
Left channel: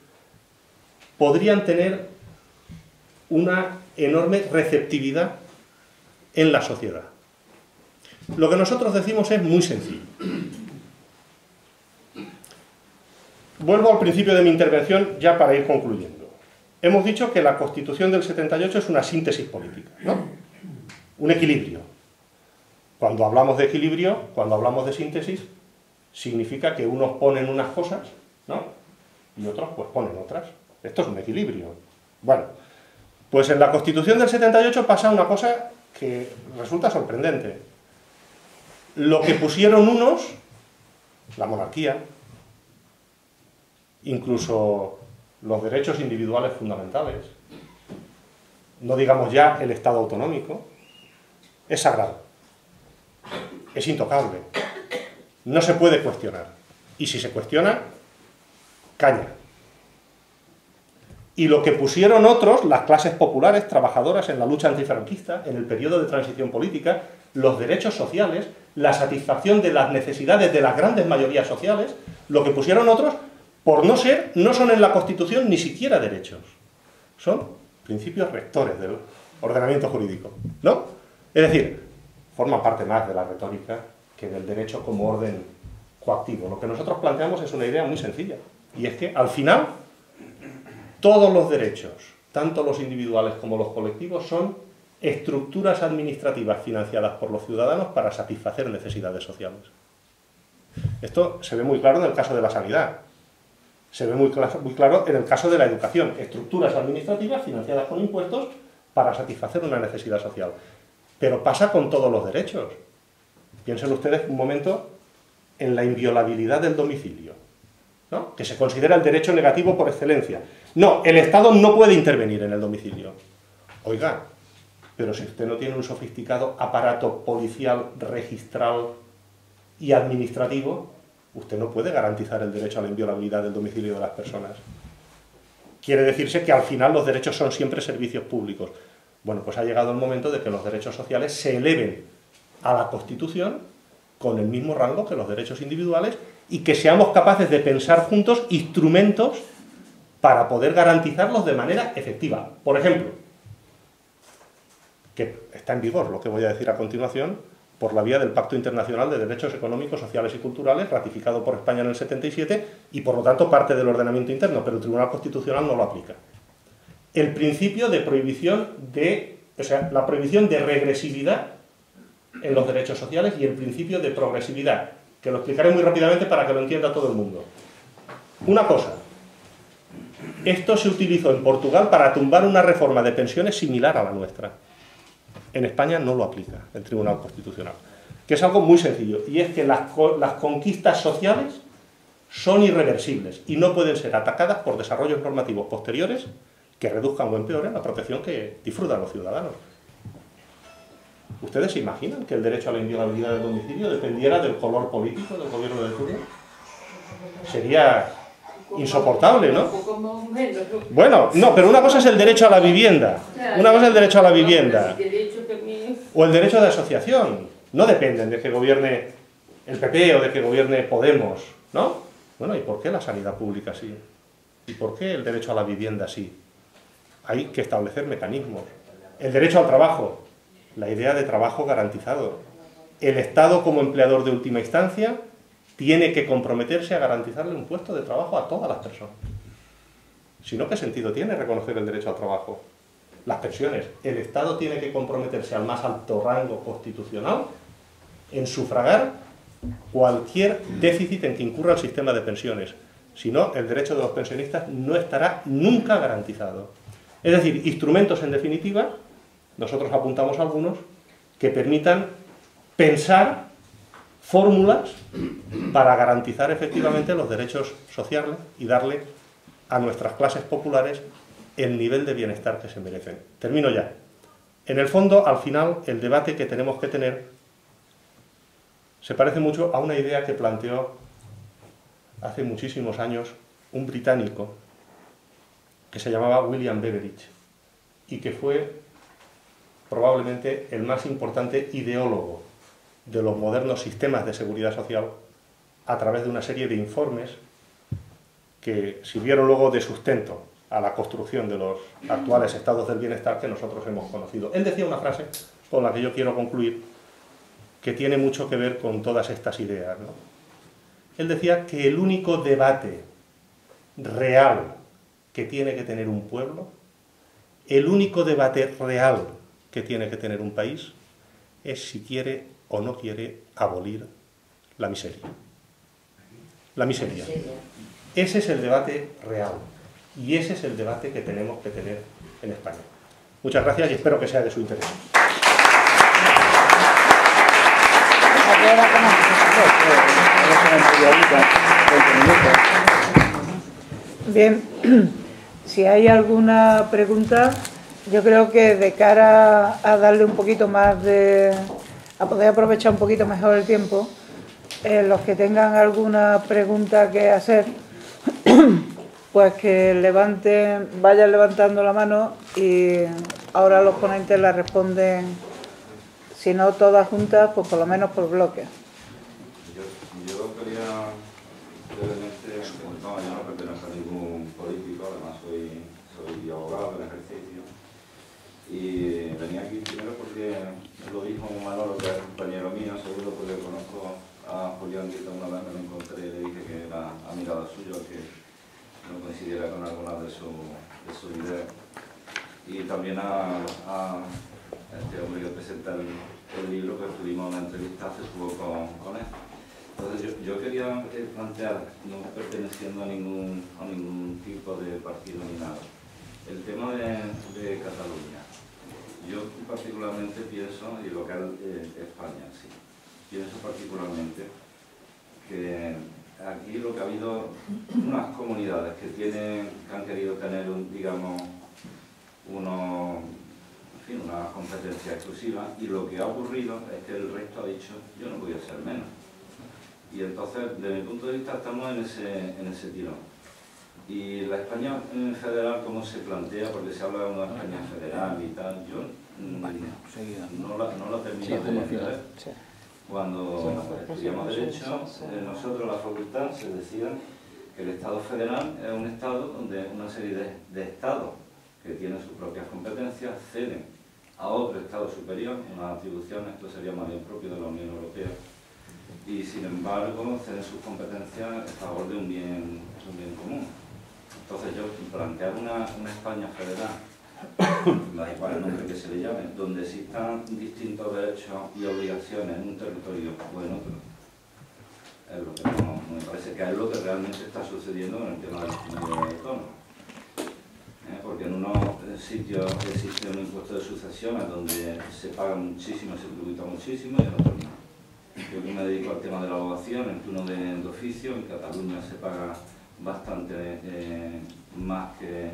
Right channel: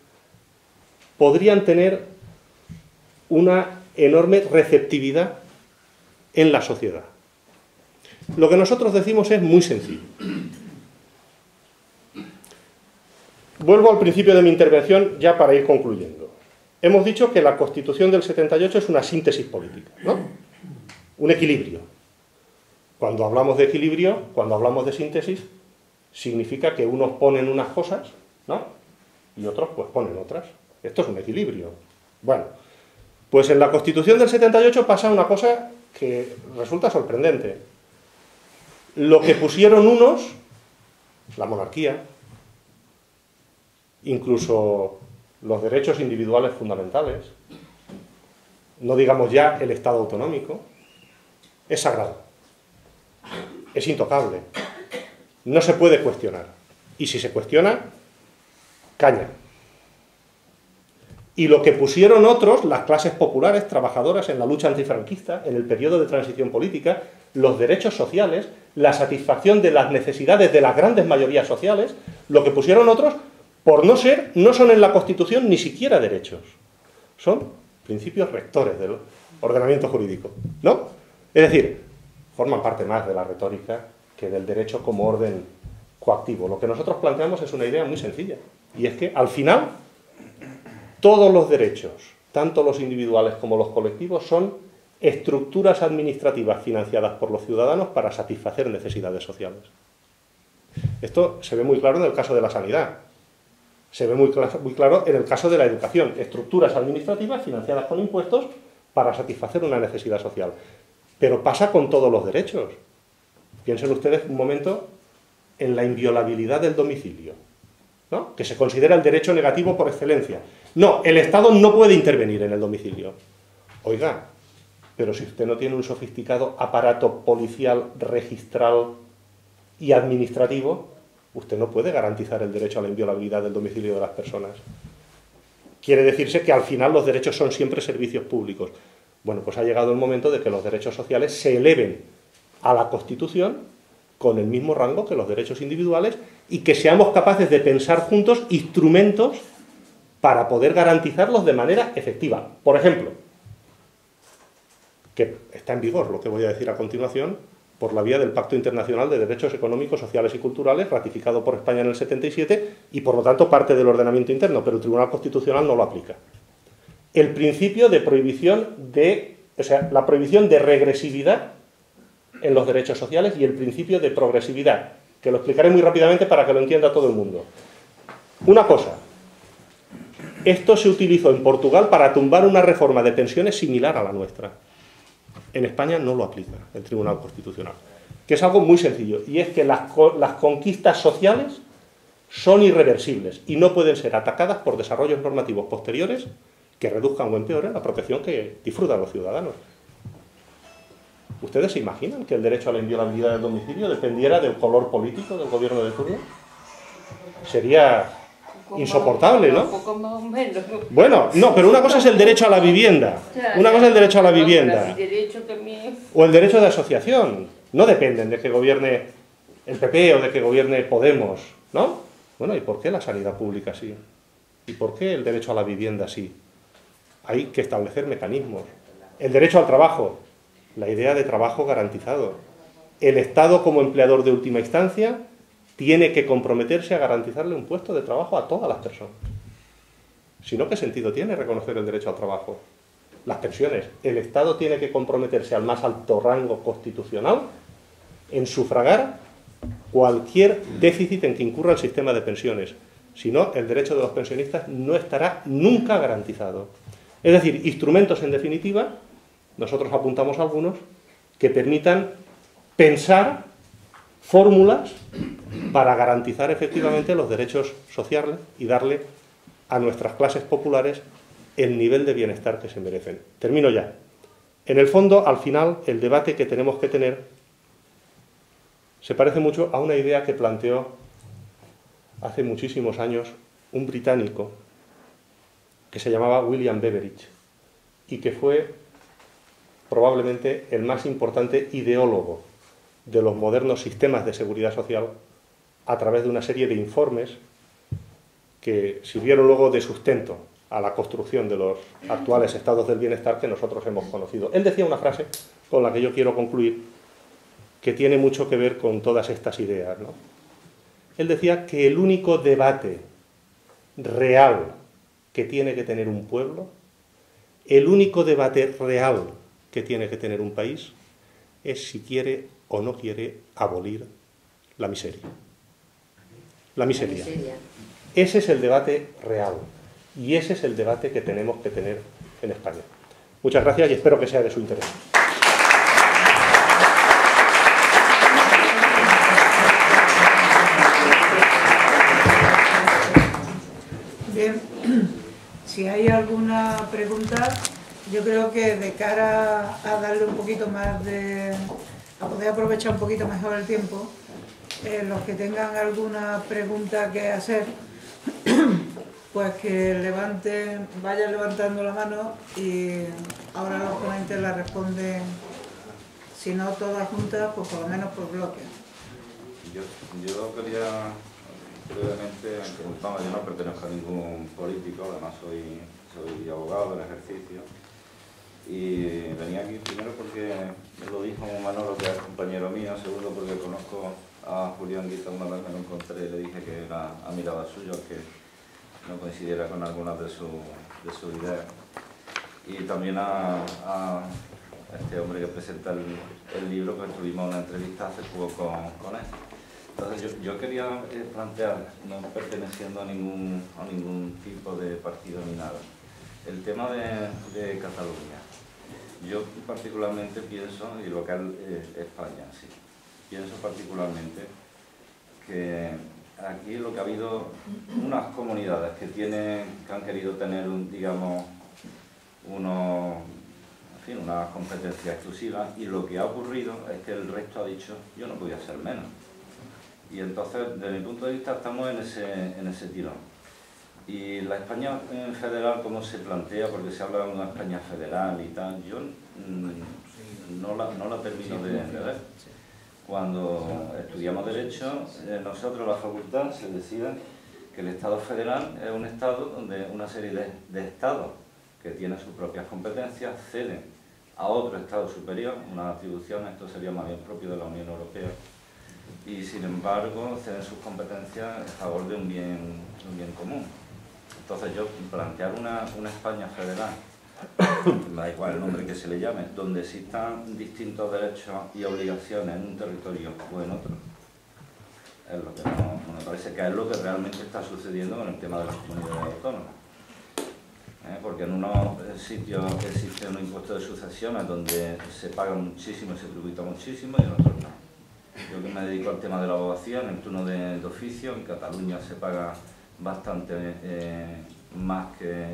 podrían tener una enorme receptividad en la sociedad. Lo que nosotros decimos es muy sencillo. Vuelvo al principio de mi intervención ya para ir concluyendo. Hemos dicho que la Constitución del 78 es una síntesis política, ¿no? Un equilibrio. Cuando hablamos de equilibrio, cuando hablamos de síntesis, significa que unos ponen unas cosas, ¿no? Y otros pues ponen otras. Esto es un equilibrio. Bueno, pues en la Constitución del 78 pasa una cosa que resulta sorprendente. Lo que pusieron unos, la monarquía, incluso los derechos individuales fundamentales, no digamos ya el Estado autonómico, es sagrado, es intocable, no se puede cuestionar. Y si se cuestiona, caña. Y lo que pusieron otros, las clases populares, trabajadoras en la lucha antifranquista, en el periodo de transición política, los derechos sociales, la satisfacción de las necesidades de las grandes mayorías sociales, lo que pusieron otros, por no ser, no son en la Constitución ni siquiera derechos. Son principios rectores del ordenamiento jurídico, ¿no? Es decir, forman parte más de la retórica que del derecho como orden coactivo. Lo que nosotros planteamos es una idea muy sencilla, y es que, al final, todos los derechos, tanto los individuales como los colectivos, son estructuras administrativas financiadas por los ciudadanos para satisfacer necesidades sociales. Esto se ve muy claro en el caso de la sanidad, se ve muy claro en el caso de la educación, estructuras administrativas financiadas con impuestos para satisfacer una necesidad social. Pero pasa con todos los derechos. Piensen ustedes un momento en la inviolabilidad del domicilio, ¿no? Que se considera el derecho negativo por excelencia. No, el Estado no puede intervenir en el domicilio. Oiga, pero si usted no tiene un sofisticado aparato policial, registral y administrativo, usted no puede garantizar el derecho a la inviolabilidad del domicilio de las personas. Quiere decirse que al final los derechos son siempre servicios públicos. Bueno, pues ha llegado el momento de que los derechos sociales se eleven a la Constitución con el mismo rango que los derechos individuales y que seamos capaces de pensar juntos instrumentos para poder garantizarlos de manera efectiva. Por ejemplo, que está en vigor lo que voy a decir a continuación, por la vía del Pacto Internacional de Derechos Económicos, Sociales y Culturales, ratificado por España en el 77 y por lo tanto parte del ordenamiento interno, pero el Tribunal Constitucional no lo aplica. El principio de prohibición la prohibición de regresividad en los derechos sociales y el principio de progresividad, que lo explicaré muy rápidamente para que lo entienda todo el mundo. Una cosa, esto se utilizó en Portugal para tumbar una reforma de pensiones similar a la nuestra. En España no lo aplica el Tribunal Constitucional, que es algo muy sencillo, y es que las conquistas sociales son irreversibles y no pueden ser atacadas por desarrollos normativos posteriores que reduzcan o empeoren la protección que disfrutan los ciudadanos. ¿Ustedes se imaginan que el derecho a la inviolabilidad del domicilio dependiera del color político del gobierno de turno? Sería insoportable, ¿no? Bueno, no, pero una cosa es el derecho a la vivienda. Una cosa es el derecho a la vivienda. O el derecho de asociación. No dependen de que gobierne el PP o de que gobierne Podemos, ¿no? Bueno, ¿y por qué la sanidad pública sí? ¿Y por qué el derecho a la vivienda sí? Hay que establecer mecanismos. El derecho al trabajo, la idea de trabajo garantizado. El Estado, como empleador de última instancia, tiene que comprometerse a garantizarle un puesto de trabajo a todas las personas. Si no, ¿qué sentido tiene reconocer el derecho al trabajo? las pensiones. El Estado tiene que comprometerse al más alto rango constitucional en sufragar cualquier déficit en que incurra el sistema de pensiones. Si no, el derecho de los pensionistas no estará nunca garantizado. Es decir, instrumentos, en definitiva, nosotros apuntamos algunos, que permitan pensar fórmulas para garantizar efectivamente los derechos sociales y darle a nuestras clases populares el nivel de bienestar que se merecen. Termino ya. En el fondo, al final, el debate que tenemos que tener se parece mucho a una idea que planteó hace muchísimos años un británico que se llamaba William Beveridge y que fue probablemente el más importante ideólogo de los modernos sistemas de seguridad social a través de una serie de informes que sirvieron luego de sustento a la construcción de los actuales estados del bienestar que nosotros hemos conocido. Él decía una frase con la que yo quiero concluir, que tiene mucho que ver con todas estas ideas, ¿no? Él decía que el único debate real que tiene que tener un pueblo, el único debate real que tiene que tener un país, es si quiere o no quiere abolir la miseria. La miseria. Ese es el debate real y ese es el debate que tenemos que tener en España. Muchas gracias y espero que sea de su interés. Bien, si hay alguna pregunta, yo creo que de cara a darle un poquito más de... a poder aprovechar un poquito mejor el tiempo, los que tengan alguna pregunta que hacer, pues que levanten, vayan levantando la mano y ahora los ponentes la responden, si no todas juntas, pues por lo menos por bloques. Yo quería brevemente, vamos, yo no pertenezco a ningún político, además soy abogado en ejercicio, y venía aquí primero porque lo dijo Manolo, que es compañero mío, segundo porque conozco a Julián Dita una vez, me lo encontré y le dije que era admirador suyo, que no coincidiera con algunas de sus ideas, y también a este hombre que presenta el libro, que tuvimos una entrevista hace poco con él. Entonces yo quería plantear, no perteneciendo a ningún tipo de partido ni nada, el tema de Cataluña. Yo particularmente pienso, y lo que es España, sí, pienso particularmente que aquí lo que ha habido, unas comunidades que han querido tener, digamos, una competencia exclusiva, y lo que ha ocurrido es que el resto ha dicho, yo no voy a ser menos. Y entonces, desde mi punto de vista, estamos en ese tirón. Y la España en federal, ¿cómo se plantea? Porque se habla de una España federal y tal. Yo no la termino de ver. Cuando estudiamos Derecho, nosotros, la facultad, se decía que el Estado federal es un Estado donde una serie de Estados que tienen sus propias competencias ceden a otro Estado superior unas atribuciones, esto sería más bien propio de la Unión Europea, y sin embargo ceden sus competencias a favor de un bien común. Entonces yo plantear una España federal, me da igual el nombre que se le llame, donde existan distintos derechos y obligaciones en un territorio o en otro, es lo que no me parece que es lo que realmente está sucediendo en el tema de las comunidades autónomas. Porque en unos sitios existe un impuesto de sucesiones donde se paga muchísimo, se tributa muchísimo, y en otros no. Yo que me dedico al tema de la abogacía, en el turno de oficio, en Cataluña se paga bastante más que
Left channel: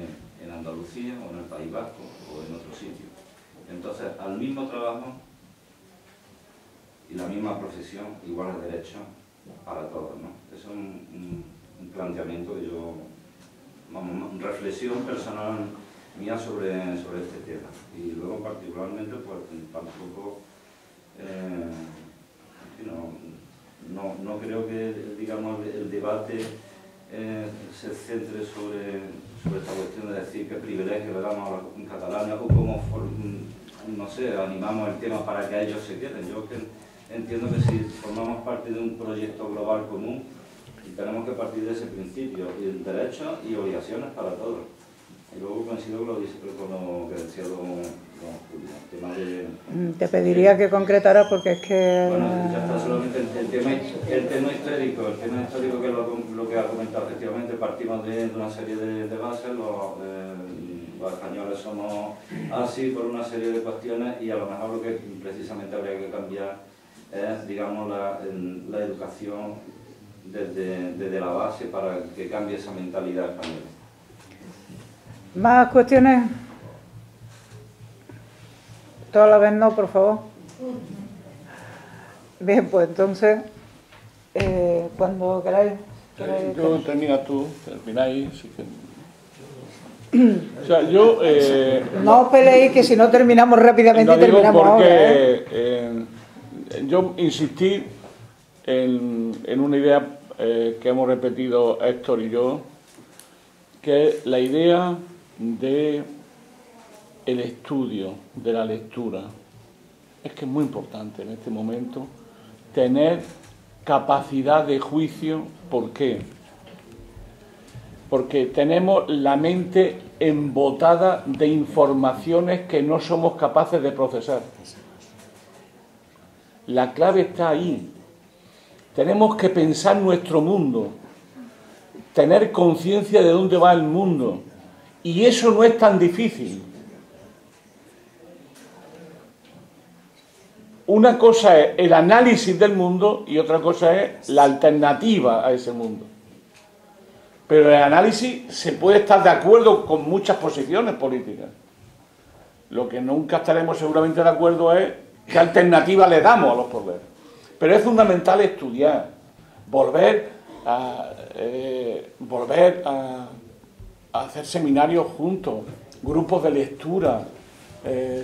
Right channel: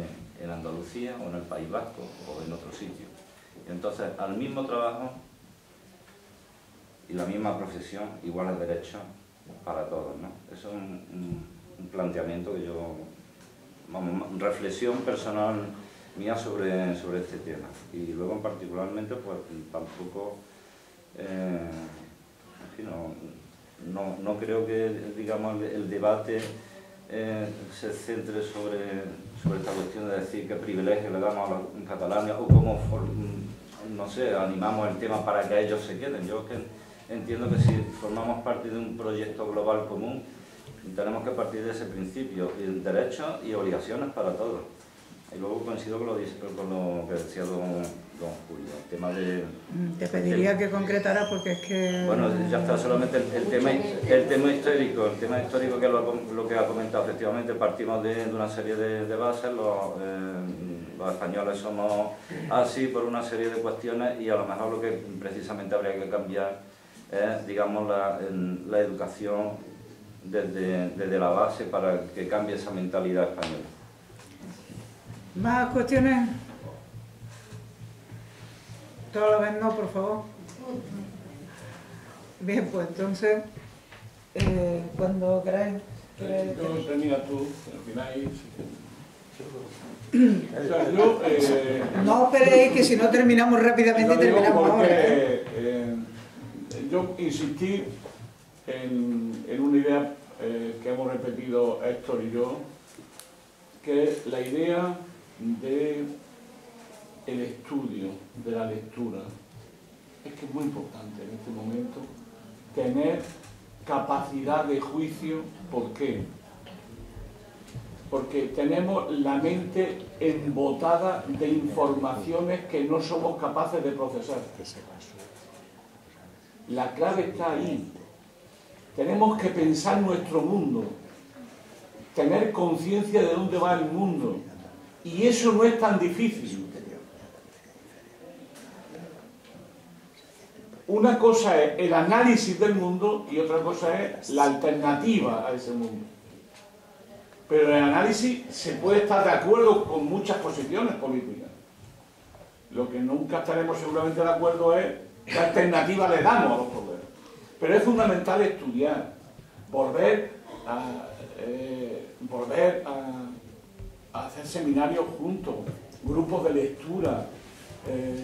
en Andalucía o en el País Vasco o en otros sitios. Entonces, al mismo trabajo y la misma profesión, iguales derechos para todos, ¿no? Eso es un planteamiento que yo, vamos, reflexión personal mía sobre este tema. Y luego, particularmente, pues tampoco, no creo que, digamos, el debate se centre sobre esta cuestión de decir qué privilegio le damos a los catalanes o cómo, no sé, animamos el tema para que ellos se queden. Yo entiendo que si formamos parte de un proyecto global común, y tenemos que partir de ese principio, y derechos y obligaciones para todos. Y luego coincido con lo que decía don Julio, el tema de... Te pediría que concretaras porque es que... Bueno, ya está, solamente el tema histórico, que es lo que ha comentado. Efectivamente, partimos de una serie de bases, los españoles somos así por una serie de cuestiones, y a lo mejor lo que precisamente habría que cambiar es, digamos, la educación desde la base para que cambie esa mentalidad española. ¿Más cuestiones? Toda la vez no, por favor. Bien, pues entonces, cuando queráis. Termináis. O sea, yo... no os peleéis, que si no terminamos rápidamente, terminamos ahora. Yo insistí en una idea que hemos repetido Héctor y yo, que es la idea de el estudio, de la lectura. Es que es muy importante en este momento tener capacidad de juicio. ¿Por qué? Porque tenemos la mente embotada de informaciones que no somos capaces de procesar. La clave está ahí. Tenemos que pensar nuestro mundo, tener conciencia de dónde va el mundo, y eso no es tan difícil. Una cosa es el análisis del mundo y otra cosa es la alternativa a ese mundo. Pero el análisis se puede estar de acuerdo con muchas posiciones políticas. Lo que nunca estaremos seguramente de acuerdo es qué alternativa le damos a los problemas. Pero es fundamental estudiar, volver a hacer seminarios juntos, grupos de lectura,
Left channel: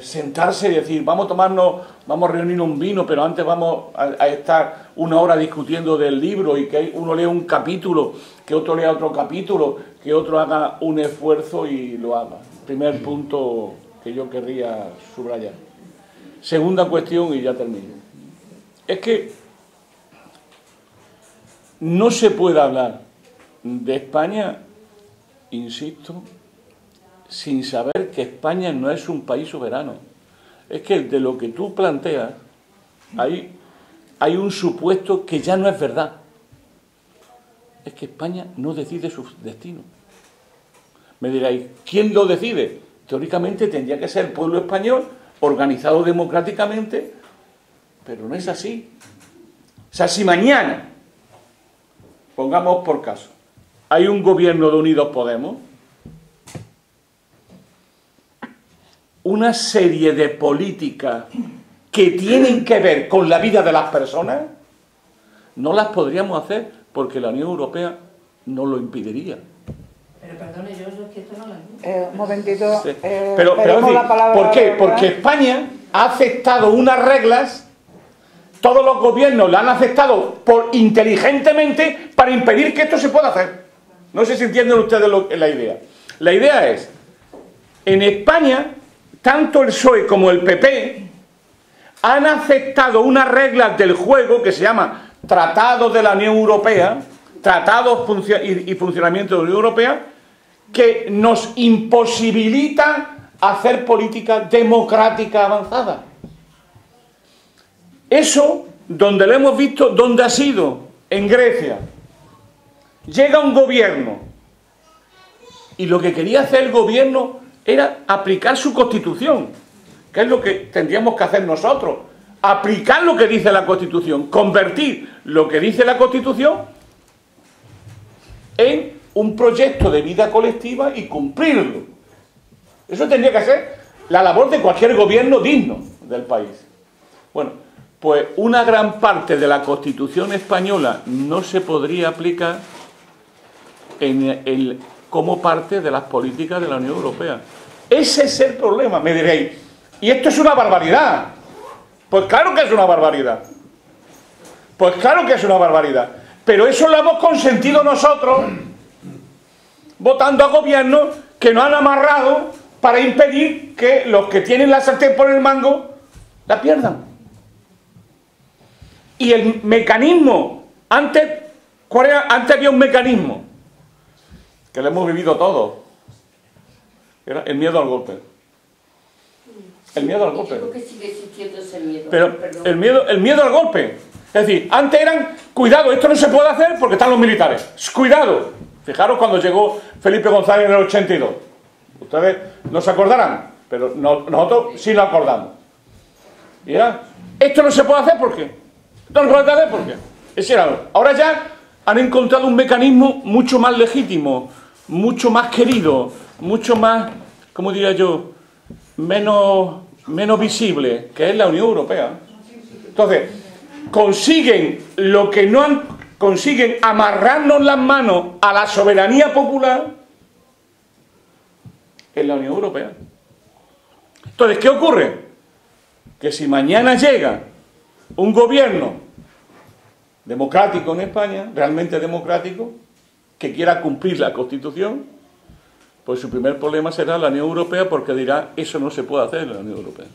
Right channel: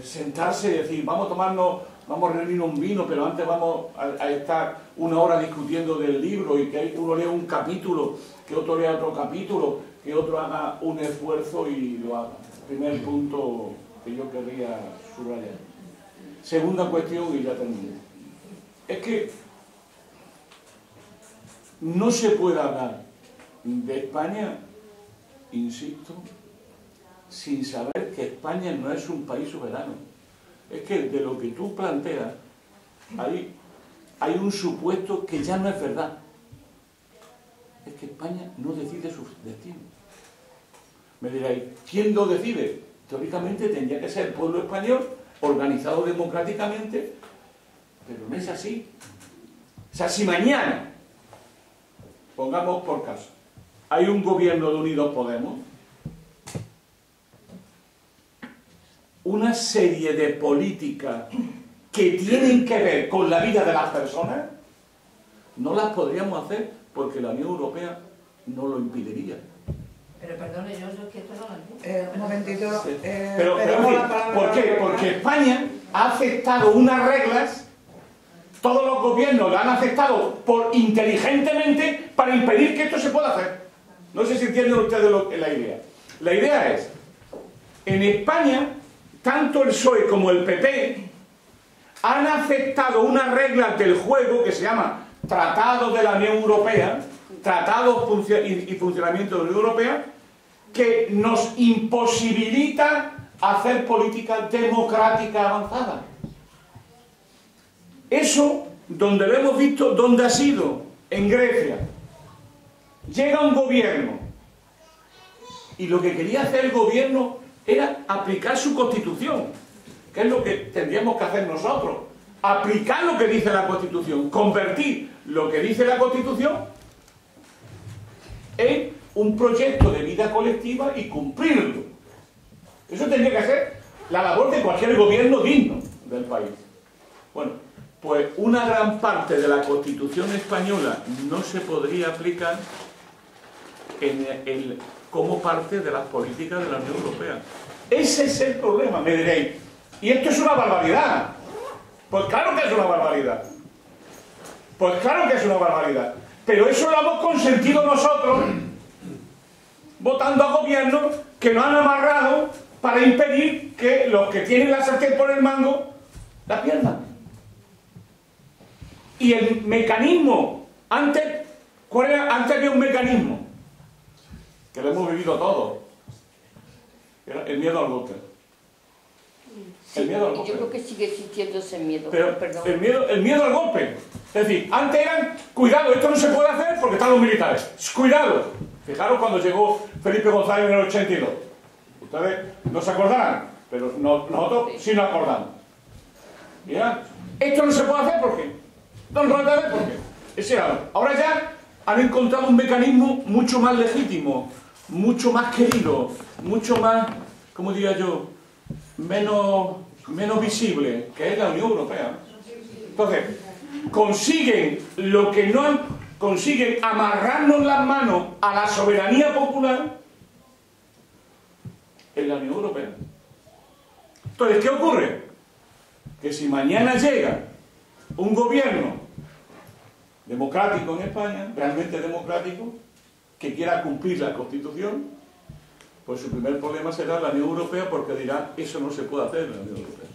sentarse y decir, vamos a reunirnos un vino, pero antes vamos a estar una hora discutiendo del libro, y que uno lea un capítulo, que otro lea otro capítulo, que otro haga un esfuerzo y lo haga. Primer punto que yo querría subrayar. Segunda cuestión, y ya termino. Es que no se puede hablar de España, insisto, sin saber que España no es un país soberano. Es que de lo que tú planteas hay un supuesto que ya no es verdad. Es que España no decide su destino. Me diréis, ¿quién lo decide? Teóricamente tendría que ser el pueblo español, organizado democráticamente, pero no es así. O sea, si mañana, pongamos por caso, hay un gobierno de Unidos Podemos, una serie de políticas que tienen que ver con la vida de las personas, no las podríamos hacer porque la Unión Europea nos lo impediría. Pero perdone, yo es que esto no lo entiendo. Un momentito, Sí. pedimos la palabra. ¿Por qué? Porque España ha aceptado unas reglas, todos los gobiernos la han aceptado inteligentemente para impedir que esto se pueda hacer. No sé si entienden ustedes la idea. La idea es, en España, tanto el PSOE como el PP han aceptado unas reglas del juego que se llama Tratados de la Unión Europea, Tratados y Funcionamiento de la Unión Europea, que nos imposibilita hacer política democrática avanzada. Eso, donde lo hemos visto, ¿dónde ha sido? En Grecia. Llega un gobierno y lo que quería hacer el gobierno era aplicar su Constitución, que es lo que tendríamos que hacer nosotros, aplicar lo que dice la Constitución, convertir lo que dice la Constitución en un proyecto de vida colectiva y cumplirlo. Eso tendría que ser la labor de cualquier gobierno digno del país. Bueno, pues una gran parte de la Constitución española no se podría aplicar como parte de las políticas de la Unión Europea. Ese es el problema. Me diréis, ¿y esto es una barbaridad? Pues claro que es una barbaridad. Pues claro que es una barbaridad. Pero eso lo hemos consentido nosotros, votando a gobiernos que nos han amarrado para impedir que los que tienen la sartén por el mango la pierdan. Y el mecanismo, antes había un mecanismo, que lo hemos vivido todos, Era el miedo al golpe. El miedo al golpe. Yo creo que sigue existiendo ese miedo. Pero Perdón. el miedo al golpe. Es decir, antes eran, cuidado, esto no se puede hacer porque están los militares. Cuidado. Fijaros cuando llegó Felipe González en el 82. Ustedes no se acordarán, pero nosotros sí nos acordamos. Y era, esto no se puede hacer ¿por qué? Esto no se puede hacer ¿por qué? Ahora ya han encontrado un mecanismo mucho más legítimo, mucho más querido, mucho más, ¿cómo diría yo?, menos visible, que es la Unión Europea. Entonces, consiguen lo que no han, consiguen amarrarnos las manos a la soberanía popular en la Unión Europea. Entonces, ¿qué ocurre? Que si mañana llega un gobierno democrático en España, realmente democrático, que quiera cumplir la Constitución, pues su primer problema será la Unión Europea, porque dirá, eso no se puede hacer en la Unión Europea.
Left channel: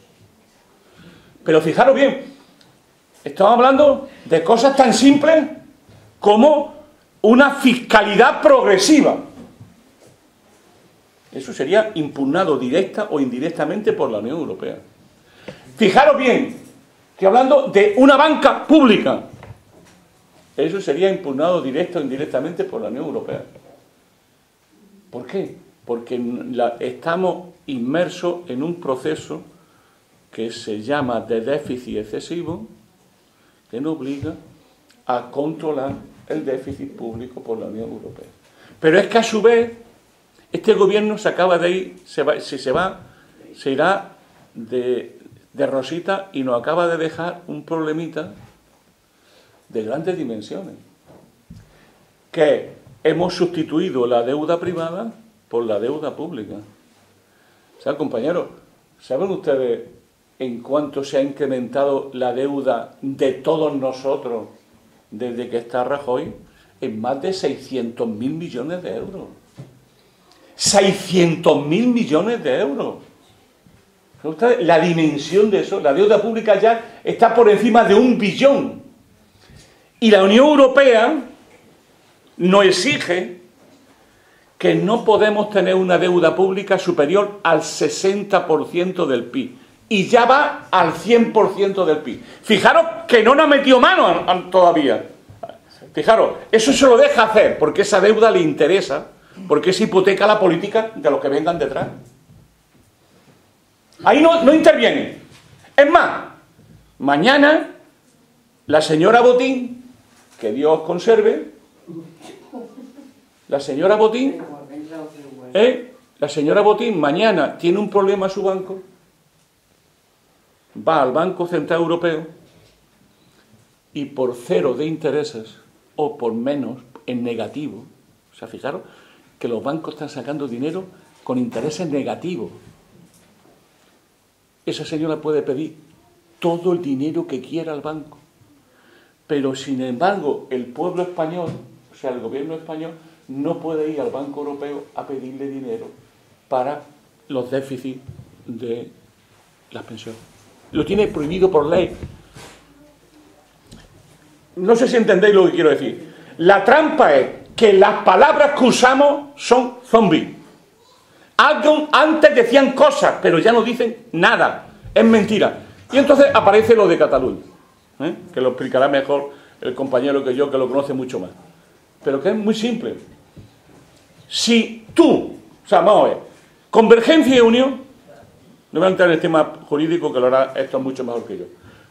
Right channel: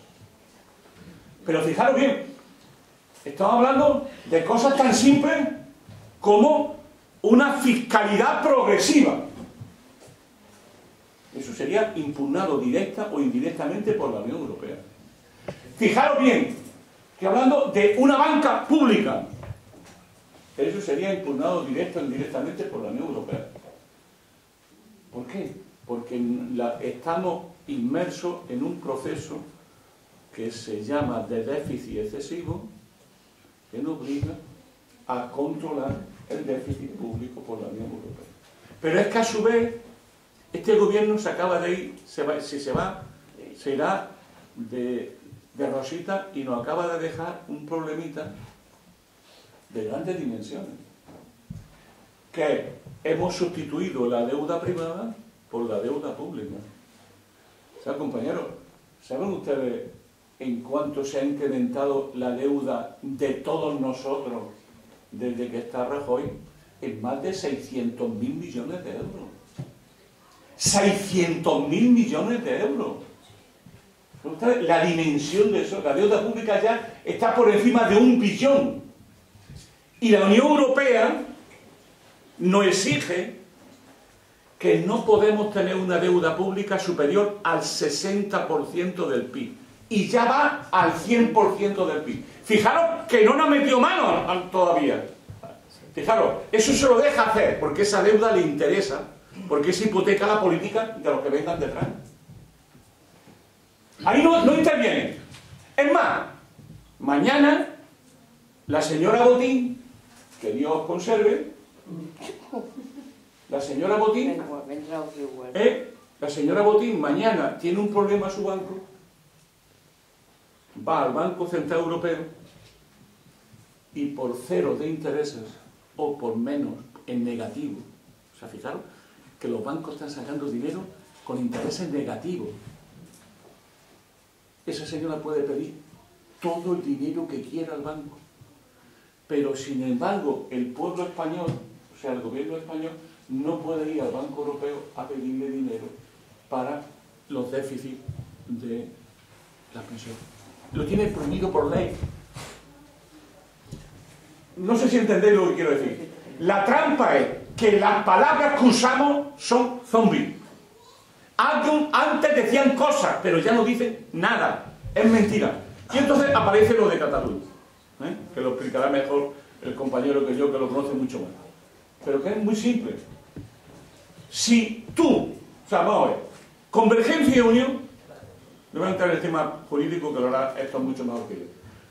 Pero fijaros bien, estamos hablando de cosas tan simples como una fiscalidad progresiva. Eso sería impugnado directa o indirectamente por la Unión Europea. Fijaros bien, que hablando de una banca pública, eso sería impugnado directa o indirectamente por la Unión Europea. ¿Por qué? Porque estamos inmersos en un proceso que se llama de déficit excesivo, que nos obliga a controlar el déficit público por la Unión Europea. Pero es que a su vez, este gobierno se acaba de ir, se irá de rosita y nos acaba de dejar un problemita de grandes dimensiones, que hemos sustituido la deuda privada por la deuda pública. O sea, compañeros, ¿saben ustedes en cuánto se ha incrementado la deuda de todos nosotros desde que está Rajoy? En más de 600.000 millones de euros. 600.000 millones de euros. La dimensión de eso, la deuda pública ya está por encima de 1 billón. Y la Unión Europea nos exige que no podemos tener una deuda pública superior al 60% del PIB. Y ya va al 100% del PIB. Fijaros que no nos ha metido mano todavía. Fijaros, eso se lo deja hacer porque esa deuda le interesa, porque es hipoteca la política de los que vengan detrás. Ahí no interviene. Es más, mañana la señora Botín, que Dios conserve, la señora Botín, la señora Botín mañana tiene un problema a su banco, va al Banco Central Europeo y por 0 de intereses o por menos en negativo, o sea, fijaros que los bancos están sacando dinero con intereses negativos. Esa señora puede pedir todo el dinero que quiera al banco, pero sin embargo el pueblo español, o sea, el gobierno español, no puede ir al Banco Europeo a pedirle dinero para los déficits de las pensiones. Lo tiene prohibido por ley. No sé si entendéis lo que quiero decir. La trampa es que las palabras que usamos son zombies. Antes decían cosas, pero ya no dicen nada. Es mentira. Y entonces aparece lo de Cataluña, que lo explicará mejor el compañero que yo, que lo conoce mucho más. Pero que es muy simple. Si tú, o sea, vamos a ver, Convergencia y Unión, no voy a entrar en el tema jurídico que lo hará esto mucho mejor que yo.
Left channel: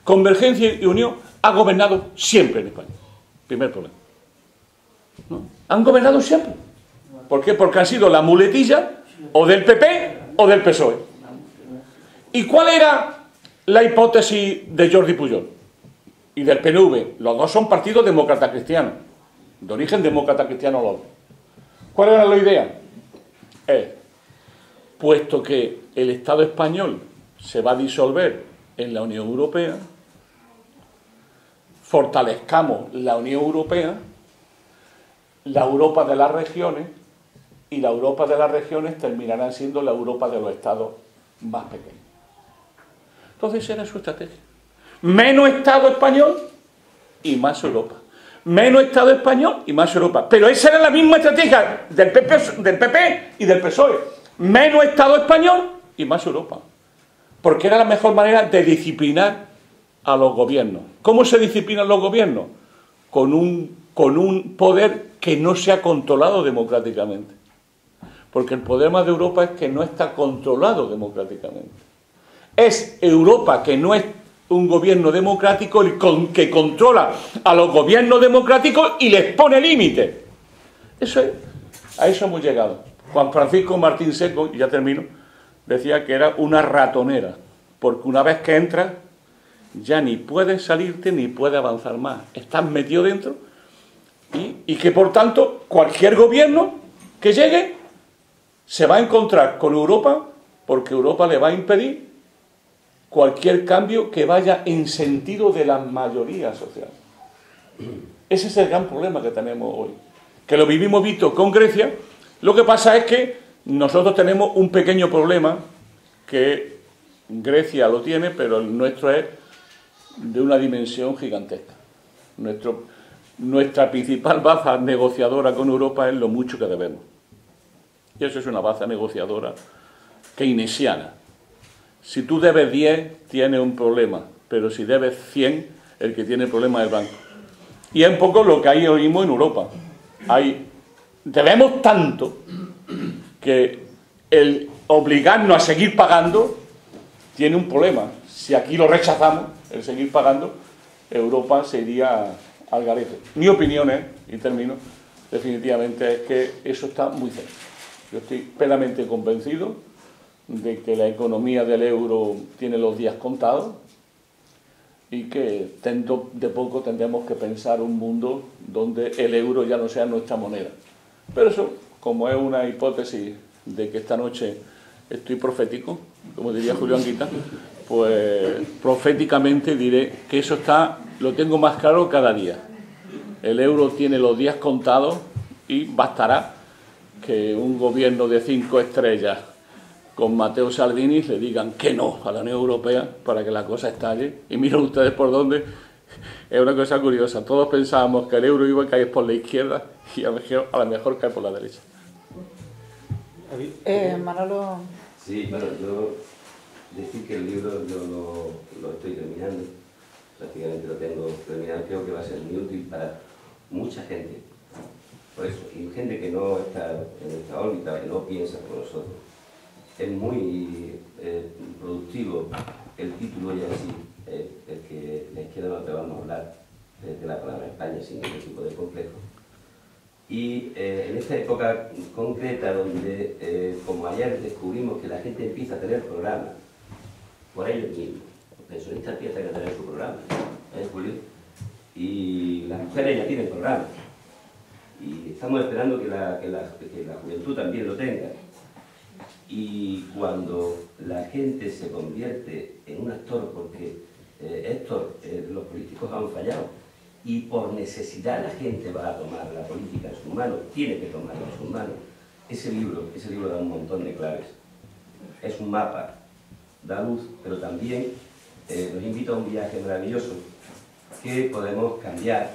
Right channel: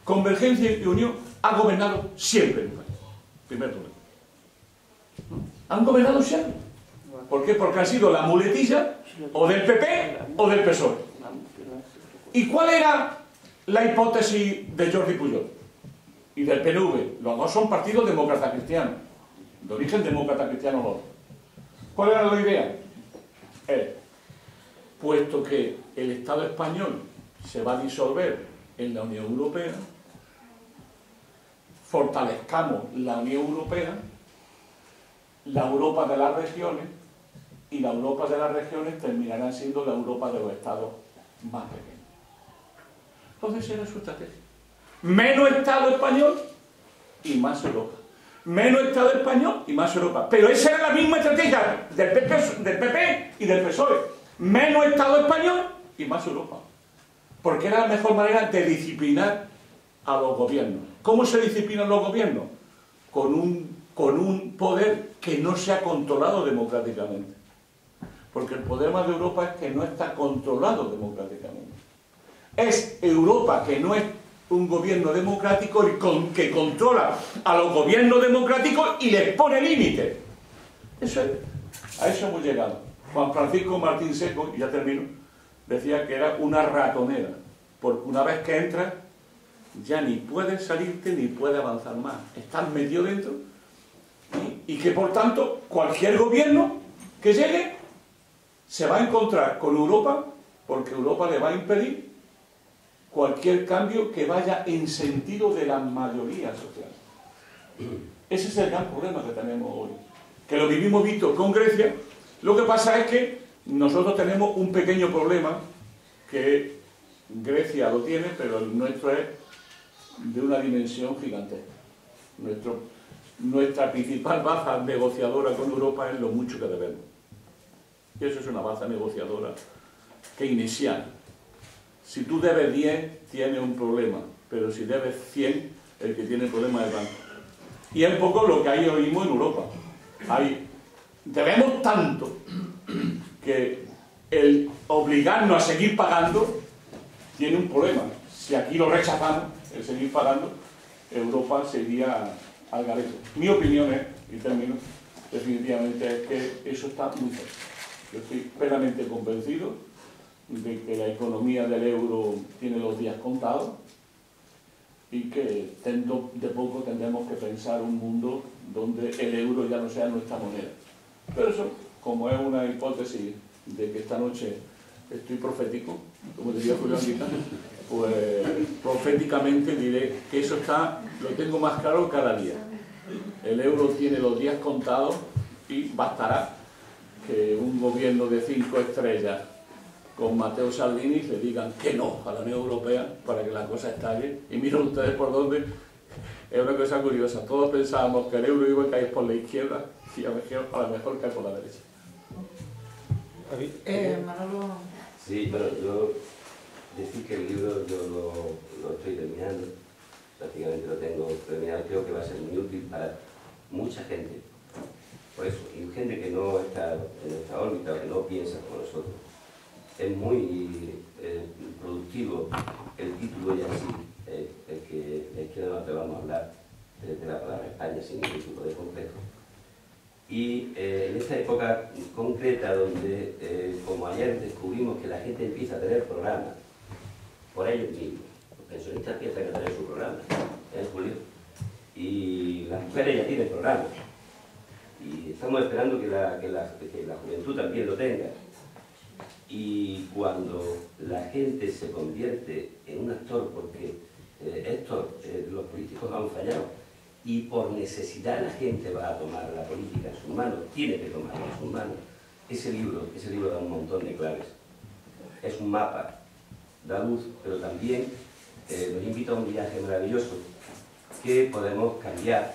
Convergencia y Unión ha gobernado siempre en España. Primer problema. ¿No? Han gobernado siempre. ¿Por qué? Porque han sido la muletilla o del PP o del PSOE. ¿Y cuál era la hipótesis de Jordi Pujol y del PNV? Los dos son partidos demócratas cristianos, de origen demócrata cristiano los dos. ¿Cuál era la idea? Puesto que el Estado español se va a disolver en la Unión Europea, fortalezcamos la Unión Europea, la Europa de las regiones, y la Europa de las regiones terminará siendo la Europa de los estados más pequeños. Entonces esa era su estrategia. Menos Estado español y más Europa. Menos Estado español y más Europa. Pero esa era la misma estrategia del PP y del PSOE. menos Estado español y más Europa. Porque era la mejor manera de disciplinar a los gobiernos. ¿Cómo se disciplinan los gobiernos? Con un poder que no sea controlado democráticamente. Porque el problema de Europa es que no está controlado democráticamente. Es Europa, que no es un gobierno democrático, que controla a los gobiernos democráticos y les pone límites. A eso hemos llegado. Juan Francisco Martín Seco, y ya termino, decía que era una ratonera, porque una vez que entras ya ni puedes salirte ni puedes avanzar más. Estás metido dentro y que por tanto cualquier gobierno que llegue se va a encontrar con Europa, porque Europa le va a impedir cualquier cambio que vaya en sentido de la mayoría social. Ese es el gran problema que tenemos hoy, que lo vivimos visto con Grecia. Lo que pasa es que nosotros tenemos un pequeño problema, que Grecia lo tiene, pero el nuestro es de una dimensión gigantesca. Nuestra principal baza negociadora con Europa es lo mucho que debemos. Y eso es una baza negociadora keynesiana. Si tú debes 10, tienes un problema, pero si debes 100, el que tiene el problema es el banco. Y es un poco lo que ahí oímos en Europa. Debemos tanto que el obligarnos a seguir pagando tiene un problema. Si aquí lo rechazamos, el seguir pagando, Europa se iría al garete. Mi opinión es, y termino, definitivamente es que eso está muy cerca. Yo estoy plenamente convencido de que la economía del euro tiene los días contados y que dentro de poco tendremos que pensar un mundo donde el euro ya no sea nuestra moneda. Pero eso, como es una hipótesis de que esta noche estoy profético, como diría Julio Anguita, pues proféticamente diré que eso lo tengo más claro cada día. El euro tiene los días contados y bastará que un gobierno de 5 estrellas con Matteo Salvini le digan que no a la Unión Europea para que la cosa estalle. Y miren ustedes por dónde. Es una cosa curiosa. Todos pensábamos que el euro iba a caer por la izquierda y a lo mejor cae por la derecha. Manolo. Sí, bueno, yo decir que el libro yo lo estoy terminando, prácticamente lo tengo terminado, creo que va a ser muy útil para mucha gente. Por eso, y gente que no está en esta órbita, que no piensa como nosotros. Es muy productivo el título ya así, el que la izquierda no te vamos a hablar de la palabra España sin ningún tipo de complejo. Y en esta época concreta donde, como ayer descubrimos que la gente empieza a tener programas por ellos mismos, los pensionistas empiezan a tener su programa, Julio? Y las mujeres ya tienen programas. Y estamos esperando que la juventud también lo tenga. Y cuando la gente se convierte en un actor, porque los políticos han fallado, y por necesidad la gente va a tomar la política en sus manos, tiene que tomarla en sus manos, ese libro da un montón de claves. Es un mapa, da luz, pero también nos invita a un viaje maravilloso que podemos cambiar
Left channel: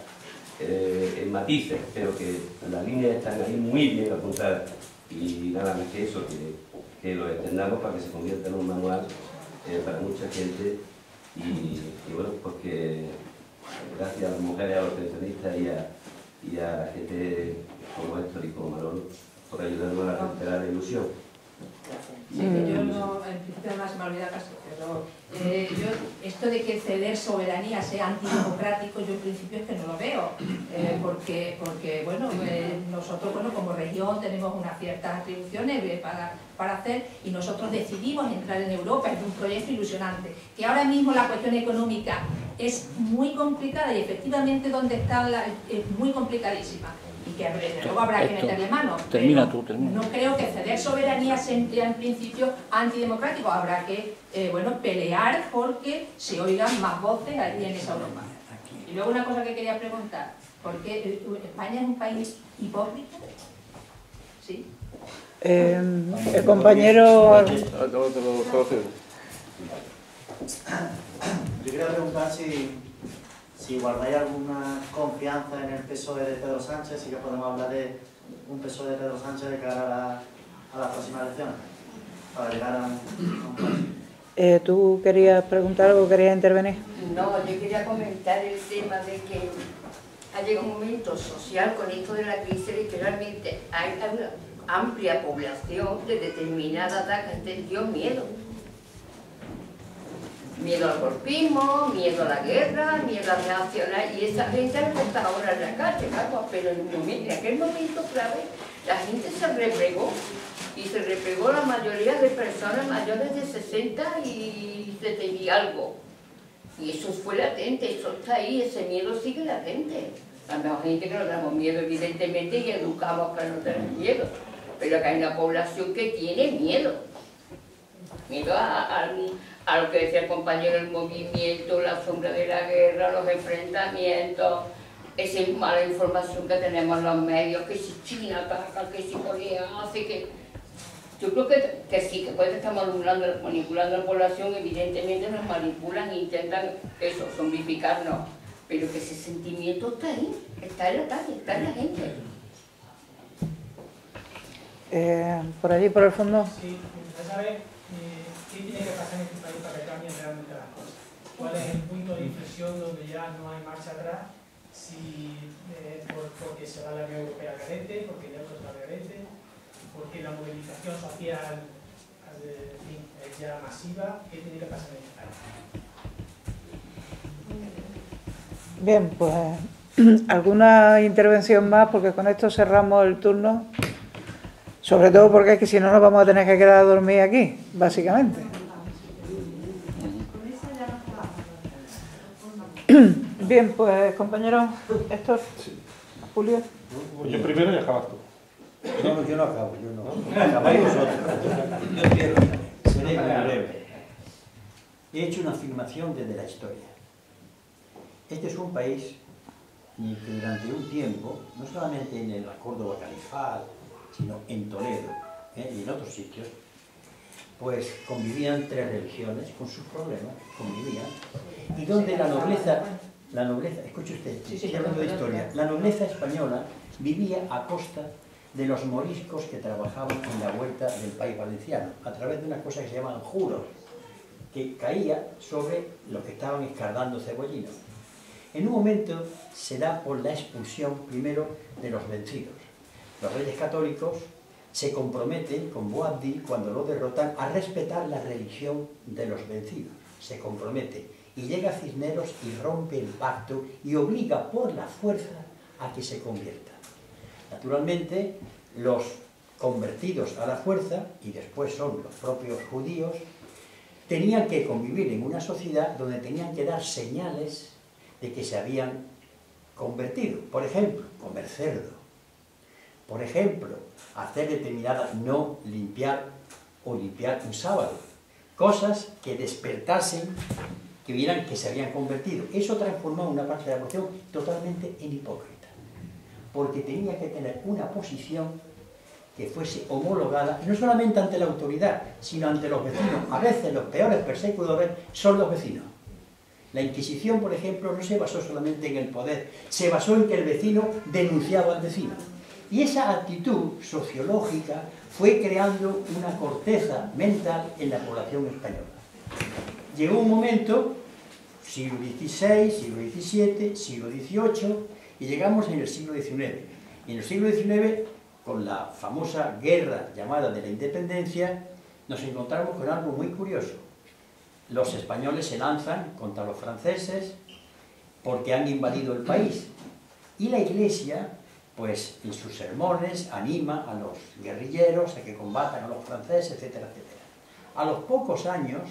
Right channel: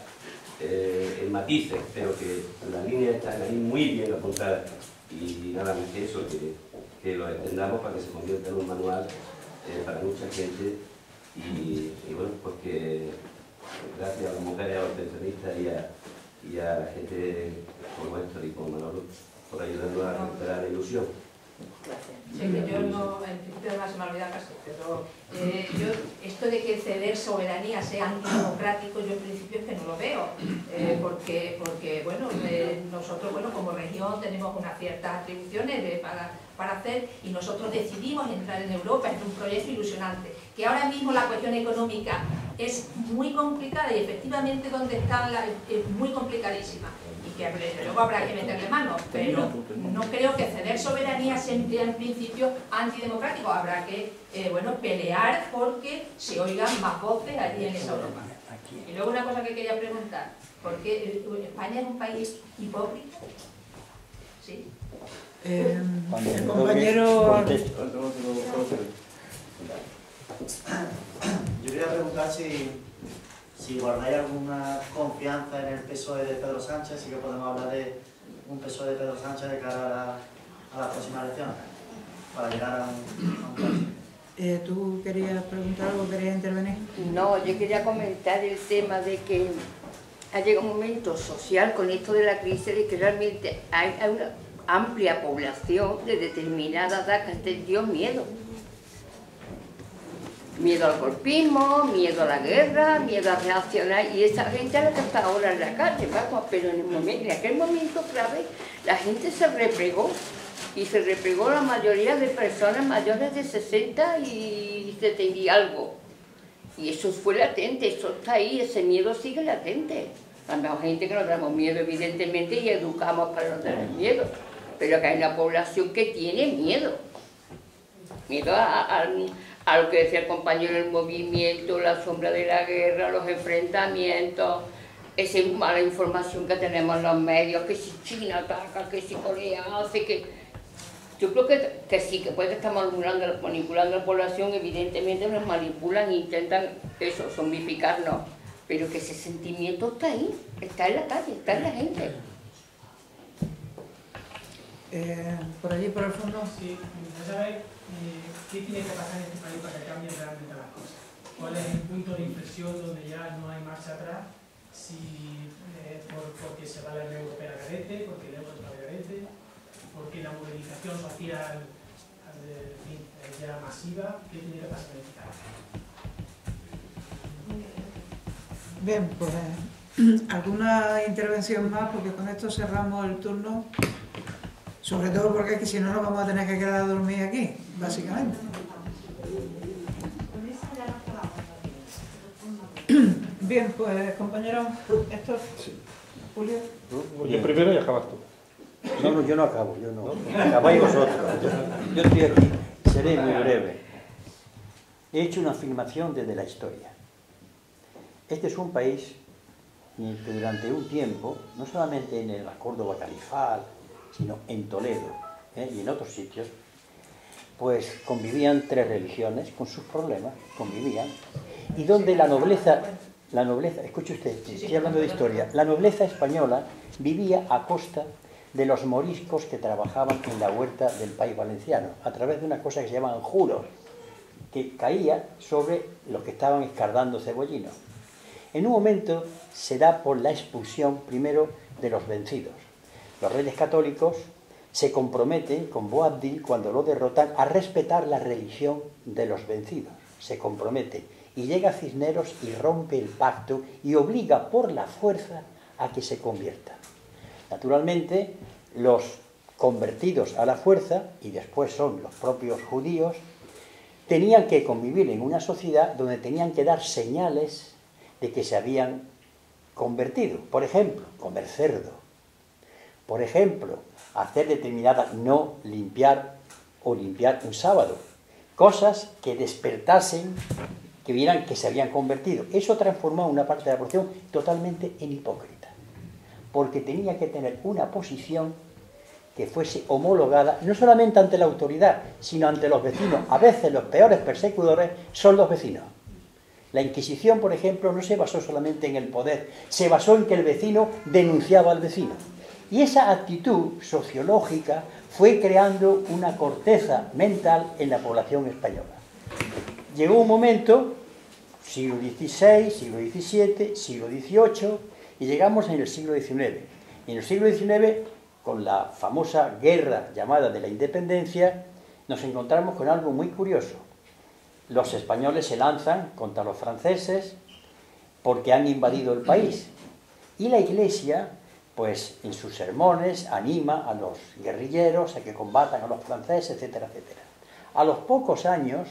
en matices, pero que las líneas están ahí muy bien apuntadas. Y nada más que eso, que lo extendamos para que se convierta en un manual para mucha gente y bueno, pues que gracias a las mujeres, a los pensionistas y a la gente como Héctor y como Manolo por ayudarnos a recuperar la ilusión. Sí, que yo no, en principio además se me ha olvidado casi, pero yo, esto de que ceder soberanía sea antidemocrático, yo en principio es que no lo veo, porque bueno, nosotros bueno, como región tenemos unas ciertas atribuciones para hacer y nosotros decidimos entrar en Europa, es un proyecto ilusionante, que ahora mismo la cuestión económica es muy complicada y efectivamente donde está es muy complicadísima. Que luego habrá que meterle mano, pero no creo que ceder soberanía sea en principio antidemocrático. Habrá que bueno, pelear porque se oigan más voces aquí en esa Europa. Y luego una cosa que quería preguntar, ¿por qué España es un país hipócrita? ¿Sí? El compañero... Yo quería preguntar si guardáis alguna confianza en el PSOE de Pedro Sánchez, sí que podemos hablar de un PSOE de Pedro Sánchez de cara a las próximas elecciones. para llegar a un país. ¿Tú querías preguntar algo, querías intervenir? No, yo quería comentar el tema de que ha llegado un momento social con esto de la crisis, que realmente hay una amplia población de determinada edad que ha entendido miedo. Miedo al golpismo, miedo a la guerra, miedo a reaccionar, y esa gente no está ahora en la calle, vamos, pero en aquel momento, claro, la gente se replegó, y se replegó la mayoría de personas mayores de 60 y 70 y algo. Y eso fue latente, eso está ahí, ese miedo sigue latente. Hay gente que no damos miedo, evidentemente, y educamos para no tener miedo, pero que hay una población que tiene miedo. Miedo a lo que decía el compañero, el movimiento, la sombra de la guerra, los enfrentamientos, esa mala información que tenemos en los medios, que si China ataca, que si Corea hace, que... Yo creo que sí, que puede estar manipulando a la población, evidentemente nos manipulan e intentan eso, zombificarnos, pero que ese sentimiento está ahí, está en la calle, está en la gente. Por allí, por el fondo. Sí, me gustaría saber qué tiene que pasar en este país para que cambien realmente las cosas. ¿Cuál es el punto de inflexión donde ya no hay marcha atrás? Si porque se va la Unión Europea a garete, porque de otros va a garete, porque la movilización social es ya masiva. ¿Qué tiene que pasar en este país? Bien, pues alguna intervención más, porque con esto cerramos el turno. Sobre todo porque es que si no nos vamos a tener que quedar a dormir aquí, básicamente. Bien, pues compañero Héctor, Julio. Yo primero y acabas tú. No, yo no acabo, yo no. Acabáis vosotros. Yo estoy aquí, seré muy breve. He hecho una afirmación desde la historia. Este es un país que durante un tiempo, no solamente en el Córdoba califal, sino en Toledo y en otros sitios, pues convivían tres religiones con sus problemas, convivían, y donde la nobleza, escuche usted, estoy hablando de historia, la nobleza española vivía a costa de los moriscos que trabajaban en la huerta del país valenciano, a través de una cosa que se llaman juros, que caía sobre los que estaban escardando cebollinos. En un momento se da por la expulsión primero de los vencidos. Los reyes católicos se comprometen con Boabdil, cuando lo derrotan, a respetar la religión de los vencidos. Se compromete. Y llega Cisneros y rompe el pacto y obliga por la fuerza a que se conviertan. Naturalmente, los convertidos a la fuerza, y después son los propios judíos, tenían que convivir en una sociedad donde tenían que dar señales de que se habían convertido. Por ejemplo, comer cerdo. Por ejemplo, hacer determinadas, no limpiar o limpiar un sábado. Cosas que despertasen, que vieran que se habían convertido. Eso transformó a una parte de la población totalmente en hipócrita. Porque tenía que tener una posición que fuese homologada, no solamente ante la autoridad, sino ante los vecinos. A veces los peores persecutores son los vecinos. La Inquisición, por ejemplo, no se basó solamente en el poder, se basó en que el vecino denunciaba al vecino. Y esa actitud sociológica fue creando una corteza mental en la población española. Llegó un momento, siglo XVI, siglo XVII, siglo XVIII, y llegamos en el siglo XIX. Y en el siglo XIX, con la famosa guerra llamada de la independencia, nos encontramos con algo muy curioso. Los españoles se lanzan contra los franceses porque han invadido el país. Y la Iglesia, pues en sus sermones, anima a los guerrilleros a que combatan a los franceses, etcétera, etcétera. A los pocos años,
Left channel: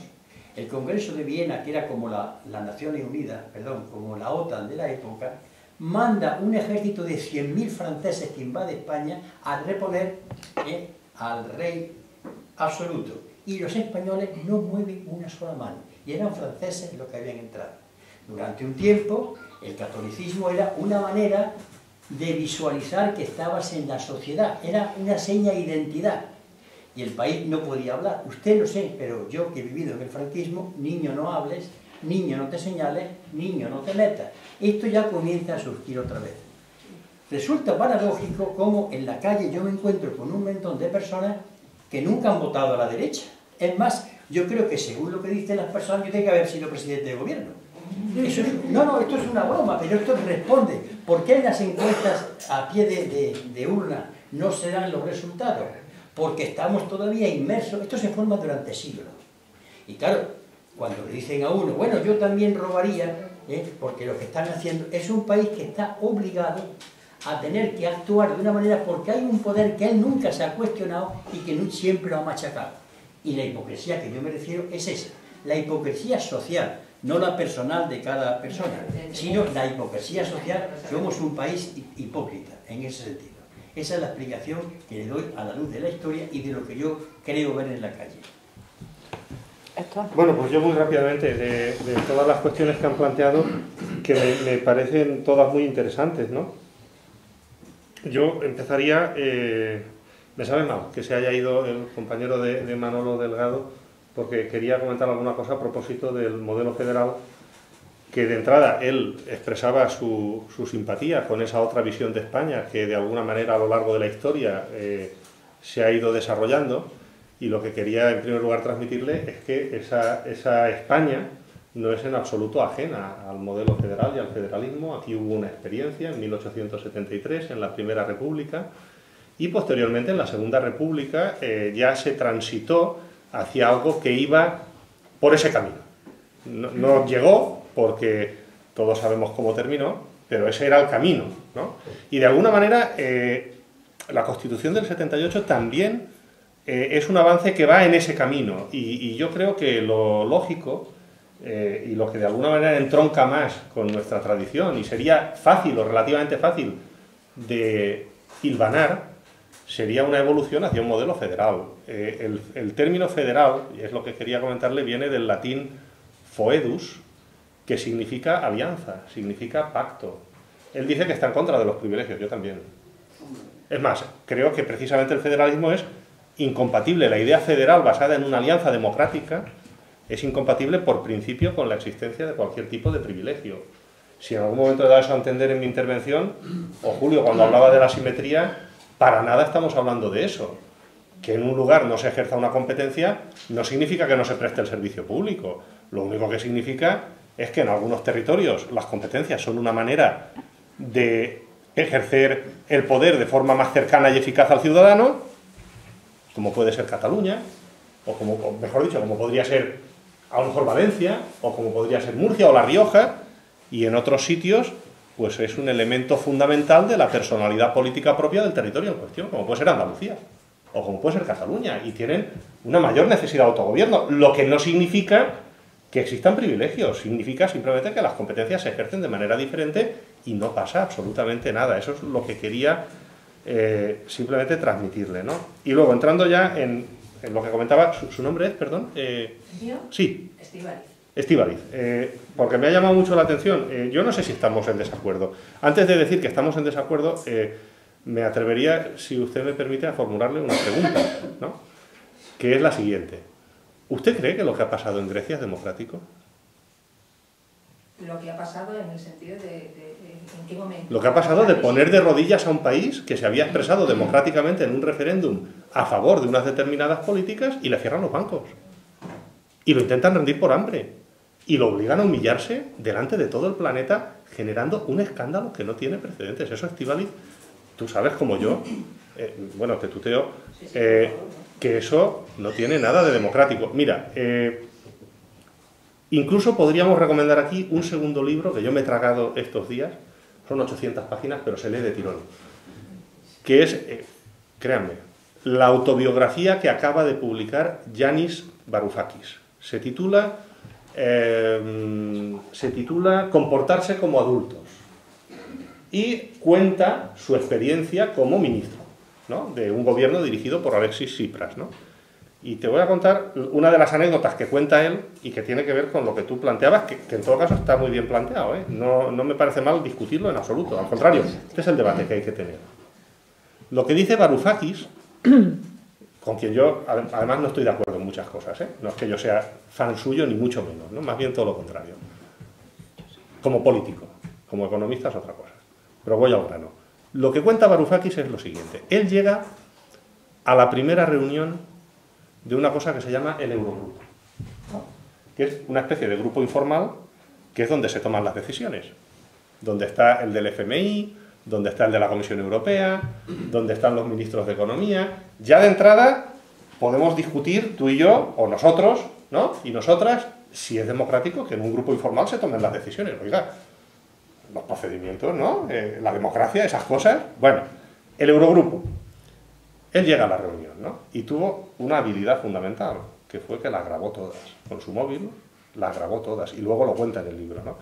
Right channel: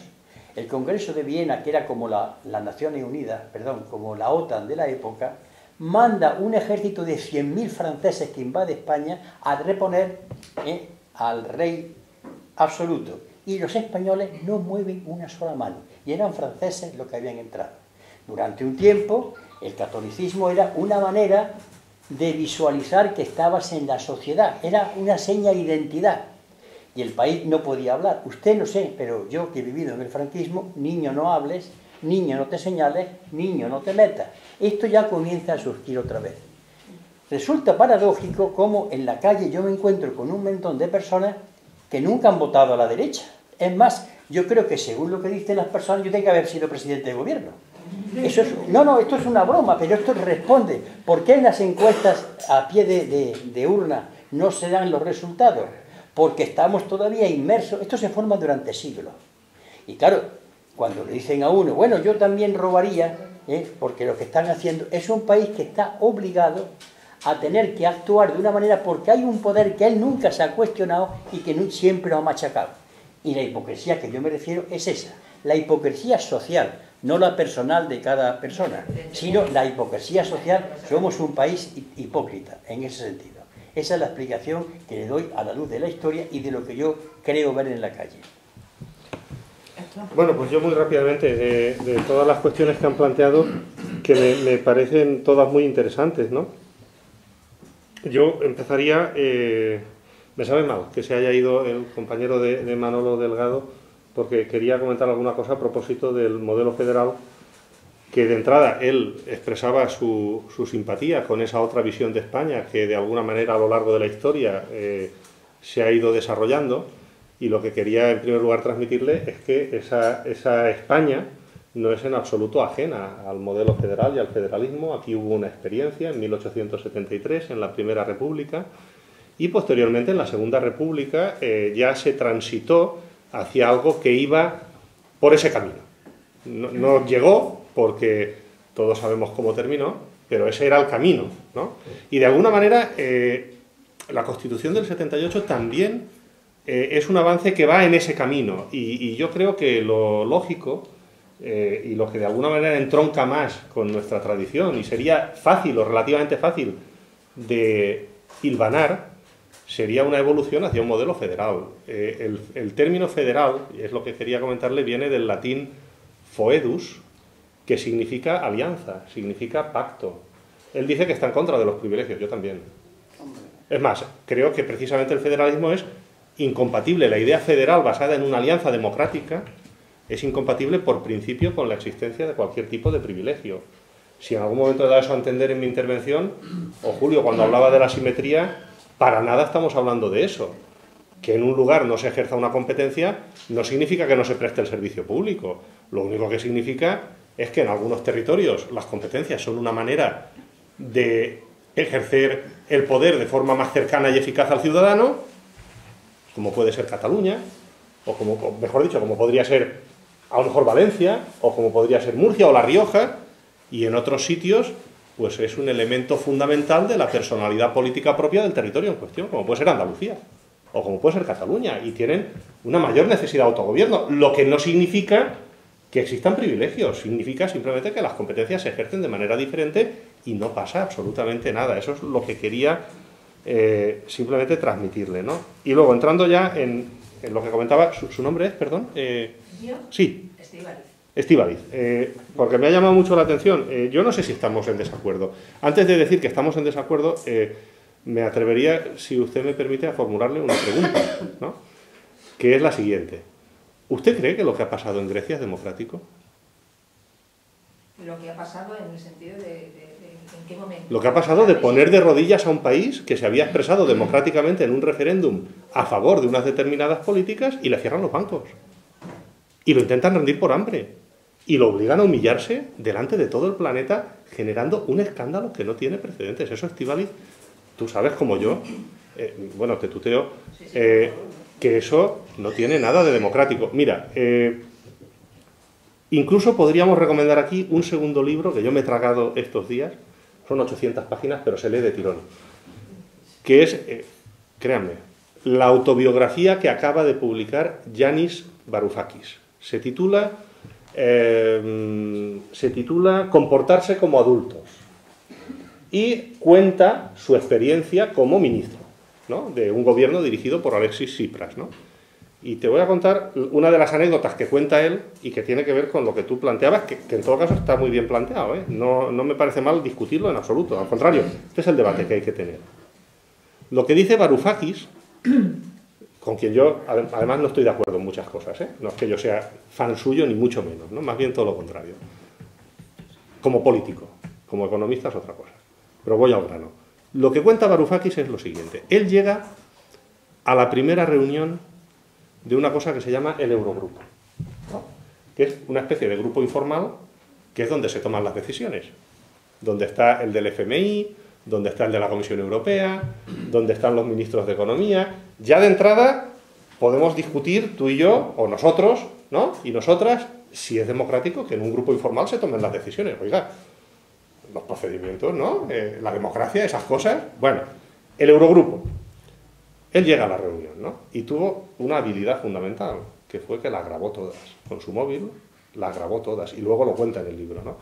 el Congreso de Viena, que era como las Naciones Unidas, como la OTAN de la época, manda un ejército de 100.000 franceses que invade España a reponer al rey absoluto. Y los españoles no mueven una sola mano. Y eran franceses los que habían entrado. Durante un tiempo, el catolicismo era una manera de visualizar que estabas en la sociedad. Era una seña de identidad. Y el país no podía hablar. Usted no sé, pero yo que he vivido en el franquismo, niño no hables, niño no te señales, niño no te metas. Esto ya comienza a surgir otra vez. Resulta paradójico cómo en la calle yo me encuentro con un montón de personas que nunca han votado a la derecha. Es más, yo creo que según lo que dicen las personas, yo tengo que haber sido presidente de gobierno. Eso es, no, esto es una broma, pero esto responde. ¿Por qué en las encuestas a pie de urna no se dan los resultados? Porque estamos todavía inmersos. Esto se forma durante siglos. Y claro, cuando le dicen a uno, bueno, yo también robaría, porque lo que están haciendo es un país que está obligado a tener que actuar de una manera porque hay un poder que él nunca se ha cuestionado y que siempre lo ha machacado. Y la hipocresía que yo me refiero es esa, la hipocresía social, no la personal de cada persona, sino la hipocresía social. Somos un país hipócrita en ese sentido. Esa es la explicación que le doy a la luz de la historia y de lo que yo creo ver en la calle. Bueno, pues yo muy rápidamente, de todas las cuestiones que han planteado, que me parecen todas muy interesantes, ¿no? Yo empezaría, me sabe mal que se haya ido el compañero de Manolo Delgado, porque quería comentar alguna cosa a propósito del modelo federal, que de entrada él expresaba su simpatía con esa otra visión de España que de alguna manera a lo largo de la historia se ha ido desarrollando, y lo que quería en primer lugar transmitirle es que esa España no es en absoluto ajena al modelo federal y al federalismo. Aquí hubo una experiencia en 1873, en la Primera República, y posteriormente en la Segunda República ya se transitó hacia algo que iba por ese camino. No llegó, porque todos sabemos cómo terminó, pero ese era el camino, ¿no? Y de alguna manera la Constitución del 78 también es un avance que va en ese camino, y yo creo que lo lógico y lo que de alguna manera entronca más con nuestra tradición y sería fácil o relativamente fácil de hilvanar, sería una evolución hacia un modelo federal. El término federal, y es lo que quería comentarle, viene del latín foedus, que significa alianza, significa pacto. Él dice que está en contra de los privilegios, yo también. Es más, creo que precisamente el federalismo es incompatible. La idea federal basada en una alianza democrática es incompatible por principio con la existencia de cualquier tipo de privilegio. Si en algún momento he dado eso a entender en mi intervención, o Julio, cuando hablaba de la simetría, para nada estamos hablando de eso. Que en un lugar no se ejerza una competencia no significa que no se preste el servicio público. Lo único que significa es que en algunos territorios las competencias son una manera de ejercer el poder de forma más cercana y eficaz al ciudadano, como puede ser Cataluña, o mejor dicho, como podría ser a lo mejor Valencia, o como podría ser Murcia o La Rioja, y en otros sitios pues es un elemento fundamental de la personalidad política propia del territorio en cuestión, como puede ser Andalucía, o como puede ser Cataluña, y tienen una mayor necesidad de autogobierno, lo que no significa que existan privilegios, significa simplemente que las competencias se ejercen de manera diferente y no pasa absolutamente nada. Eso es lo que quería simplemente transmitirle, ¿no? Y luego, entrando ya en lo que comentaba, ¿su nombre es, perdón? ¿Yo? Sí. Estíbaliz. Porque me ha llamado mucho la atención. Yo no sé si estamos en desacuerdo. Antes de decir que estamos en desacuerdo, me atrevería, si usted me permite, a formularle una pregunta, ¿no? Que es la siguiente. ¿Usted cree que lo que ha pasado en Grecia es democrático? Lo que ha pasado en el sentido de ¿en qué momento? Lo que ha pasado de poner de rodillas a un país que se había expresado democráticamente en un referéndum a favor de unas determinadas políticas y le cierran los bancos. Y lo intentan rendir por hambre. Y lo obligan a humillarse delante de todo el planeta, generando un escándalo que no tiene precedentes. Eso, Estíbaliz, tú sabes como yo, bueno, te tuteo, que eso no tiene nada de democrático. Mira, incluso podríamos recomendar aquí un segundo libro que yo me he tragado estos días, son 800 páginas, pero se lee de tirón, que es, créanme, la autobiografía que acaba de publicar Yanis Varoufakis. Se titula Comportarse como adultos, y cuenta su experiencia como ministro, ¿no?, de un gobierno dirigido por Alexis Tsipras, ¿no? Y te voy a contar una de las anécdotas que cuenta él y que tiene que ver con lo que tú planteabas, que en todo caso está muy bien planteado, ¿eh? No me parece mal discutirlo en absoluto, al contrario, este es el debate que hay que tener. Lo que dice Varoufakis, con quien yo además no estoy de acuerdo en muchas cosas, ¿eh? No es que yo sea fan suyo ni mucho menos, ¿no? Más bien todo lo contrario. Como político, como economista es otra cosa. Pero voy al grano. Lo que cuenta Varoufakis es lo siguiente. Él llega a la primera reunión de una cosa que se llama el Eurogrupo, ¿no? Que es una especie de grupo informal que es donde se toman las decisiones, donde está el del FMI, donde está el de la Comisión Europea, donde están los ministros de Economía. Ya de entrada podemos discutir tú y yo, o nosotros, ¿no? Y nosotras, si es democrático que en un grupo informal se tomen las decisiones. Oiga, los procedimientos, ¿no? La democracia, esas cosas. Bueno, el Eurogrupo. Él llega a la reunión, ¿no? Y tuvo una habilidad fundamental, que fue que las grabó todas. Con su móvil las grabó todas, y luego lo cuenta en el libro, ¿no?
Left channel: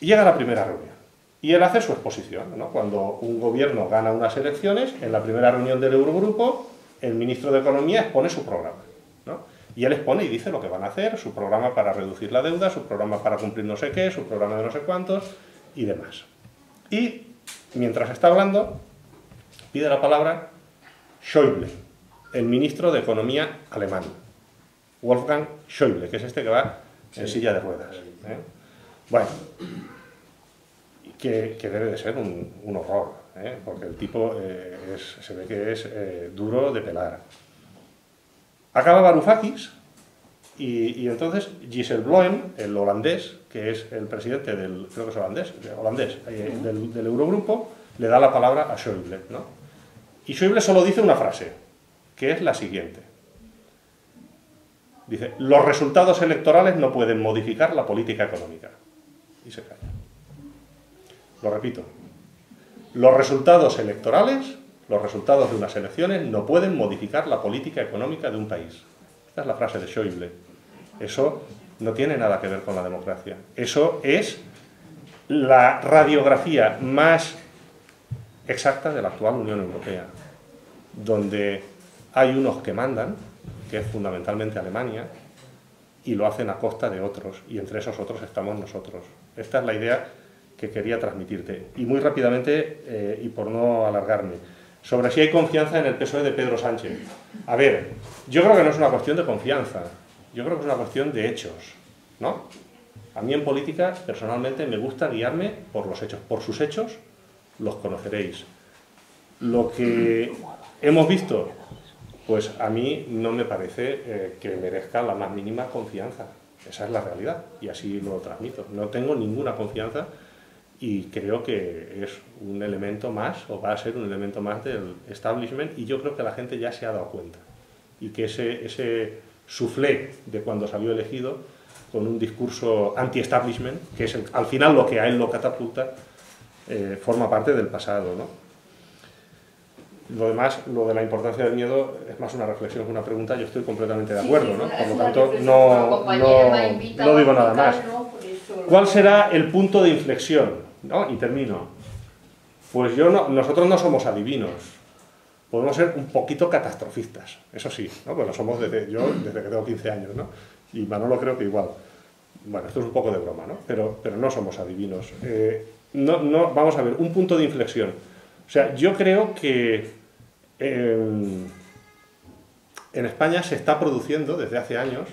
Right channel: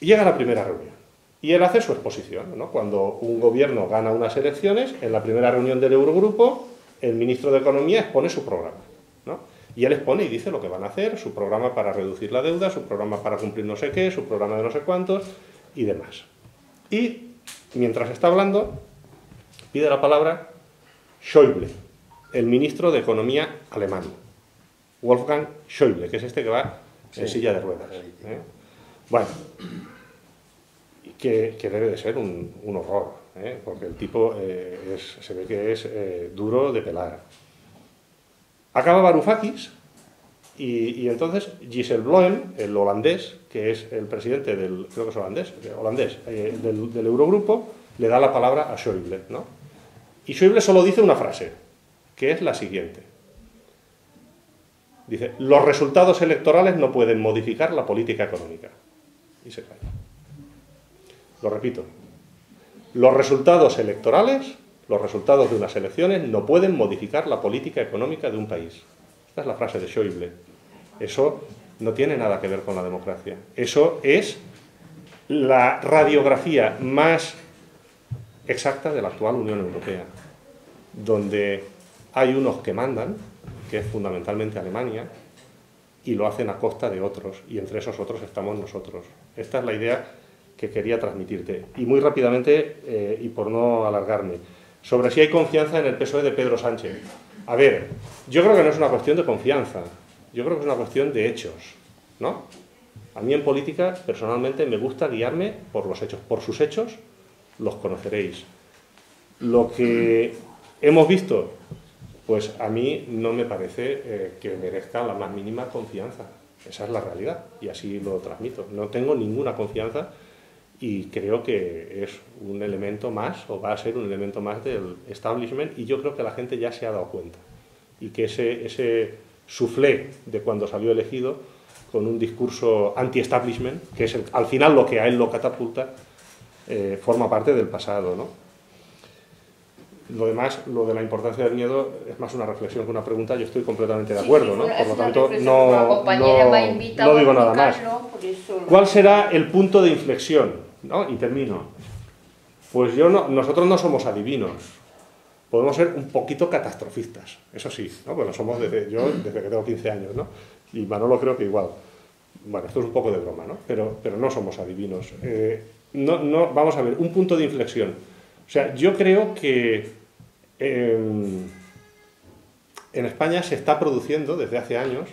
Y llega a la primera reunión, y él hace su exposición, ¿no? Cuando un gobierno gana unas elecciones, en la primera reunión del Eurogrupo, el ministro de Economía expone su programa, ¿no? Y él expone y dice lo que van a hacer, su programa para reducir la deuda, su programa para cumplir no sé qué, su programa de no sé cuántos, y demás. Y, mientras está hablando, pide la palabra Schäuble, el ministro de Economía alemán. Wolfgang Schäuble, que es este que va en silla de ruedas, ¿eh? Bueno, que debe de ser un horror, ¿eh? Porque el tipo se ve que es duro de pelar. Acaba Varoufakis y entonces Dijsselbloem, el holandés, que es el presidente del, creo que es holandés, del Eurogrupo, le da la palabra a Schäuble, ¿no? Y Schäuble solo dice una frase, que es la siguiente. Dice, los resultados electorales no pueden modificar la política económica. Y se calla. Lo repito. Los resultados electorales, los resultados de unas elecciones, no pueden modificar la política económica de un país. Esta es la frase de Schäuble. Eso no tiene nada que ver con la democracia. Eso es la radiografía más exacta de la actual Unión Europea, donde hay unos que mandan, que es fundamentalmente Alemania, y lo hacen a costa de otros, y entre esos otros estamos nosotros. Esta es la idea que quería transmitirte. Y muy rápidamente, y por no alargarme, sobre si hay confianza en el PSOE de Pedro Sánchez. A ver, yo creo que no es una cuestión de confianza, yo creo que es una cuestión de hechos, ¿no? A mí en política, personalmente, me gusta guiarme por los hechos. Por sus hechos los conoceréis. Lo que hemos visto, pues a mí no me parece que merezca la más mínima confianza. Esa es la realidad y así lo transmito. No tengo ninguna confianza y creo que es un elemento más, o va a ser un elemento más del establishment, y yo creo que la gente ya se ha dado cuenta. Y que ese soufflé de cuando salió elegido, con un discurso anti-establishment, que es al final lo que a él lo catapulta, forma parte del pasado, ¿no? Lo demás, lo de la importancia del miedo, es más una reflexión que una pregunta. Yo estoy completamente de acuerdo, ¿no? Por lo tanto, no digo nada más. ¿Cuál será el punto de inflexión? ¿No? Y termino. Pues nosotros no somos adivinos. Podemos ser un poquito catastrofistas, eso sí, ¿no? Bueno, somos yo desde que tengo 15 años, ¿no? Y Manolo creo que igual. Bueno, esto es un poco de broma, ¿no? Pero no somos adivinos. Vamos a ver, un punto de inflexión. O sea, yo creo que en España se está produciendo desde hace años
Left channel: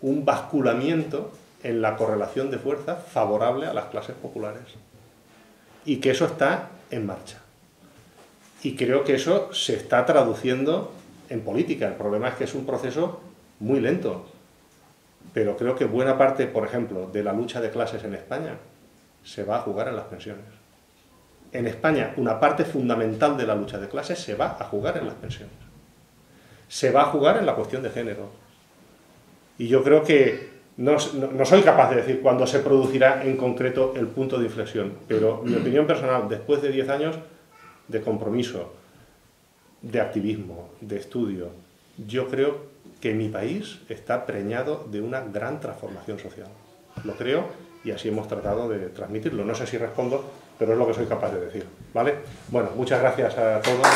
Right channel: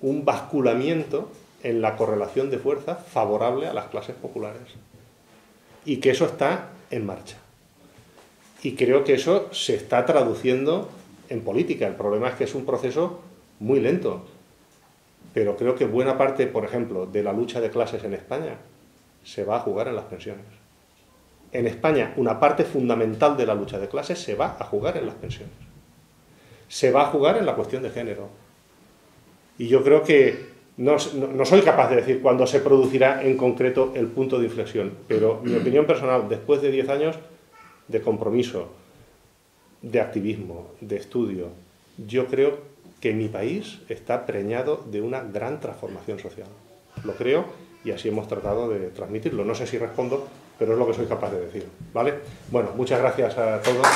un basculamiento en la correlación de fuerza favorable a las clases populares. Y que eso está en marcha. Y creo que eso se está traduciendo en política. El problema es que es un proceso muy lento. Pero creo que buena parte, por ejemplo, de la lucha de clases en España se va a jugar en las pensiones. En España, una parte fundamental de la lucha de clases se va a jugar en las pensiones. Se va a jugar en la cuestión de género. Y yo creo que no soy capaz de decir cuándo se producirá en concreto el punto de inflexión, pero mi opinión personal, después de 10 años de compromiso, de activismo, de estudio, yo creo que mi país está preñado de una gran transformación social. Lo creo y así hemos tratado de transmitirlo. No sé si respondo, pero es lo que soy capaz de decir, ¿vale? Bueno, muchas gracias a todos.